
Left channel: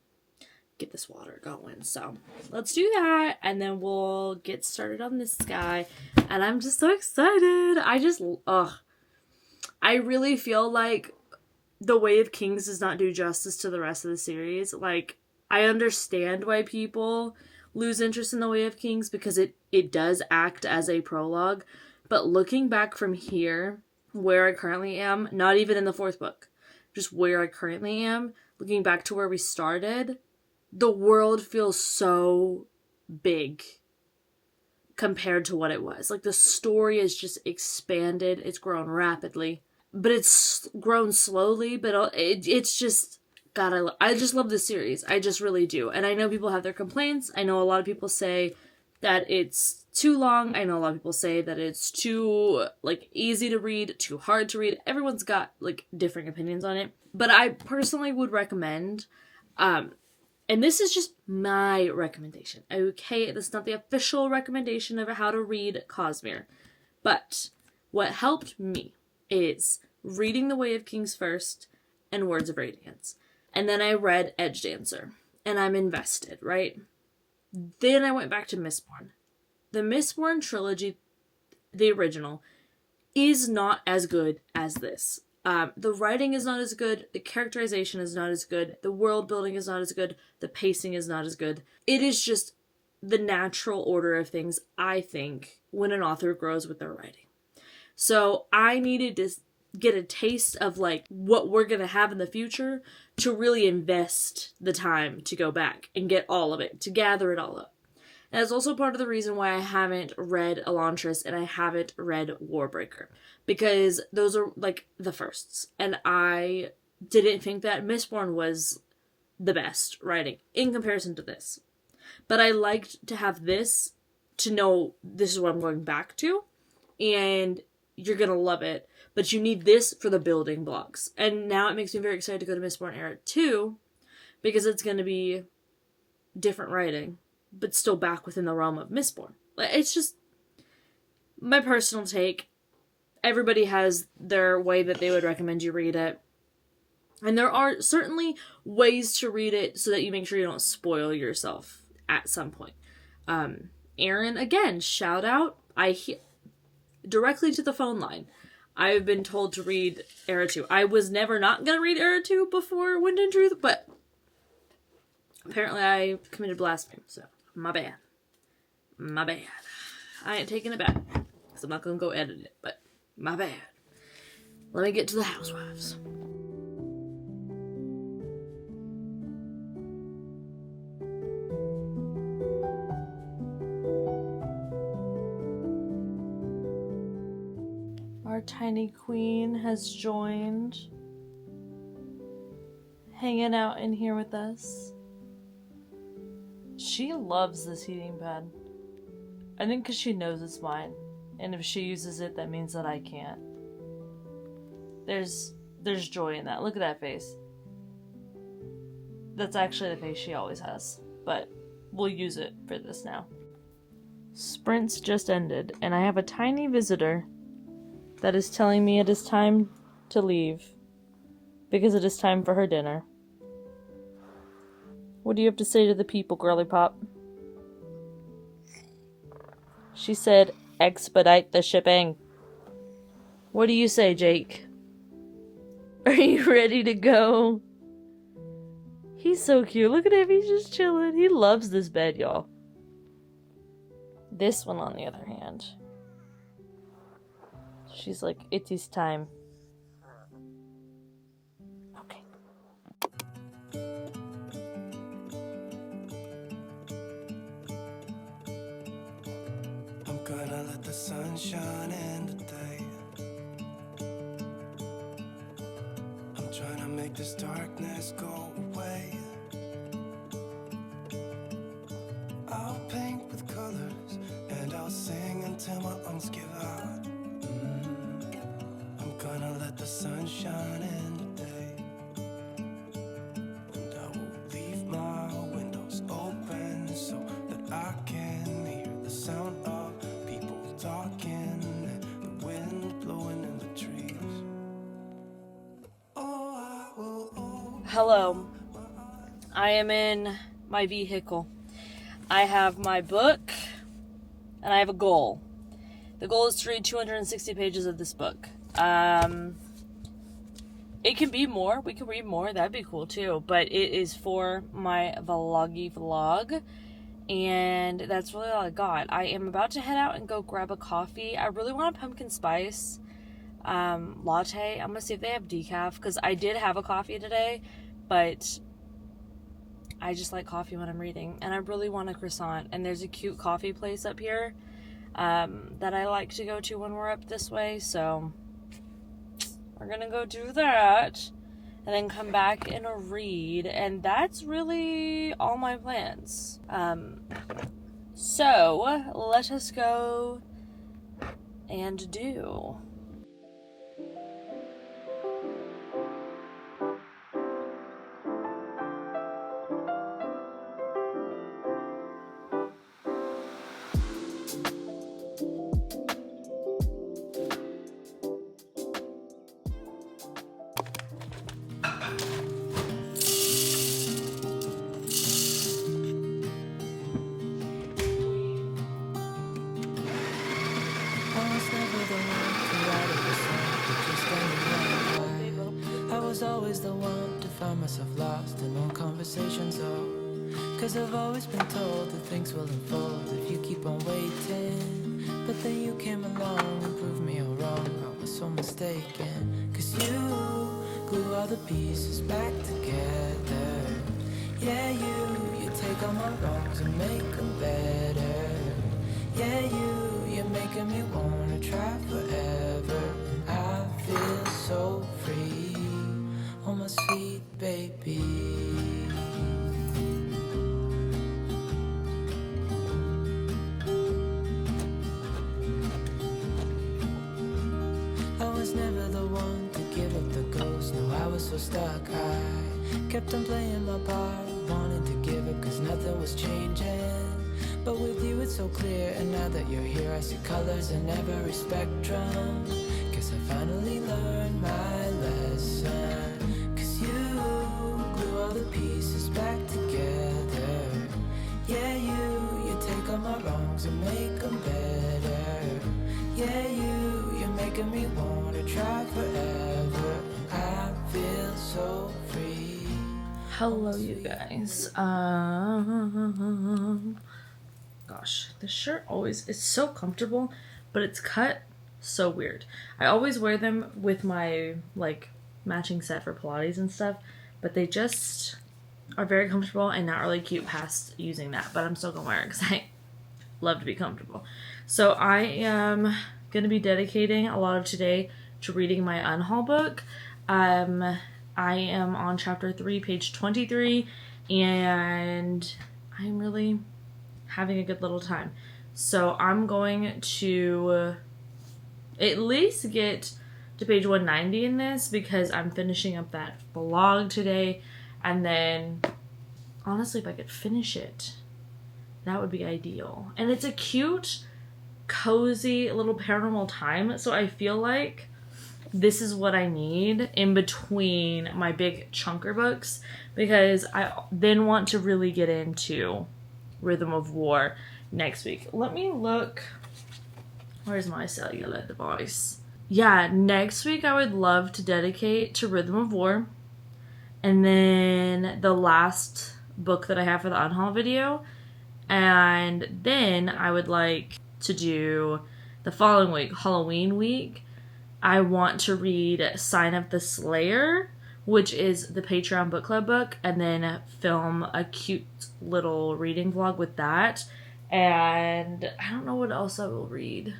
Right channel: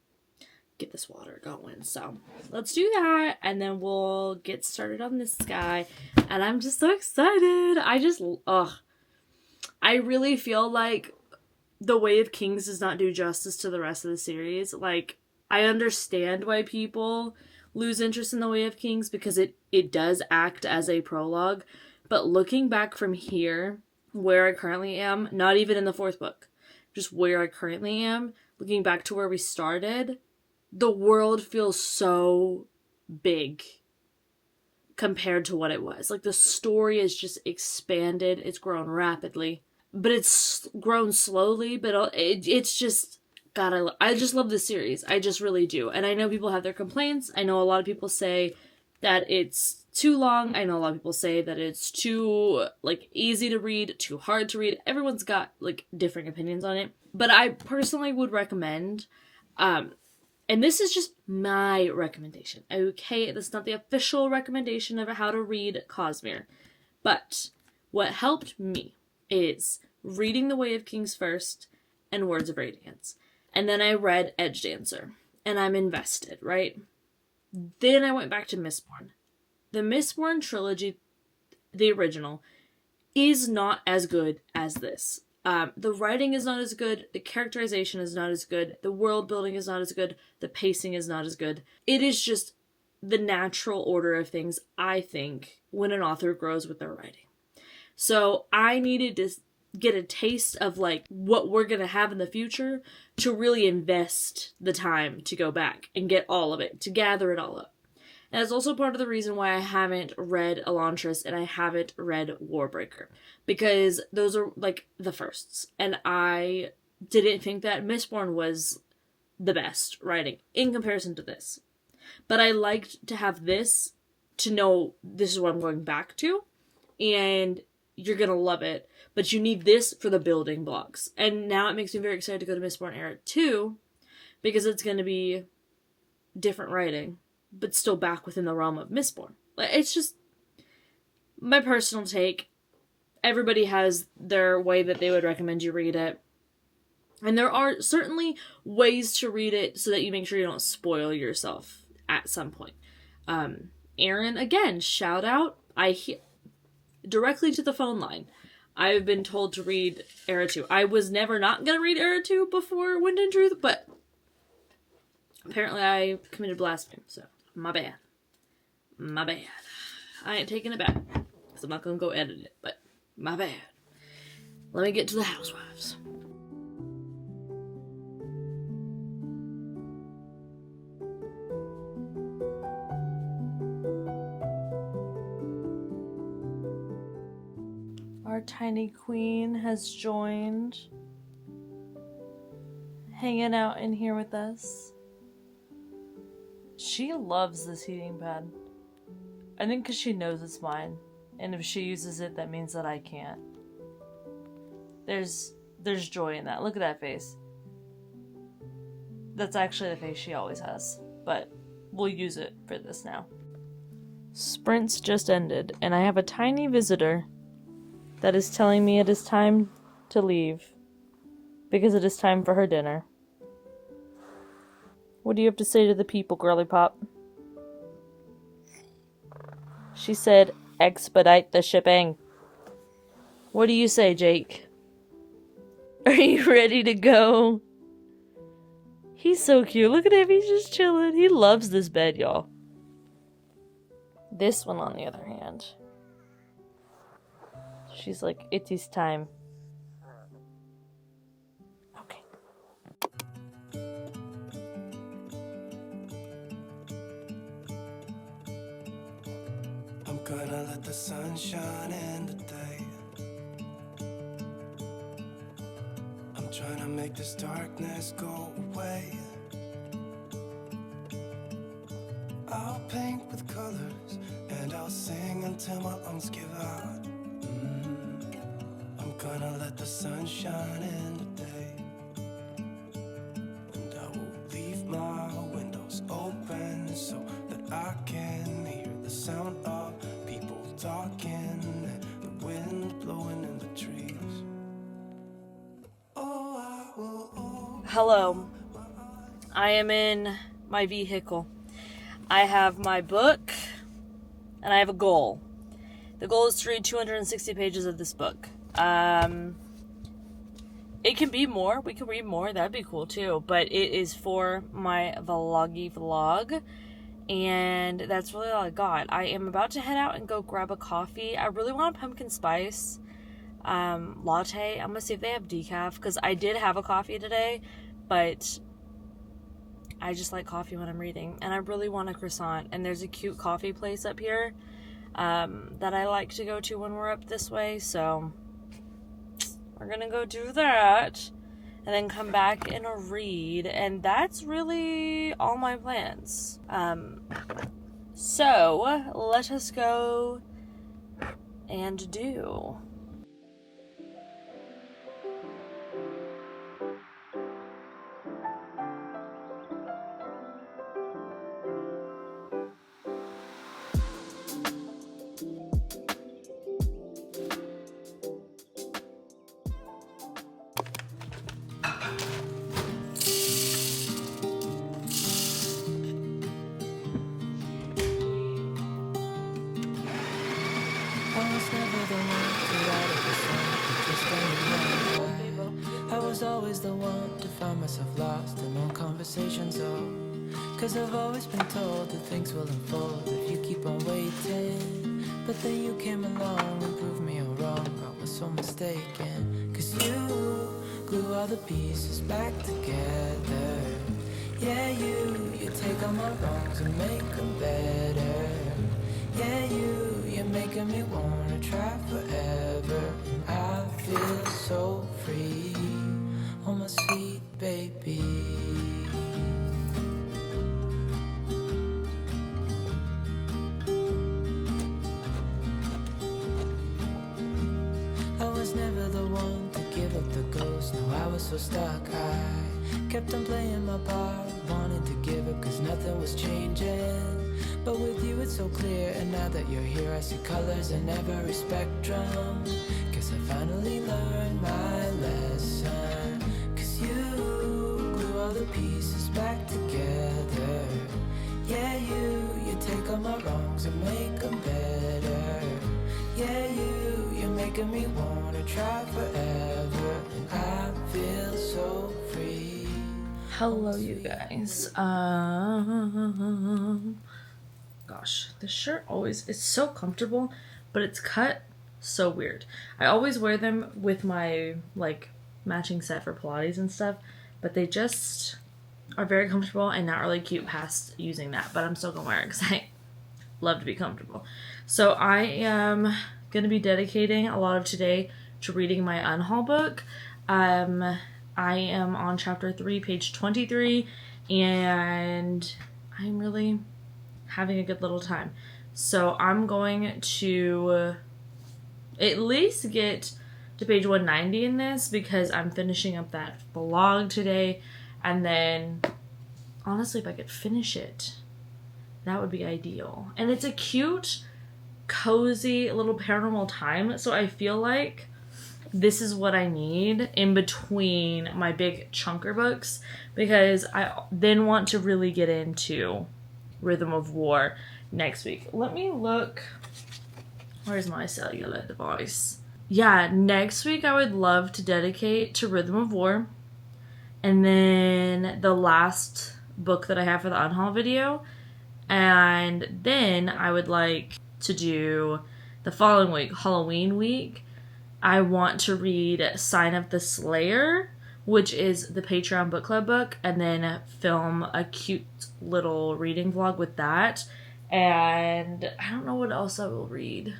get this water going. So let's do that, and then we'll get started on this guy. And I'm just so excited. I really feel like The Way of Kings does not do justice to the rest of the series. Like, I understand why people lose interest in The Way of Kings, because it does act as a prologue. But looking back from here, where I currently am, not even in the 4th book, just where I currently am, looking back to where we started, the world feels so big compared to what it was. Like, the story is just expanded. It's grown rapidly, but it's grown slowly, but it's just, God, I just love this series. I just really do. And I know people have their complaints. I know a lot of people say that it's too long. I know a lot of people say that it's too, like, easy to read, too hard to read. Everyone's got, like, different opinions on it. But I personally would recommend, and this is just my recommendation, okay? This is not the official recommendation of how to read Cosmere. But what helped me is reading The Way of Kings first and Words of Radiance. And then I read Edge Dancer. And I'm invested, right? Then I went back to Mistborn. The Mistborn trilogy, the original, is not as good as this. The writing is not as good, the characterization is not as good, the world building is not as good, the pacing is not as good. It is just the natural order of things, I think, when an author grows with their writing. So I needed to get a taste of, like, what we're going to have in the future to really invest the time to go back and get all of it, to gather it all up. And it's also part of the reason why I haven't read Elantris and I haven't read Warbreaker. Because those are, like, the firsts. And I didn't think that Mistborn was the best writing in comparison to this. But I liked to have this to know this is what I'm going back to. And you're going to love it. But you need this for the building blocks. And now it makes me very excited to go to Mistborn Era 2. Because it's going to be different writing, but still back within the realm of Mistborn. Like, it's just my personal take. Everybody has their way that they would recommend you read it. And there are certainly ways to read it so that you make sure you don't spoil yourself at some point. Aaron, again, shout out. Directly to the phone line. I've been told to read Era 2. I was never not going to read Era 2 before Wind and Truth, but apparently I committed blasphemy, so my bad. My bad. I ain't taking it back, because I'm not going to go edit it, but my bad. Let me get to the housewives. Our tiny queen has joined, hanging out in here with us. She loves this heating pad. I think because she knows it's mine. And if she uses it, that means that I can't. There's joy in that. Look at that face. That's actually the face she always has. But we'll use it for this now. Sprints just ended, and I have a tiny visitor that is telling me it is time to leave. because it is time for her dinner. What do you have to say to the people, girly pop? She said, expedite the shipping. What do you say, Jake? Are you ready to go? He's so cute. Look at him. He's just chilling. He loves this bed, y'all. This one, on the other hand, she's like, it is time. Okay. I'm gonna let the sun shine in today. I'm trying to make this darkness go away. I'll paint with colors and I'll sing until my lungs give out. I'm gonna let the sun shine in today. And I will leave my windows open so that I can hear the sound of people talking and the wind blowing in the trees. Oh, I will. Hello. I am in my vehicle. I have my book, and I have a goal. The goal is to read 260 pages of this book. It can be more. We can read more. That'd be cool, too. But it is for my vloggy vlog, and that's really all I got. I am about to head out and go grab a coffee. I really want a pumpkin spice latte. I'm going to see if they have decaf, because I did have a coffee today, but I just like coffee when I'm reading, and I really want a croissant. And there's a cute coffee place up here that I like to go to when we're up this way, so we're gonna go do that and then come back and read, and that's really all my plans. So let us go and do. I was always the one to find myself lost in all conversations, cause I've always been told that things will unfold if you keep on waiting. But then you came along and proved me all wrong. I was so mistaken, cause you glue all the pieces back together. Yeah, you take all my wrongs and make them better. Yeah, you're making me wanna try forever. And I feel so free, oh my sweet baby. I was never the one to give up the ghost. No, I was so stuck. I kept on playing my part, wanting to give up cause nothing was changing. But with you it's so clear, and now that you're here I see colors in every spectrum. Guess I finally learned my lesson. Cause you glue all the pieces back together. Yeah, you take all my wrongs and make them better. Yeah, you're making me wanna try forever. And I feel so free. Hello, you guys. Gosh, this shirt always is so comfortable, but it's cut so weird. I always wear them with my like matching set for Pilates and stuff, but they just are very comfortable and not really cute past using that. But I'm still gonna wear it because I love to be comfortable. So I am gonna be dedicating a lot of today to reading my unhaul book. I am on chapter 3, page 23, and I'm really having a good little time. So I'm going to at least get to page 190 in this because I'm finishing up that vlog today, and then honestly if I could finish it, that would be ideal. And it's a cute, cozy little paranormal time, so I feel like this is what I need in between my big chunker books, because I then want to really get into Rhythm of War next week. Let me look. Where's my cellular device? Yeah, next week I would love to dedicate to Rhythm of War. And then the last book that I have for the unhaul video. And then I would like to do the following week, Halloween week. I want to read Sign of the Slayer, which is the Patreon book club book, and then film a cute little reading vlog with that. And I don't know what else I will read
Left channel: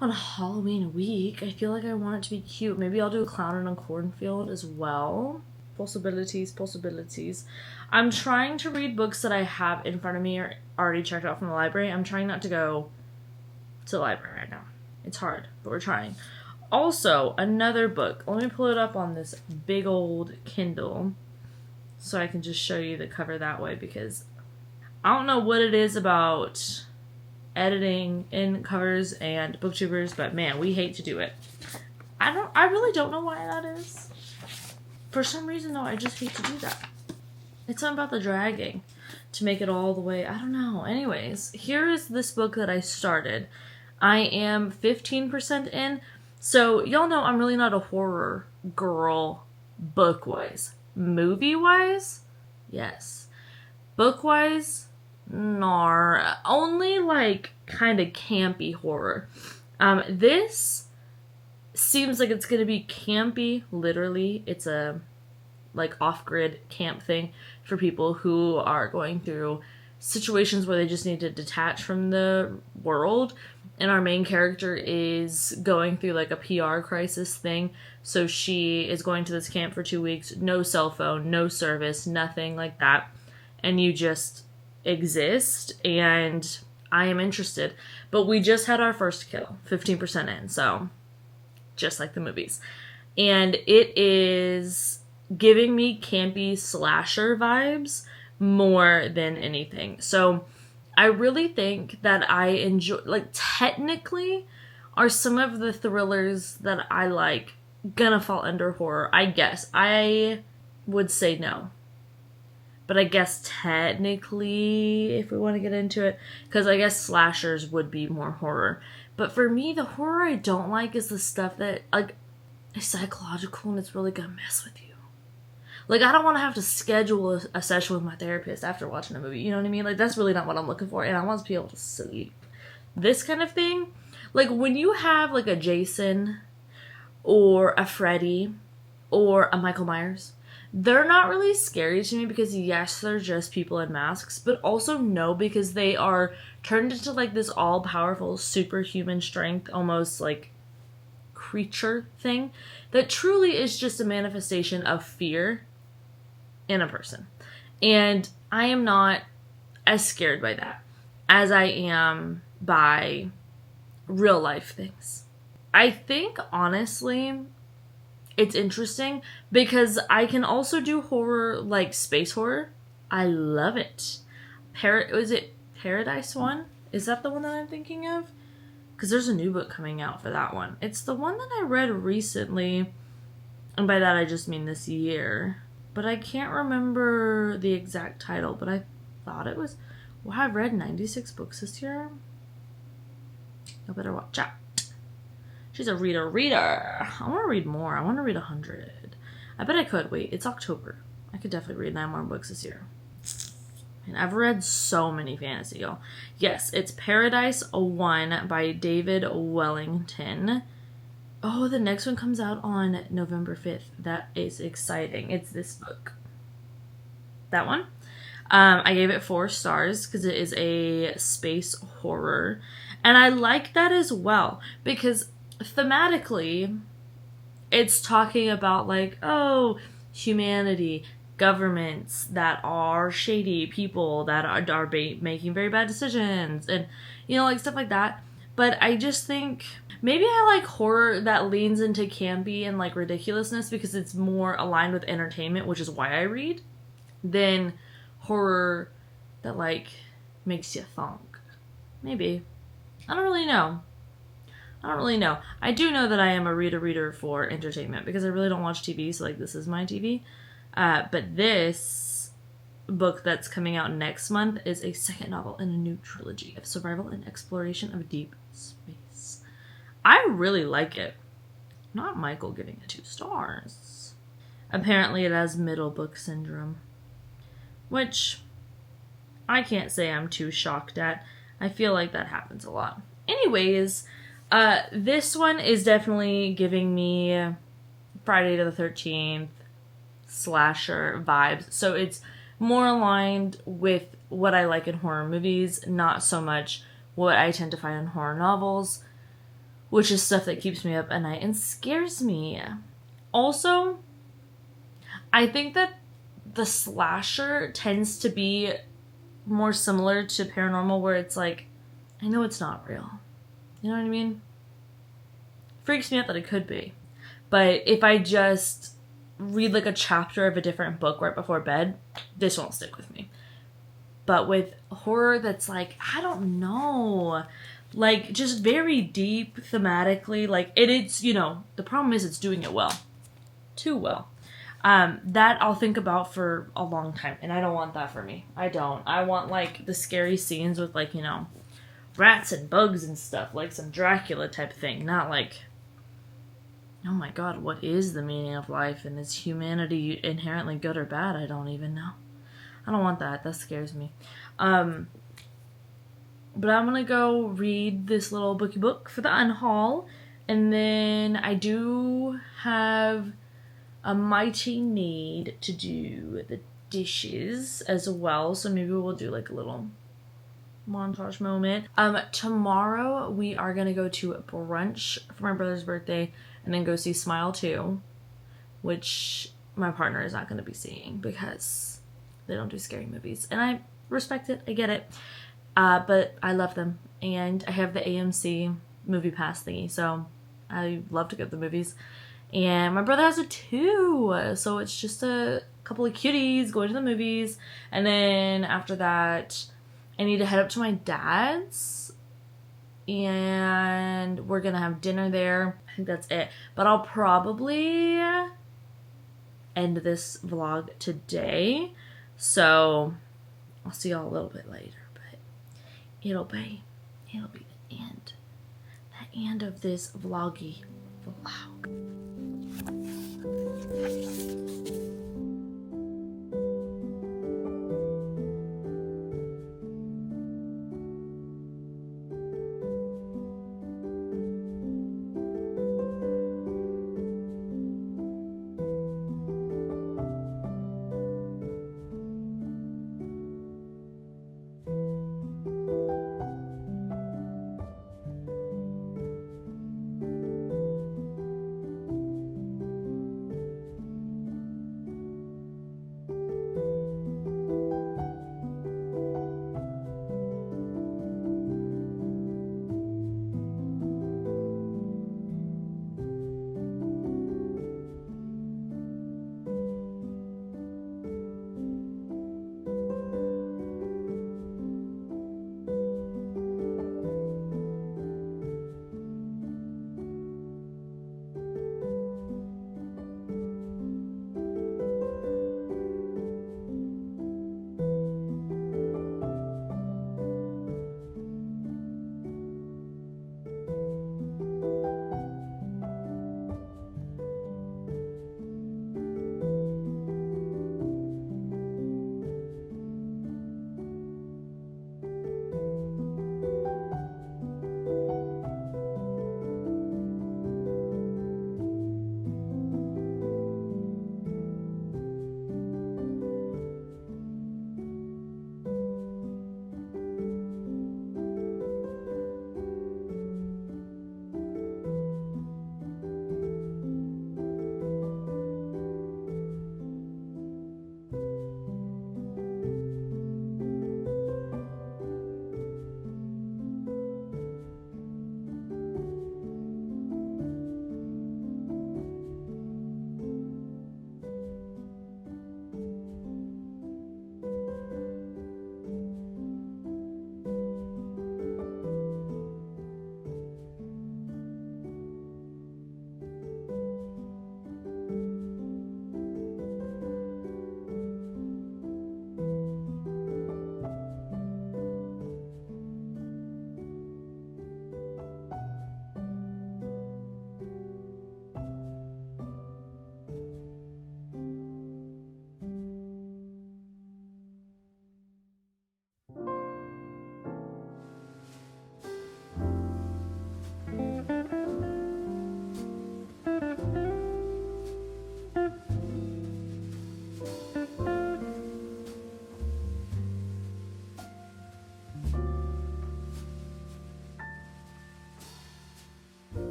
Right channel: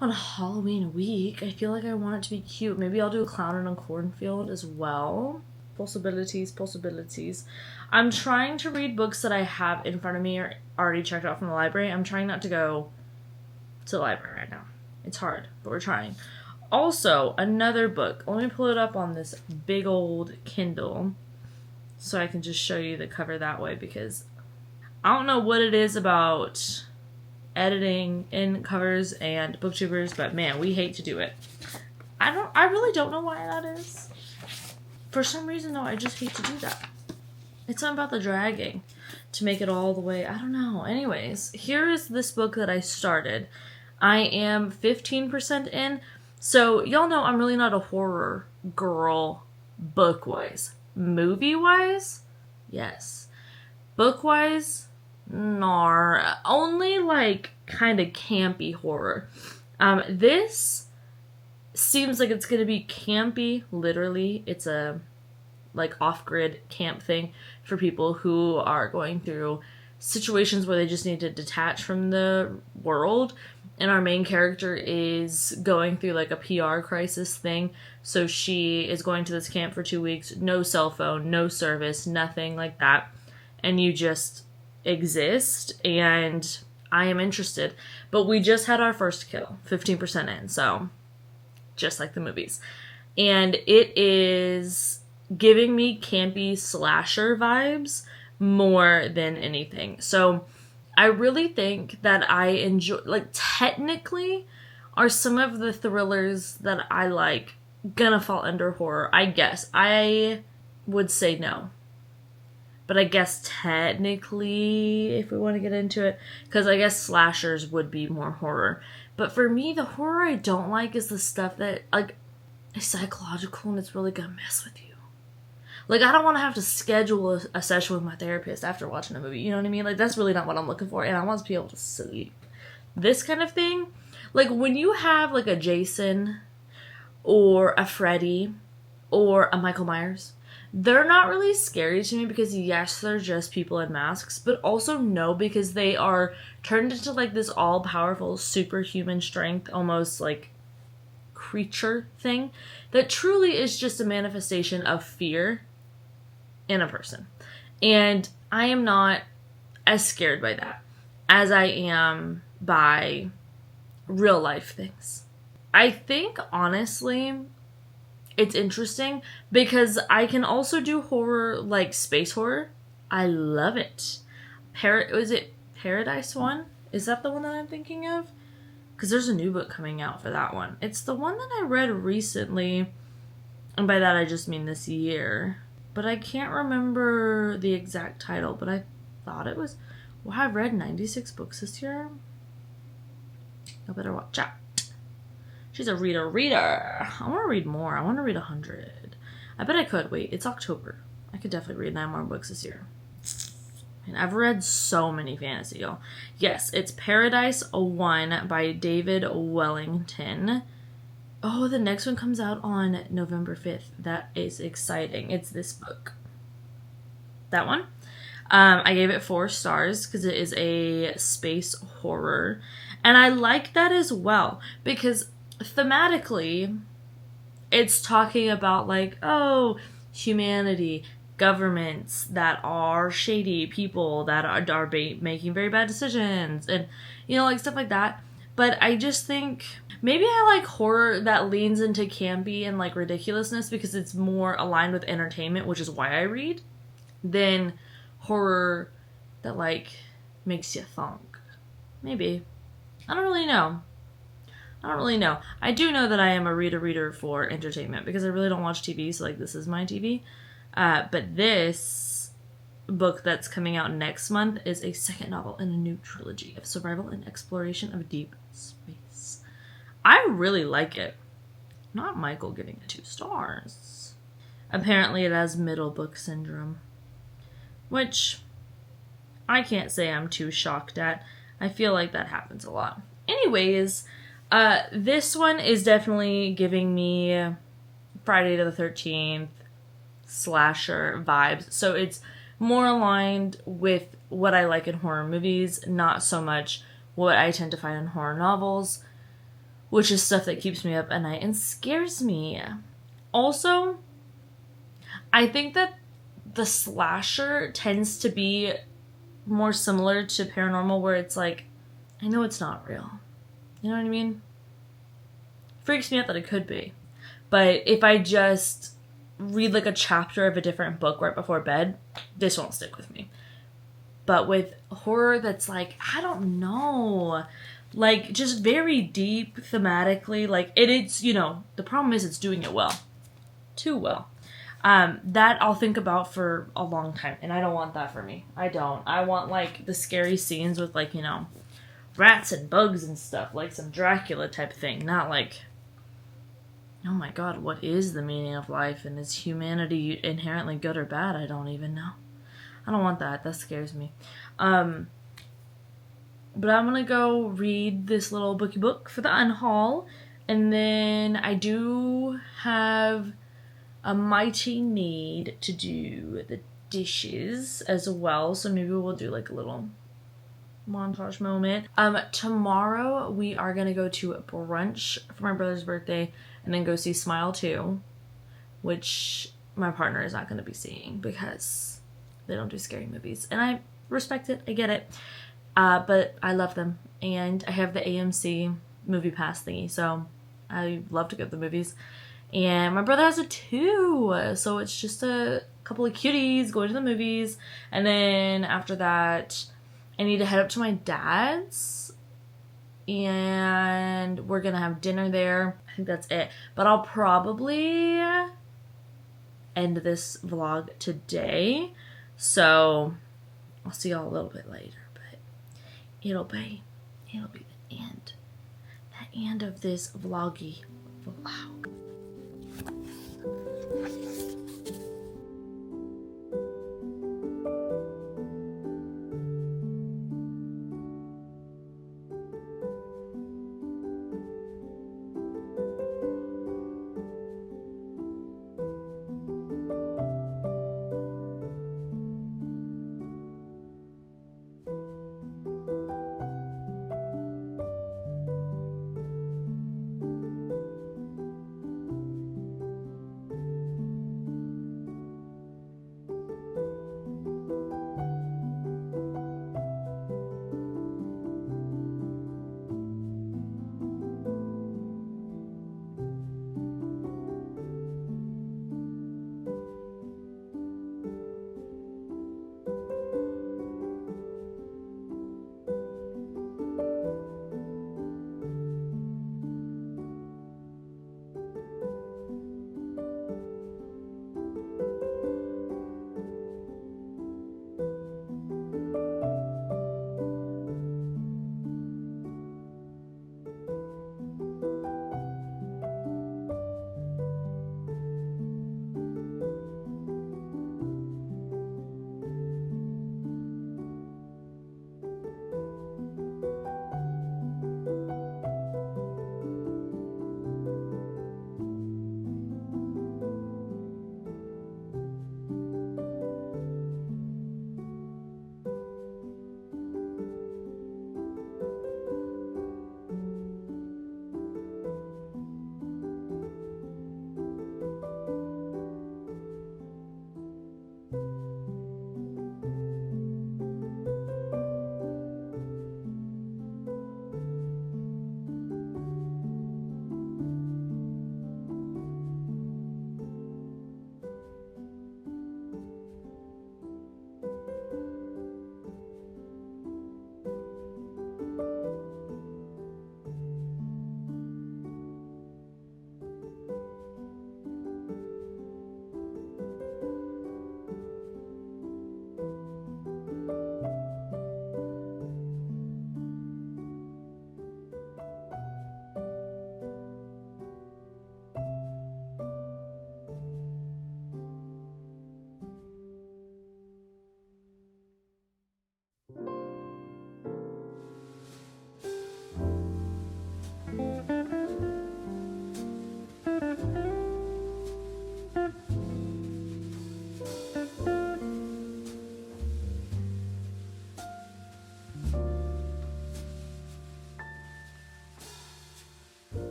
on Halloween week. I feel like I want it to be cute. Maybe I'll do a Clown in a Cornfield as well. Possibilities. I'm trying to read books that I have in front of me or already checked out from the library. I'm trying not to go to the library right now. It's hard, but we're trying. Also, another book. Let me pull it up on this big old Kindle so I can just show you the cover that way, because I don't know what it is about editing in covers and booktubers, but man, we hate to do it. I really don't know why that is. For some reason though, I just hate to do that. It's something about the dragging to make it all the way. I don't know. Anyways, here is this book that I started. I am 15% in. So y'all know I'm really not a horror girl book-wise. Movie-wise, yes. Book-wise, nar. Only like kind of campy horror. This seems like it's gonna be campy, literally. It's a like off-grid camp thing for people who are going through situations where they just need to detach from the world. And our main character is going through like a PR crisis thing. So she is going to this camp for 2 weeks, no cell phone, no service, nothing like that. And you just exist, and I am interested. But we just had our first kill, 15% in, so just like the movies. And it is giving me campy slasher vibes more than anything. So I really think that I enjoy, like, technically are some of the thrillers that I like gonna fall under horror? I guess. I would say no. But I guess technically, if we want to get into it, because I guess slashers would be more horror. But for me, the horror I don't like is the stuff that, like, is psychological and it's really gonna mess with you. Like, I don't want to have to schedule a session with my therapist after watching a movie. You know what I mean? Like, that's really not what I'm looking for. And I want to be able to sleep. This kind of thing, like, when you have, like, a Jason or a Freddy or a Michael Myers, they're not really scary to me because, yes, they're just people in masks. But also, no, because they are turned into, like, this all-powerful superhuman strength, almost, like, creature thing that truly is just a manifestation of fear in a person. And I am not as scared by that as I am by real life things. I think, honestly, it's interesting because I can also do horror, like space horror. I love it. Was it Paradise one? Is that the one that I'm thinking of? Because there's a new book coming out for that one. It's the one that I read recently. And by that I just mean this year. But I can't remember the exact title. But I thought it was... Well, I've read 96 books this year. I better watch out. She's a reader. I want to read more. I want to read 100. I bet I could. Wait, it's October. I could definitely read 9 more books this year. And I've read so many fantasy, y'all. Yes, it's Paradise 1 by David Wellington. Oh, the next one comes out on November 5th. That is exciting. It's this book. That one. I gave it 4 stars because it is a space horror. And I like that as well because thematically, it's talking about like, oh, humanity, governments that are shady, people that are making very bad decisions, and, you know, like stuff like that. But I just think maybe I like horror that leans into campy and like ridiculousness because it's more aligned with entertainment, which is why I read, than horror that like makes you thunk. Maybe. I don't really know. I don't really know. I do know that I am a reader for entertainment because I really don't watch TV, so like this is my TV. But this book that's coming out next month is a second novel in a new trilogy of survival and exploration of deep space. I really like it. Not Michael giving it 2 stars. Apparently it has middle book syndrome, which I can't say I'm too shocked at. I feel like that happens a lot. Anyways, this one is definitely giving me Friday the 13th slasher vibes. So it's more aligned with what I like in horror movies, not so much what I tend to find in horror novels, which is stuff that keeps me up at night and scares me. Also, I think that the slasher tends to be more similar to paranormal, where it's like, I know it's not real. You know what I mean? Freaks me out that it could be. But if I just read like a chapter of a different book right before bed, this won't stick with me. But with horror that's like, I don't know, like just very deep thematically, like it's, you know, the problem is it's doing it well. Too well. That I'll think about for a long time, and I don't want that for me. I don't. I want like the scary scenes with like, you know, rats and bugs and stuff, like some Dracula type thing, not like, oh my god, what is the meaning of life, and is humanity inherently good or bad? I don't even know. I don't want that. That scares me. But I'm gonna go read this little booky book for the unhaul, and then I do have a mighty need to do the dishes as well, so maybe we'll do like a little montage moment. Tomorrow we are gonna go to brunch for my brother's birthday and then go see Smile 2, which my partner is not gonna be seeing because they don't do scary movies, and I respect it. I get it, but I love them, and I have the AMC movie pass thingy, so I love to go to the movies. And my brother has it too, so it's just a couple of cuties going to the movies, and then after that I need to head up to my dad's, and we're gonna have dinner there. I think that's it, but I'll probably end this vlog today, so I'll see y'all a little bit later, but it'll be the end of this vloggy vlog.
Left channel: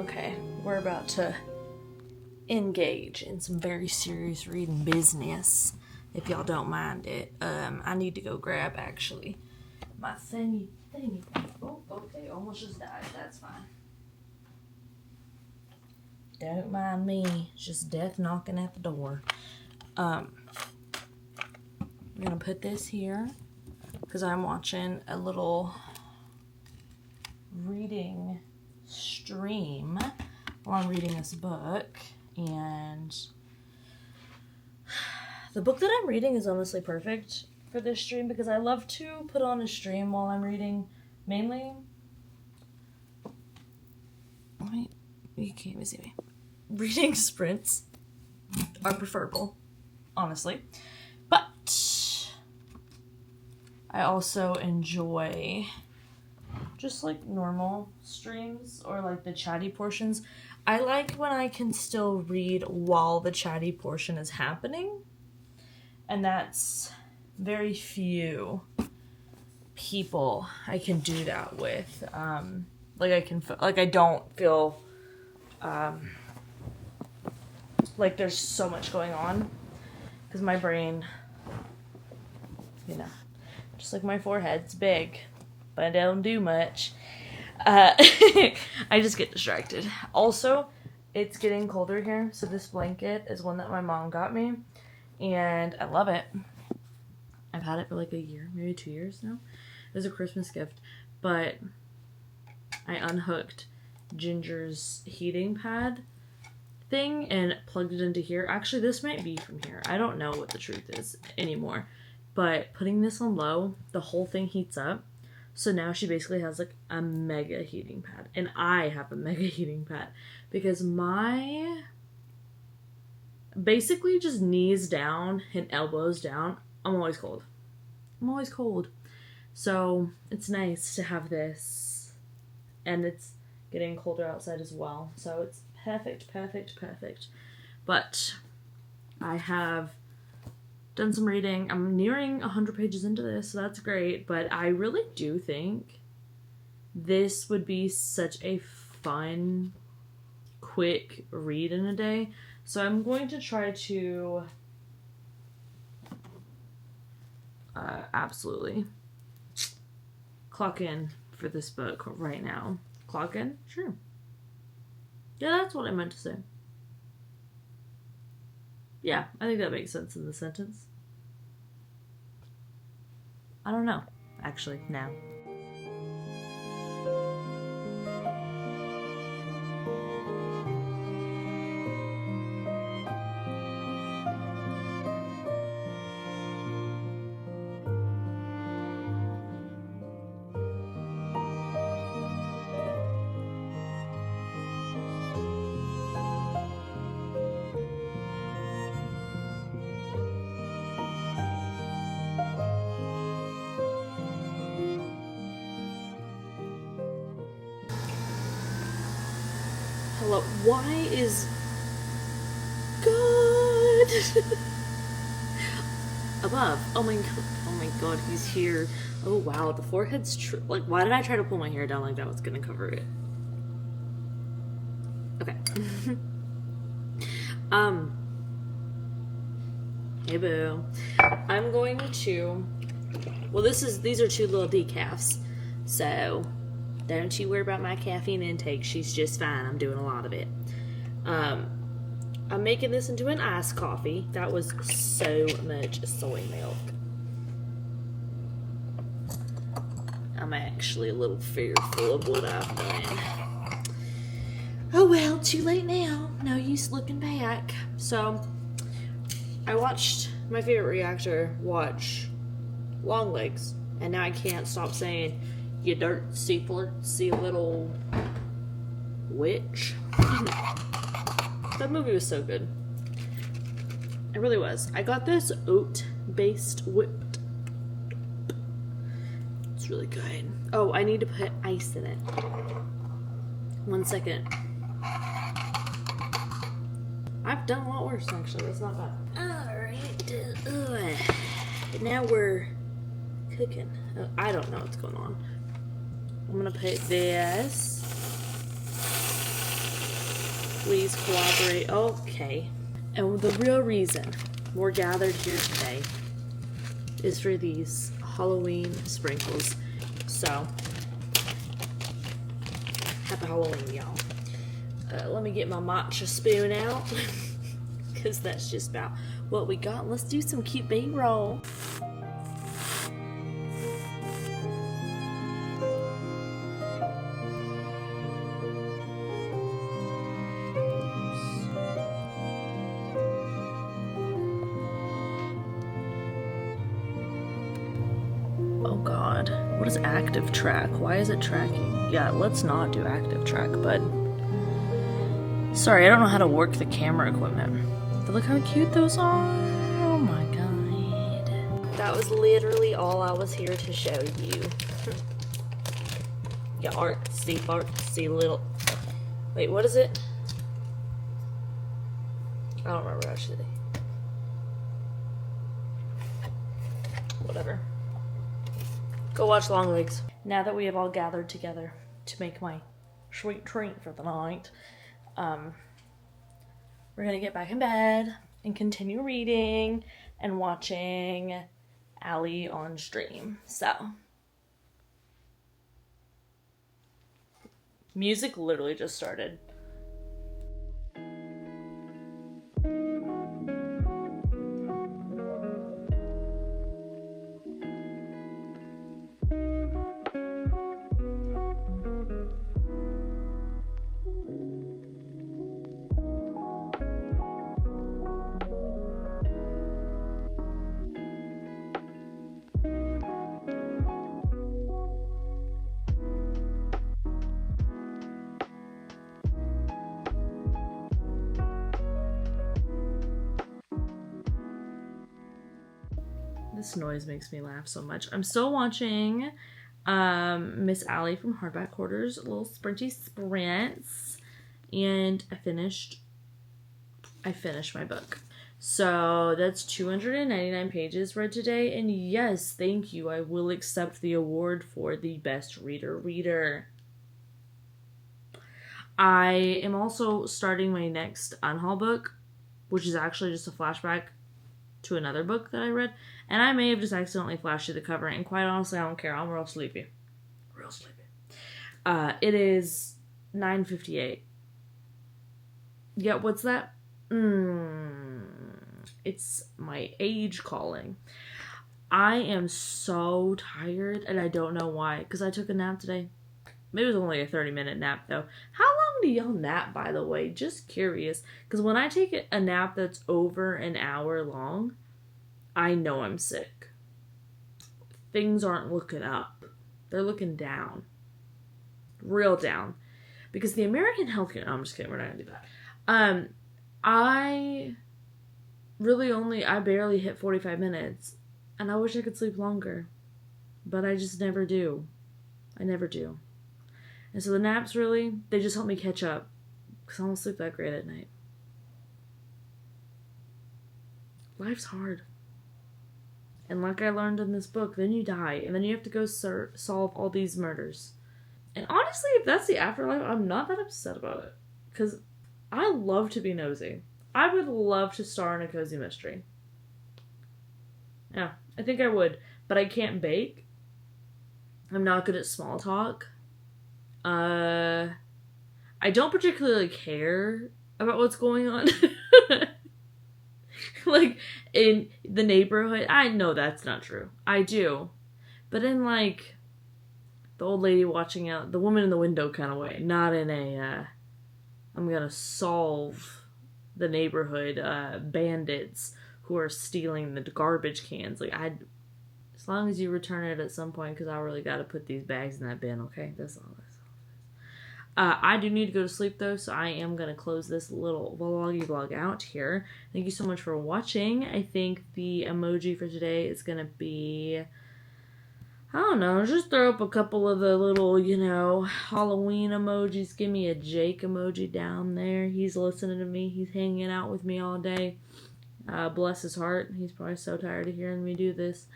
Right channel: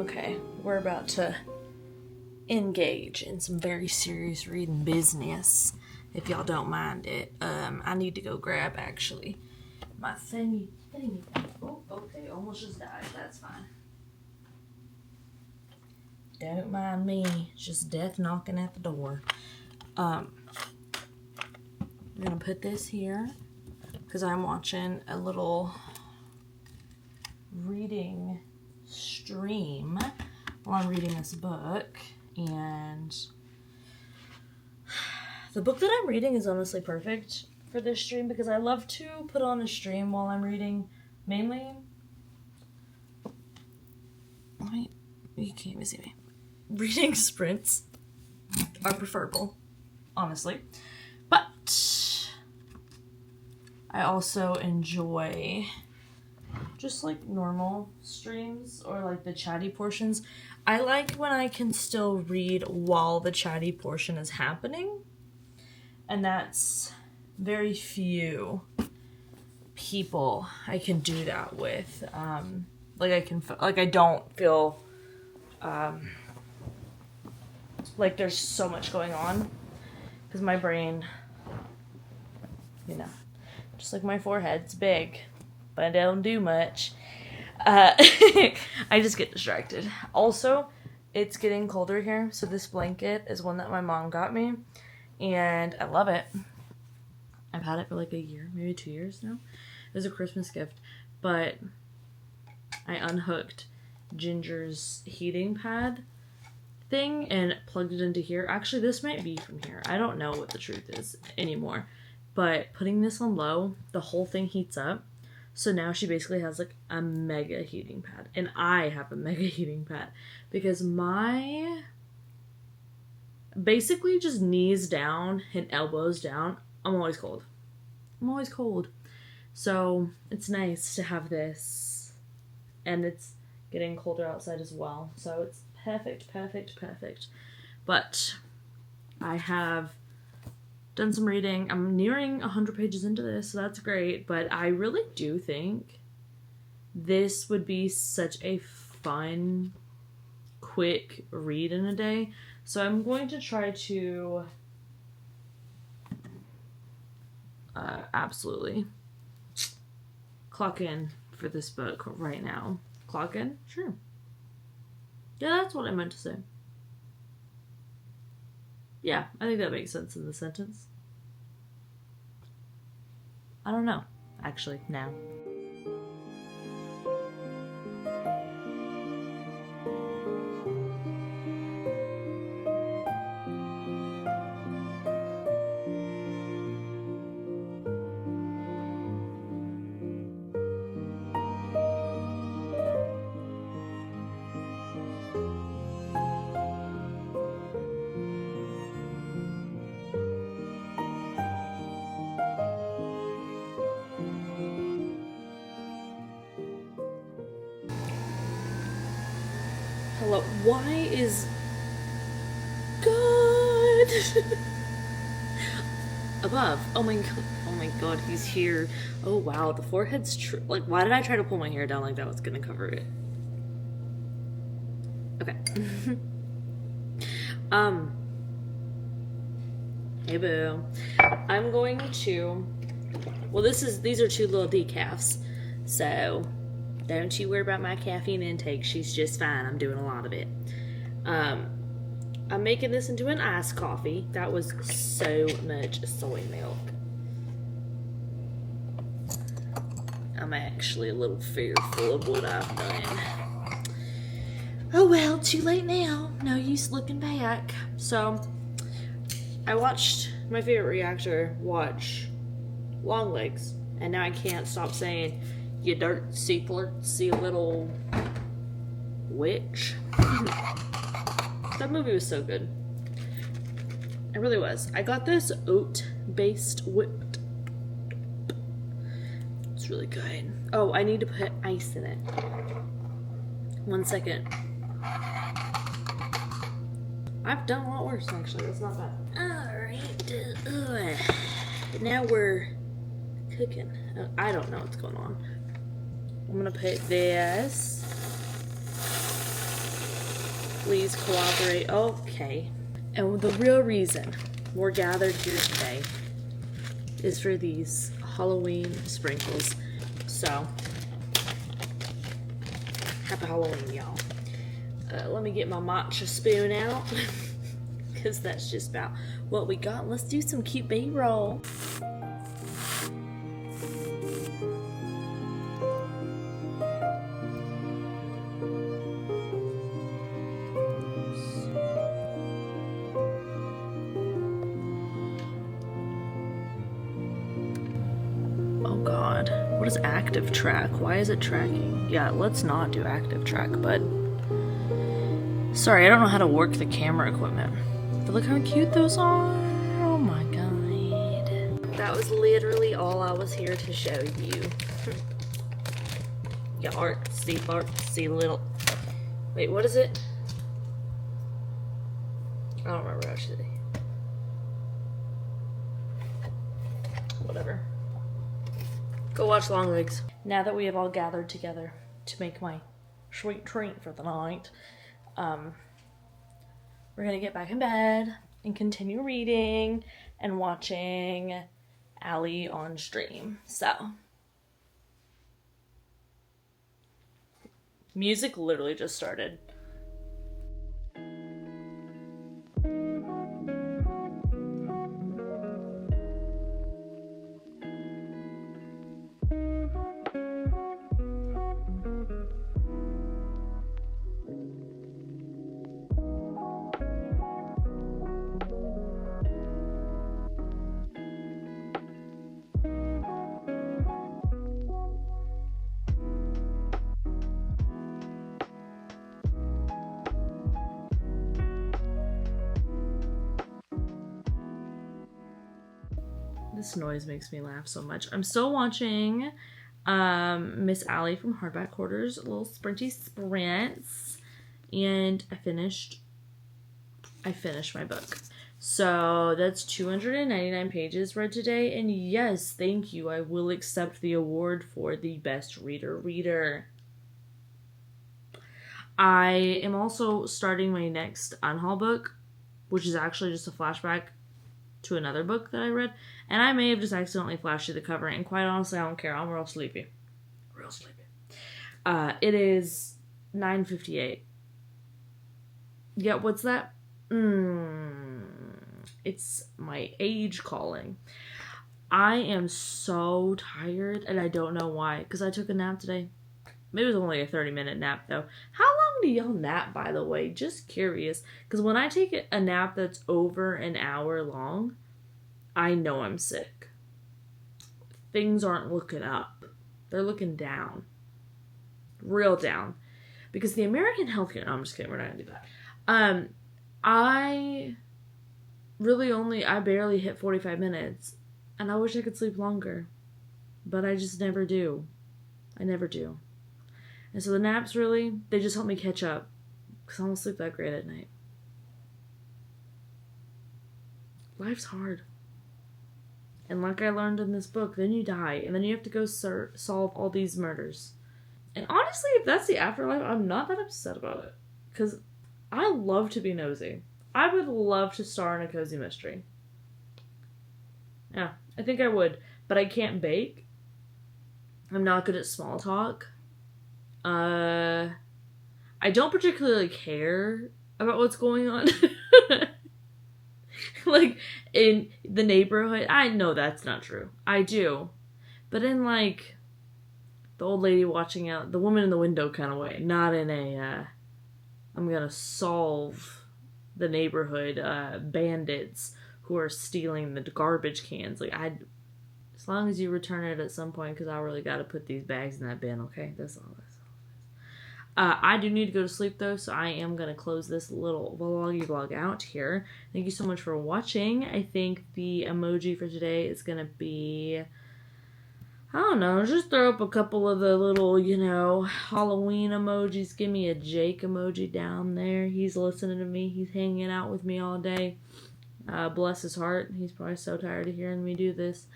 Okay, we're about to engage in some very serious reading business, if y'all don't mind it. I need to go grab, actually, my thingy. Oh, okay, almost just died. That's fine. Don't mind me. It's just death knocking at the door. I'm gonna put this here because I'm watching a little reading stream while I'm reading this book, and the book that I'm reading is honestly perfect for this stream because I love to put on a stream while I'm reading. Mainly, you can't even see me. Reading sprints are preferable, honestly, but I also enjoy just like normal streams or like the chatty portions. I like when I can still read while the chatty portion is happening, and that's very few people I can do that with. I don't feel like there's so much going on because my brain, just like my forehead's big, but I don't do much. I just get distracted. Also, it's getting colder here, so this blanket is one that my mom got me, and I love it. I've had it for like a year, maybe 2 years now. It was a Christmas gift, but I unhooked Ginger's heating pad thing and plugged it into here. Actually, this might be from here. I don't know what the truth is anymore, but putting this on low, the whole thing heats up. So now she basically has like a mega heating pad, and I have a mega heating pad because my basically just knees down and elbows down, I'm always cold. So it's nice to have this, and it's getting colder outside as well. So it's perfect. But I have done some reading. I'm nearing 100 pages into this, so that's great. But I really do think this would be such a fun, quick read in a day. So I'm going to try to absolutely clock in for this book right now. Clock in? Sure. Yeah, that's what I meant to say. Yeah, I think that makes sense in the sentence. I don't know, actually, now. Hello, why is God above? Oh my god, he's here. Oh wow, the forehead's like, why did I try to pull my hair down like that was gonna cover it? Okay. Hey boo. I'm going to, well, these are 2 little decafs, so don't you worry about my caffeine intake. She's just fine. I'm doing a lot of it. I'm making this into an iced coffee. That was so much soy milk. I'm actually a little fearful of what I've done. Oh well, too late now. No use looking back. So, I watched my favorite reactor watch Long Legs, and now I can't stop saying, "You dirty little witch." That movie was so good. It really was. I got this oat-based whipped. It's really good. Oh, I need to put ice in it. 1 second. I've done a lot worse, actually. That's not bad. Alright. Now we're cooking. I don't know what's going on. I'm gonna put this Please cooperate. Okay. And the real reason we're gathered here today is for these Halloween sprinkles. So, happy Halloween, y'all. Let me get my matcha spoon out, because that's just about what we got. Let's do some cute B-roll. Oh god, what is active track? Why is it tracking? Yeah, let's not do active track, but sorry, I don't know how to work the camera equipment. But look how cute those are. Oh my god. That was literally all I was here to show you. Yeah, artsy little. Wait, what is it? I don't remember actually. Whatever. Go watch Long Legs. Now that we have all gathered together to make my sweet treat for the night, we're gonna get back in bed and continue reading and watching Allie on stream. So, music literally just started. This noise makes me laugh so much. I'm still watching Miss Allie from Hardback Hoarders, little sprinty sprints, and I finished my book. So that's 299 pages read today, and yes, thank you. I will accept the award for the best reader. I am also starting my next unhaul book, which is actually just a flashback to another book that I read, and I may have just accidentally flashed you the cover, and quite honestly, I don't care. I'm real sleepy. It is 9:58. Yeah, what's that? It's my age calling. I am so tired, and I don't know why, because I took a nap today. Maybe it was only a 30-minute nap, though. How long do y'all nap, by the way? Just curious. Because when I take a nap that's over an hour long, I know I'm sick. Things aren't looking up. They're looking down. Real down. Because the American healthcare... No, I'm just kidding. We're not going to do that. I barely hit 45 minutes. And I wish I could sleep longer. But I just never do. I never do. And so the naps really, they just help me catch up. Because I don't sleep that great at night. Life's hard. And like I learned in this book, then you die. And then you have to go solve all these murders. And honestly, if that's the afterlife, I'm not that upset about it. Because I love to be nosy. I would love to star in a cozy mystery. Yeah, I think I would. But I can't bake. I'm not good at small talk. I don't particularly care about what's going on. Like, in the neighborhood. I know that's not true. I do. But in, like, the old lady watching out, the woman in the window kind of way. Not in a, I'm gonna solve the neighborhood bandits who are stealing the garbage cans. Like, as long as you return it at some point, because I really gotta put these bags in that bin, okay? That's all this. I do need to go to sleep, though, so I am going to close this little vlog out here. Thank you so much for watching. I think the emoji for today is going to be, I don't know, just throw up a couple of the little, Halloween emojis. Give me a Jake emoji down there. He's listening to me. He's hanging out with me all day. Bless his heart. He's probably so tired of hearing me do this.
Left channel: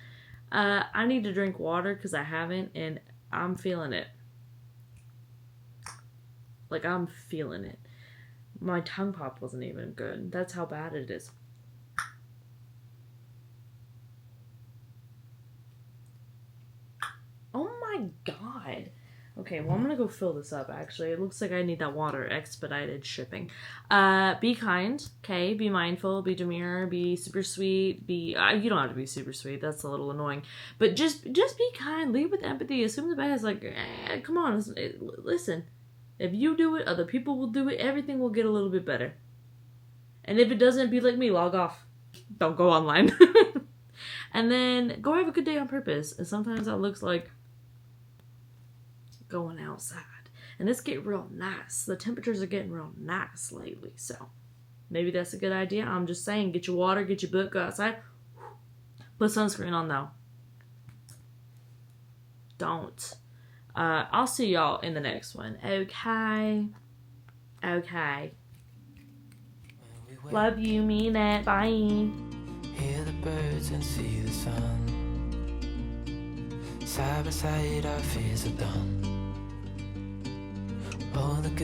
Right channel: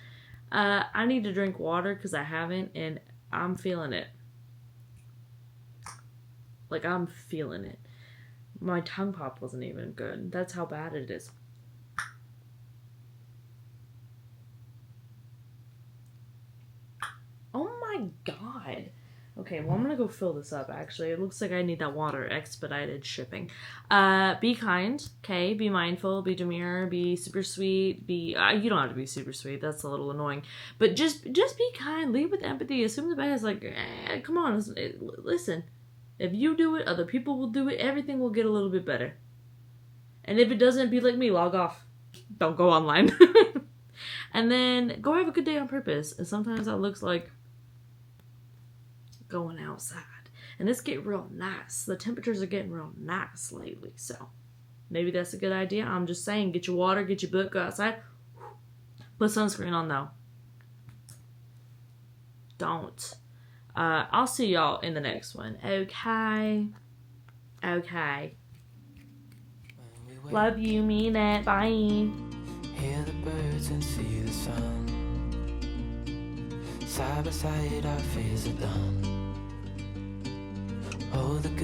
I need to drink water because I haven't, and I'm feeling it. Like, I'm feeling it. My tongue pop wasn't even good. That's how bad it is. Oh my god. Okay, well, I'm gonna go fill this up, actually. It looks like I need that water. Expedited shipping. Be kind, okay? Be mindful, be demure, be super sweet, be... you don't have to be super sweet. That's a little annoying. But just be kind. Lead with empathy. Assume the best. Like, come on. Listen. If you do it, other people will do it. Everything will get a little bit better. And if it doesn't, be like me. Log off. Don't go online. And then go have a good day on purpose. And sometimes that looks like going outside. And it's getting real nice. The temperatures are getting real nice lately. So maybe that's a good idea. I'm just saying, get your water, get your book, go outside. Put sunscreen on though. Don't. I'll see y'all in the next one. Okay. Okay. Love you, mean it. Bye. Hear the birds and see the sun. Side by side our fears are done. Oh, the good